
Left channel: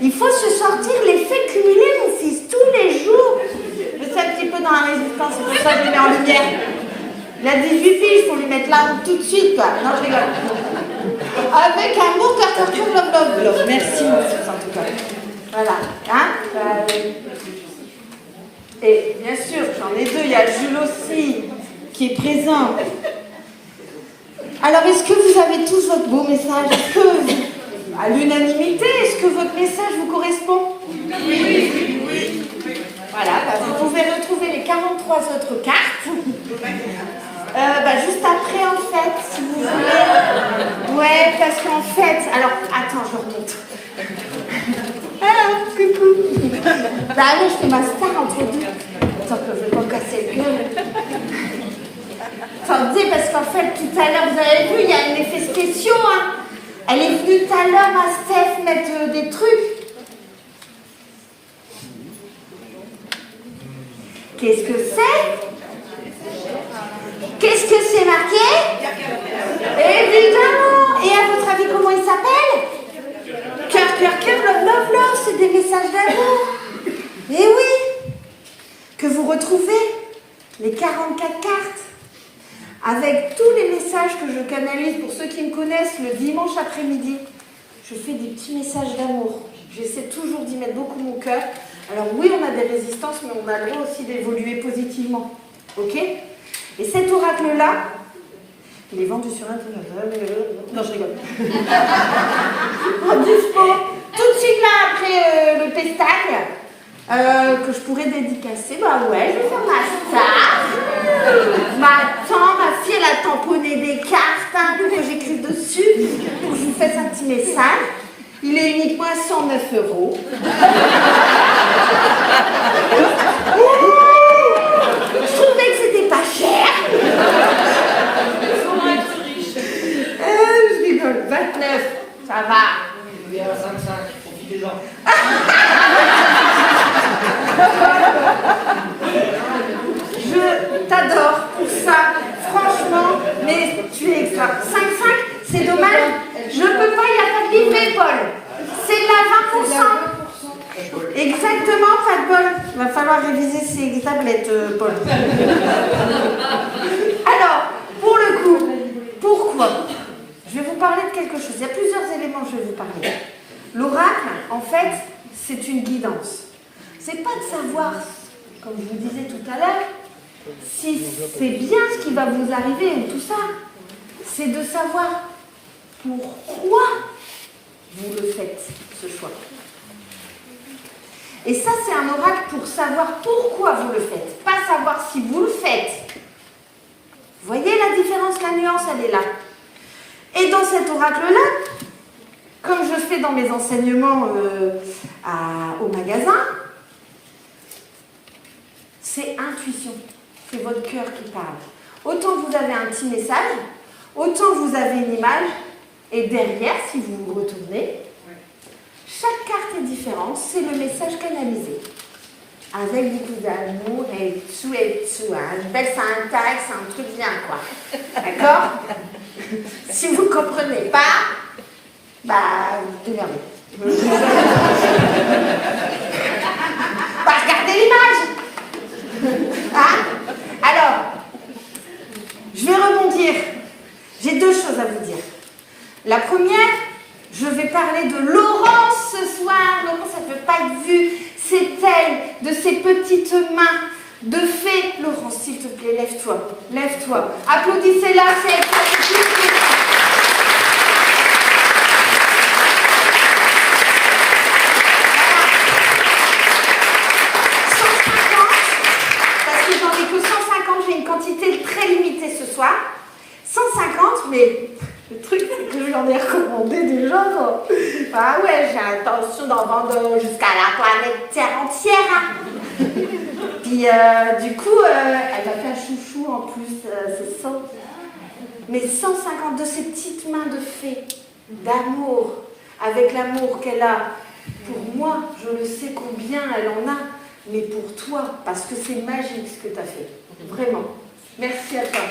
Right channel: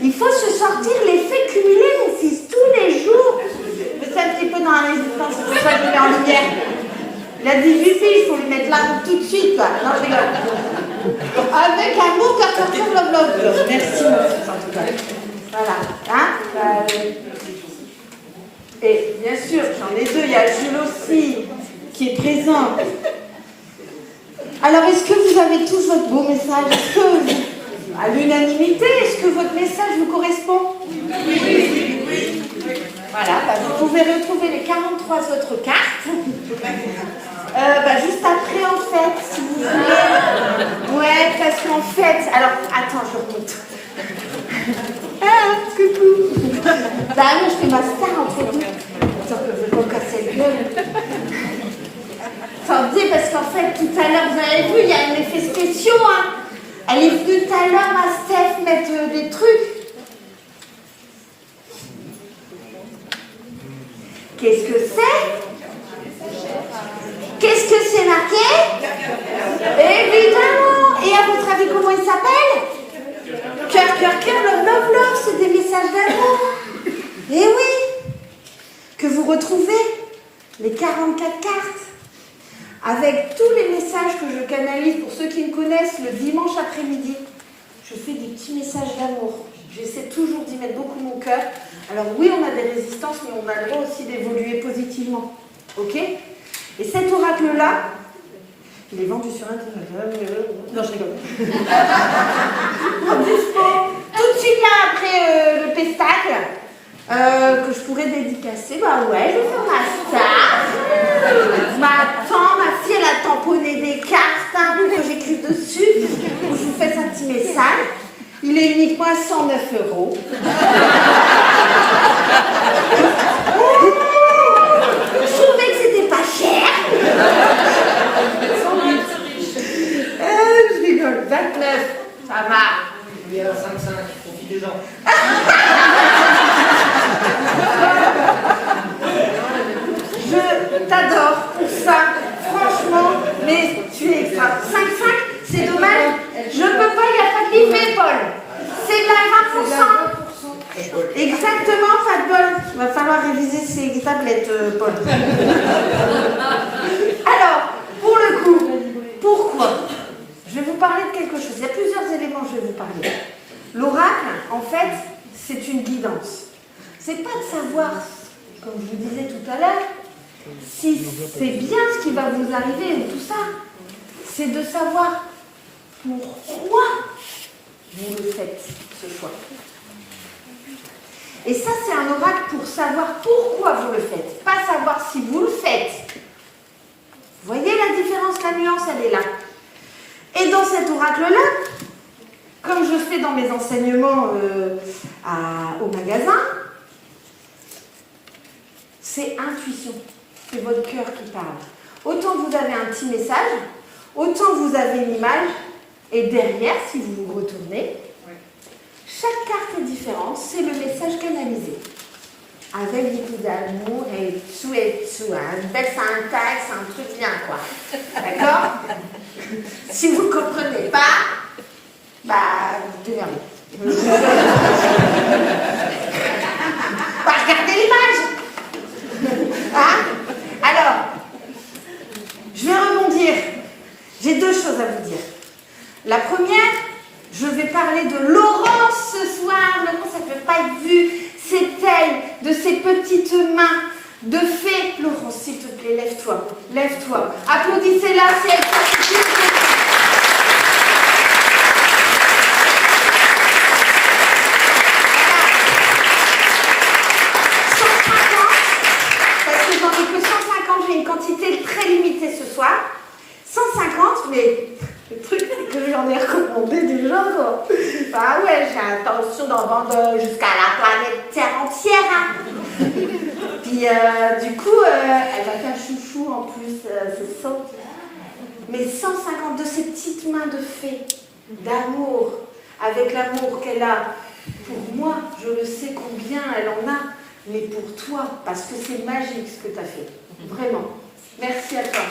Il faut se sortir l'effet cumulé, mon fils, tous les jours. Je sais un petit peu dans la résistance, c'est pour ça que je mets en lumière. Il a 18 filles, il faut lui mettre là tout de suite, quoi. Non, je rigole. Avec un mot qu'attention, love. Merci, mon fils, en tout cas. Voilà. Hein? Et bien sûr, j'en ai deux, il y a Jules aussi, qui est présent. Alors, est-ce que vous avez tous votre beau message? Est-ce que, à l'unanimité, est-ce que votre message vous correspond? Oui. Voilà, bah, vous pouvez retrouver les 43 autres cartes. Juste après, en fait, si vous voulez. Ouais, parce qu'en fait... Alors, attends, je remonte. Ah, coucou. Bah non, je fais ma star entre deux. Attends, je vais pas casser le gueule. Attendez, parce qu'en fait, tout à l'heure, vous avez vu, il y a un effet spécial, hein. Elle est venue tout à l'heure, ma Steph, mettre des trucs. Qu'est-ce que c'est? Qu'est-ce que c'est marqué? Évidemment. Et à votre avis, comment il s'appelle? Cœur, love, c'est des messages d'amour. Et oui, que vous retrouvez les 44 cartes avec tous les messages que je canalise. Pour ceux qui me connaissent, le dimanche après-midi, je fais des petits messages d'amour. J'essaie toujours d'y mettre beaucoup mon cœur. Alors oui, on a des résistances, mais on a le droit aussi d'évoluer positivement. Ok? Et cet oracle-là, il est vendu sur Internet. Non, je rigole. Tout de suite là, après le pestacle, que je pourrais dédicacer, bah ouais, je vais faire ma star. Ma fille, elle a tamponné des cartes, hein, que j'écris dessus. Je vous fais un petit message. Il est uniquement à 109 €. Je trouvais que c'était pas cher. Je rigole. 29, ça va. Il y a 55, profitez-en. Je t'adore pour ça. Franchement, mais tu es extra. 5,5, c'est dommage. Je peux pas, il n'y a pas de livret, Paul. C'est de la 20%. Exactement, pas de bol. Il va falloir réviser ces tablettes, Paul. Alors, pour le coup, pourquoi? Je vais vous parler de quelque chose. Il y a plusieurs éléments que je vais vous parler. L'oracle, en fait, c'est une guidance. C'est pas de savoir, comme je vous disais tout à l'heure, si c'est bien ce qui va vous arriver ou tout ça. C'est de savoir pourquoi vous le faites, ce choix. Et ça, c'est un oracle pour savoir pourquoi vous le faites, pas savoir si vous le faites. Vous voyez la différence, la nuance, elle est là. Et dans cet oracle-là, comme je fais dans mes enseignements au magasin, c'est intuition, c'est votre cœur qui parle. Autant vous avez un petit message, autant vous avez une image, et derrière, si vous vous retournez, chaque carte est différente, c'est le message canalisé. Avec beaucoup d'amour et tout. Hein. C'est un truc bien, quoi. D'accord? Si vous ne comprenez pas, bah, démerdez. Bah, regardez l'image. La première, je vais parler de Laurence ce soir. Laurence, elle ne peut pas être vue. C'est elle, de ses petites mains de fée. Laurence, s'il te plaît, lève-toi. Lève-toi. Applaudissez-la, c'est elle. Parce que j'en ai que 150, j'ai une quantité très limitée ce soir. 150, mais le truc, c'est que j'en ai recommandé déjà, quoi. Ah ouais, j'ai intention d'en vendre jusqu'à la planète Terre entière, hein. Puis, du coup, elle va faire chouchou en plus, c'est ça. Mais 150 de ces petites mains de fée, d'amour, avec l'amour qu'elle a pour moi, je le sais combien elle en a, mais pour toi, parce que c'est magique ce que tu as fait. Vraiment. Merci à toi.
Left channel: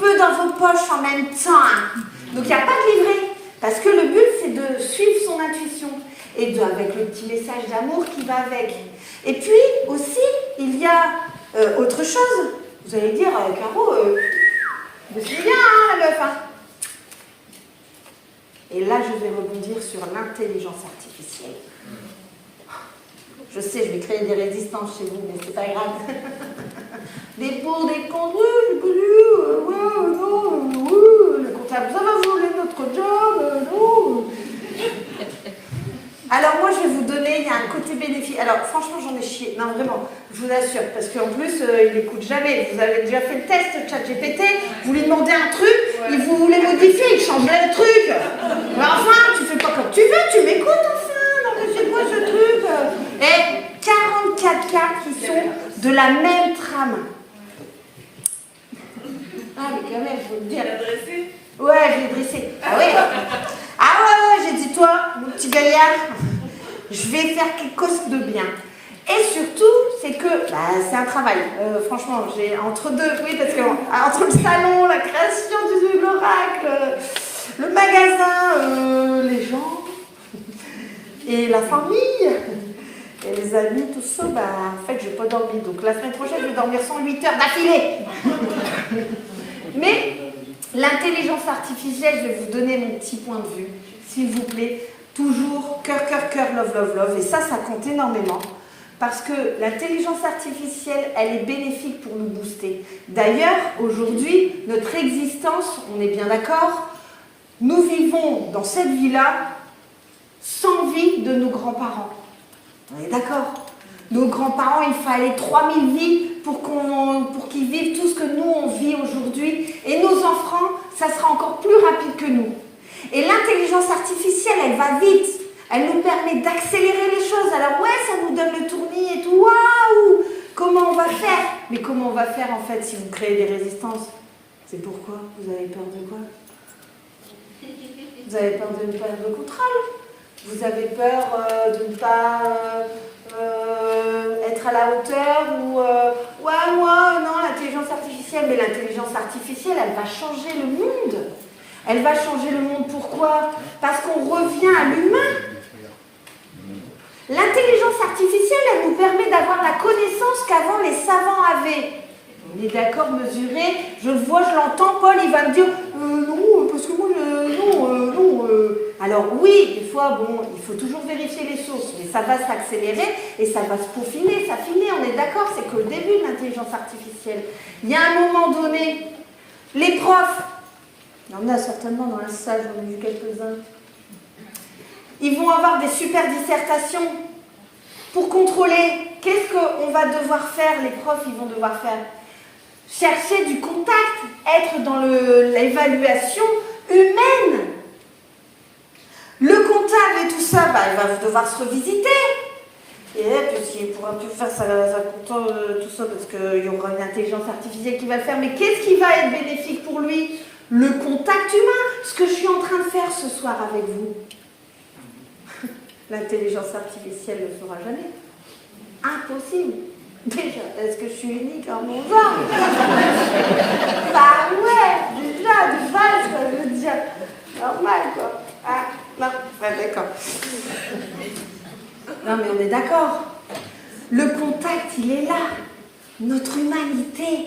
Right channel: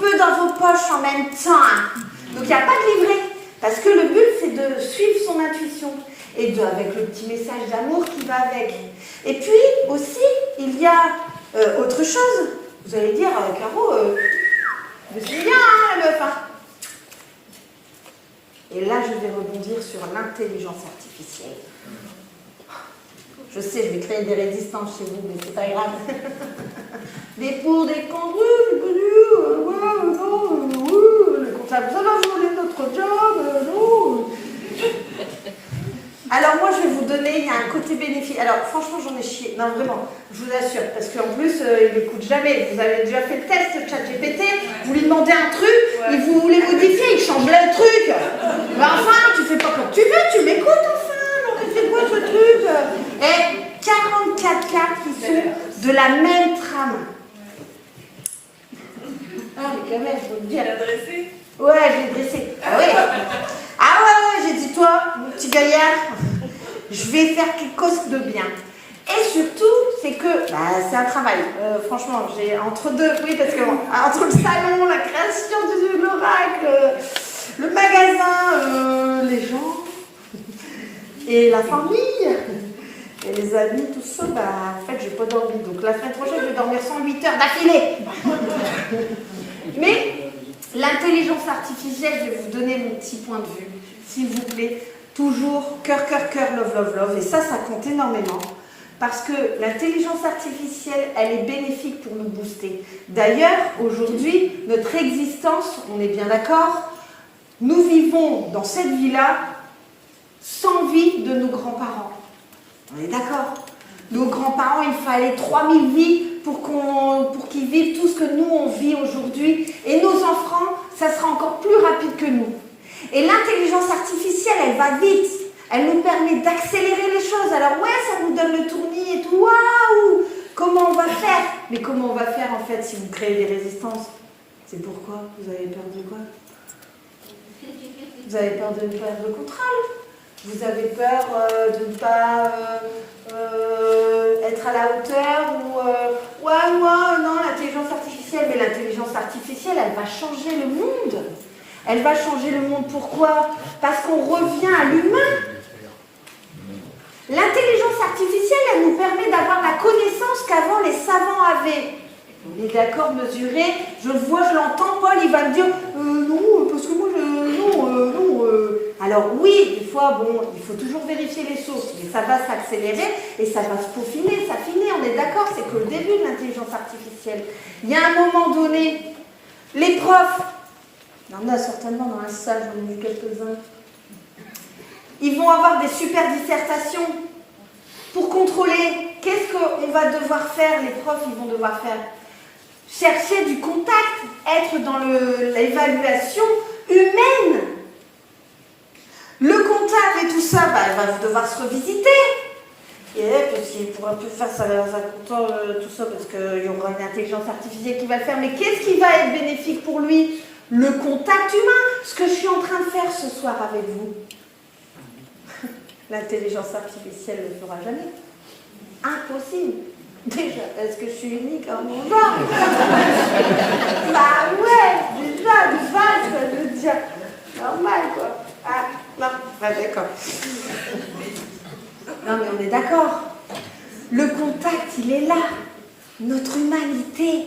Peu dans vos poches en même temps. Hein. Donc il n'y a pas de livret. Parce que le but, c'est de suivre son intuition. Et avec le petit message d'amour qui va avec. Et puis aussi, il y a autre chose. Vous allez dire, Caro, c'est bien, hein, la meuf. Hein. Et là, je vais rebondir sur l'intelligence artificielle. Je sais, je vais créer des résistances chez vous, mais c'est pas grave. Des pour, des contre, le comptable, ça va voler notre job, non. Alors moi, je vais vous donner, il y a un côté bénéfique. Alors franchement, j'en ai chié. Non, vraiment, je vous assure, parce qu'en plus, il n'écoute jamais. Vous avez déjà fait le test, le ChatGPT, vous lui demandez un truc, et vous voulez modifier, il change le truc. Mais enfin, tu fais pas comme tu veux, tu m'écoutes enfin. Donc c'est quoi ce truc? Et 44 cartes qui sont de la même trame. Ah, mais quand même, je veux dire. Elle a dressé? Ouais, je l'ai dressé. Ah ouais, j'ai dit, toi, mon petit gaillard, je vais faire quelque chose de bien. Et surtout, c'est que, c'est un travail. Franchement, j'ai entre deux, oui, parce que entre le salon, la création de l'oracle, le magasin, les gens, et la famille, et les amis, tout ça, en fait, j'ai pas dormi. Donc la semaine prochaine, je vais dormir 108 heures d'affilée. Mais l'intelligence artificielle, je vais vous donner mon petit point de vue, s'il vous plaît. Toujours cœur, love, love, love. Et ça compte énormément. Parce que l'intelligence artificielle, elle est bénéfique pour nous booster. D'ailleurs, aujourd'hui, notre existence, on est bien d'accord, nous vivons dans cette vie-là sans vie de nos grands-parents. On est d'accord? Nos grands-parents, il fallait 3000 vies pour qu'ils vivent tout ce que nous, on vit aujourd'hui. Et nos enfants, ça sera encore plus rapide que nous. Et l'intelligence artificielle, elle va vite. Elle nous permet d'accélérer les choses. Alors ouais, ça nous donne le tournis et tout. Waouh! Comment on va faire? Mais comment on va faire, en fait, si vous créez des résistances? C'est pourquoi? Vous avez peur de quoi? Vous avez peur de perdre le contrôle? Vous avez peur de ne pas être à la hauteur ou ouais, moi, non, l'intelligence artificielle. Mais l'intelligence artificielle, elle va changer le monde. Elle va changer le monde. Pourquoi? Parce qu'on revient à l'humain. L'intelligence artificielle, elle nous permet d'avoir la connaissance qu'avant les savants avaient. On est d'accord, mesurer, je le vois, je l'entends, Paul, il va me dire non, parce que moi, non. Alors oui, des fois, bon, il faut toujours vérifier les sources, mais ça va s'accélérer et ça va se peaufiner, ça finit, on est d'accord, c'est qu'au début de l'intelligence artificielle, il y a un moment donné, les profs, il y en a certainement dans la salle, j'en ai vu quelques-uns, ils vont avoir des super dissertations pour contrôler qu'est-ce qu'on va devoir faire, les profs, ils vont devoir faire. Chercher du contact, être dans l'évaluation humaine. Le comptable et tout ça, il va devoir se revisiter. Et puis il ne pourra plus faire tout ça parce qu'il y aura une intelligence artificielle qui va le faire. Mais qu'est-ce qui va être bénéfique pour lui? Le contact humain. Ce que je suis en train de faire ce soir avec vous. L'intelligence artificielle ne le fera jamais. Impossible. Déjà, est-ce que je suis unique en mon genre? Bah ouais, déjà, de base, quoi, je veux dire. Normal, quoi. Ah, non, ouais, d'accord. Non, mais on est d'accord. Le contact, il est là. Notre humanité,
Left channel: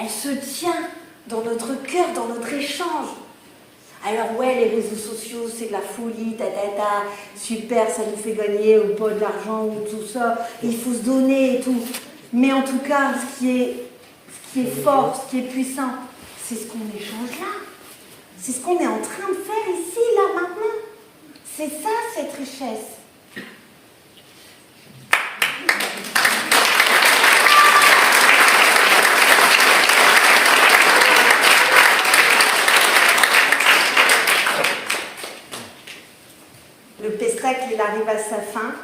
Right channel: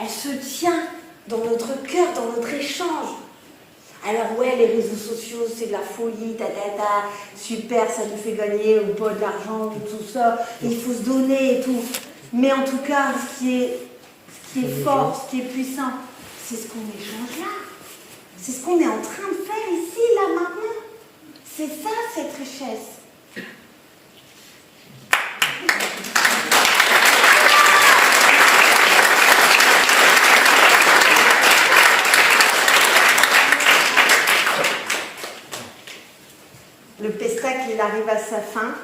elle se tient dans notre cœur, dans notre échange. Alors ouais, les réseaux sociaux, c'est de la folie, super, ça nous fait gagner ou pas de l'argent ou tout ça. Il faut se donner et tout. Mais en tout cas, ce qui est fort, ce qui est puissant, c'est ce qu'on échange là. C'est ce qu'on est en train de faire ici, là, maintenant. C'est ça, cette richesse. Le pestacle, il arrive à sa fin.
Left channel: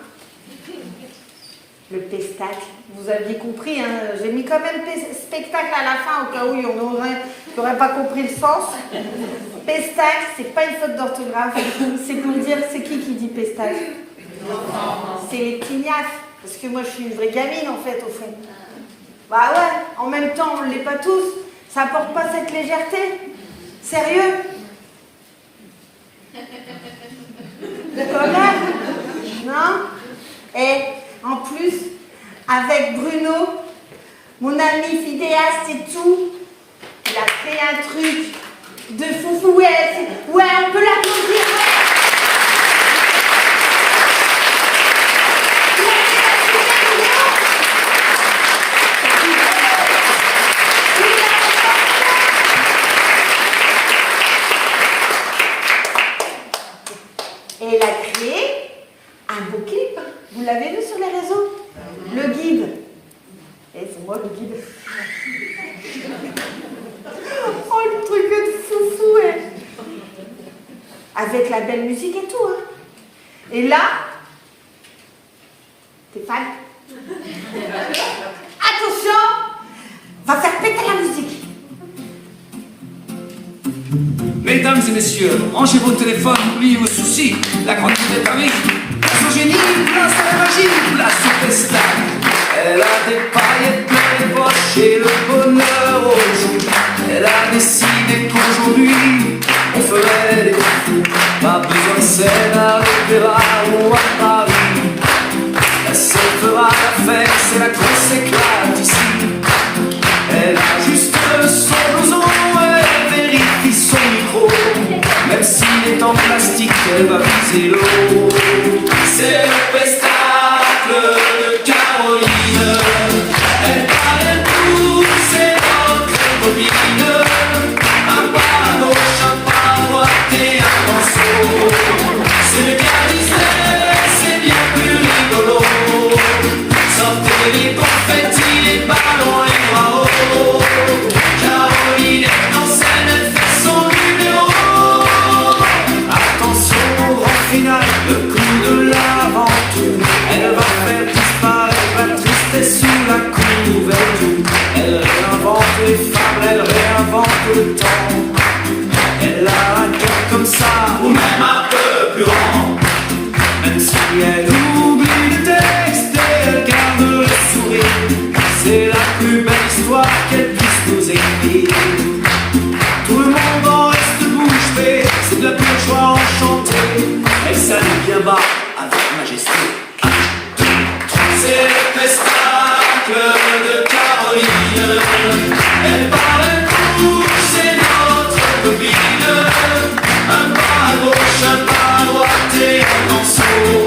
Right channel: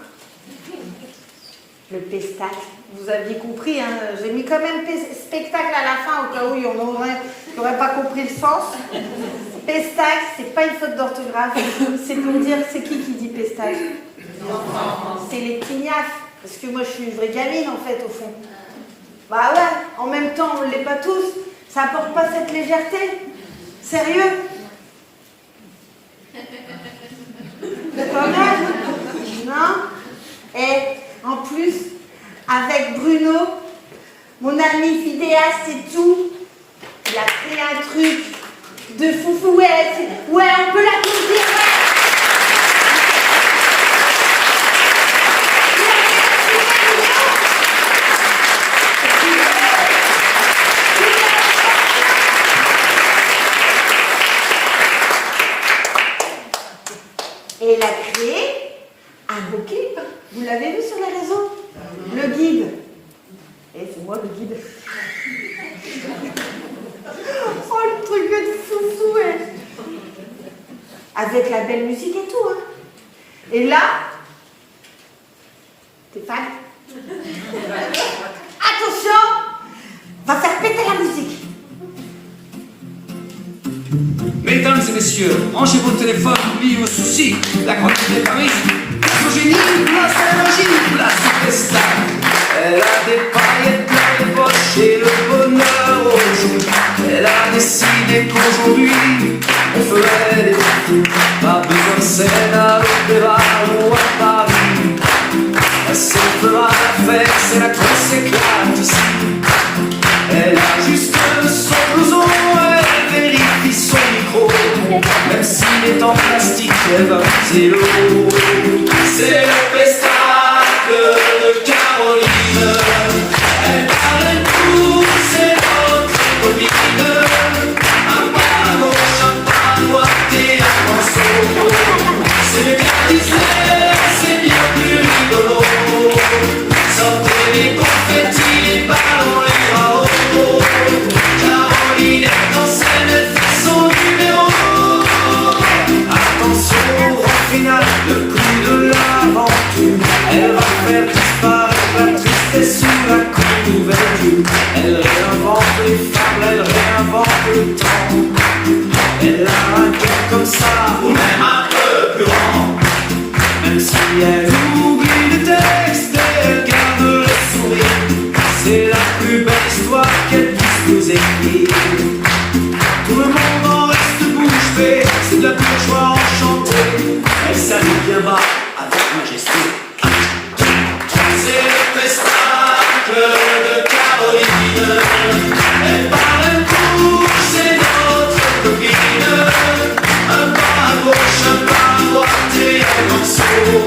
Le pestacle, vous aviez compris, hein, j'ai mis quand même spectacle à la fin au cas où on n'aurait pas compris le sens. Pestacle, c'est pas une faute d'orthographe, c'est pour dire, c'est qui dit pestacle? C'est les petits niafs, parce que moi je suis une vraie gamine en fait au fond. Bah ouais, en même temps on ne l'est pas tous, ça apporte pas cette légèreté. Sérieux? D'accord? Non? Et en plus, avec Bruno, mon ami vidéaste et tout, il a fait un truc de foufou. Ouais, on peut l'applaudir. Et il a créé un bouquet. Vous l'avez vu sur les réseaux? Le guide. Et c'est moi le guide. Oh, le truc de foufou. Avec la belle musique et tout. Hein. Et là, t'es fan? Attention, on va faire péter la musique. Mesdames et messieurs, rangez vos téléphones, oubliez vos soucis. La grande fille de Paris, place au génie, place à la magie, place au festin. Elle a des paillettes dans les poches et le bonheur au jour. Elle a décidé qu'aujourd'hui, on ferait des fous. Pas besoin de scène à l'opéra ou à Paris. Elle se fera la fête, c'est la grosse éclate ici. Elle a juste son blouson, elle vérifie son micro. Même s'il est en plastique, elle va viser l'eau. C'est le pestacle de Caroline. Elle parle tout, c'est notre copine. Un pas à gauche, un pas à droite et un morceau. C'est le cas Disney, c'est bien plus rigolo. Sortez les confettis, les ballons, les bras hauts. Caroline est en scène, elle fait son numéro. Attention au grand final, le coup de l'aventure. Elle va faire disparaître la tristesse sous la couverture. Elle réinvente les femmes, elle réinvente le temps. Elle a un cœur comme ça, ou même un peu plus grand. Même si elle oublie le texte, elle garde le sourire. C'est la plus belle histoire qu'elle puisse nous écrire. Tout le monde en reste bouche bée, c'est de la pure joie enchantée. Elle salue bien bas, avec majesté. C'est le pestacle de Caroline. Elle parle tout, c'est notre copine. Un pas à gauche, un pas à droite et un morceau.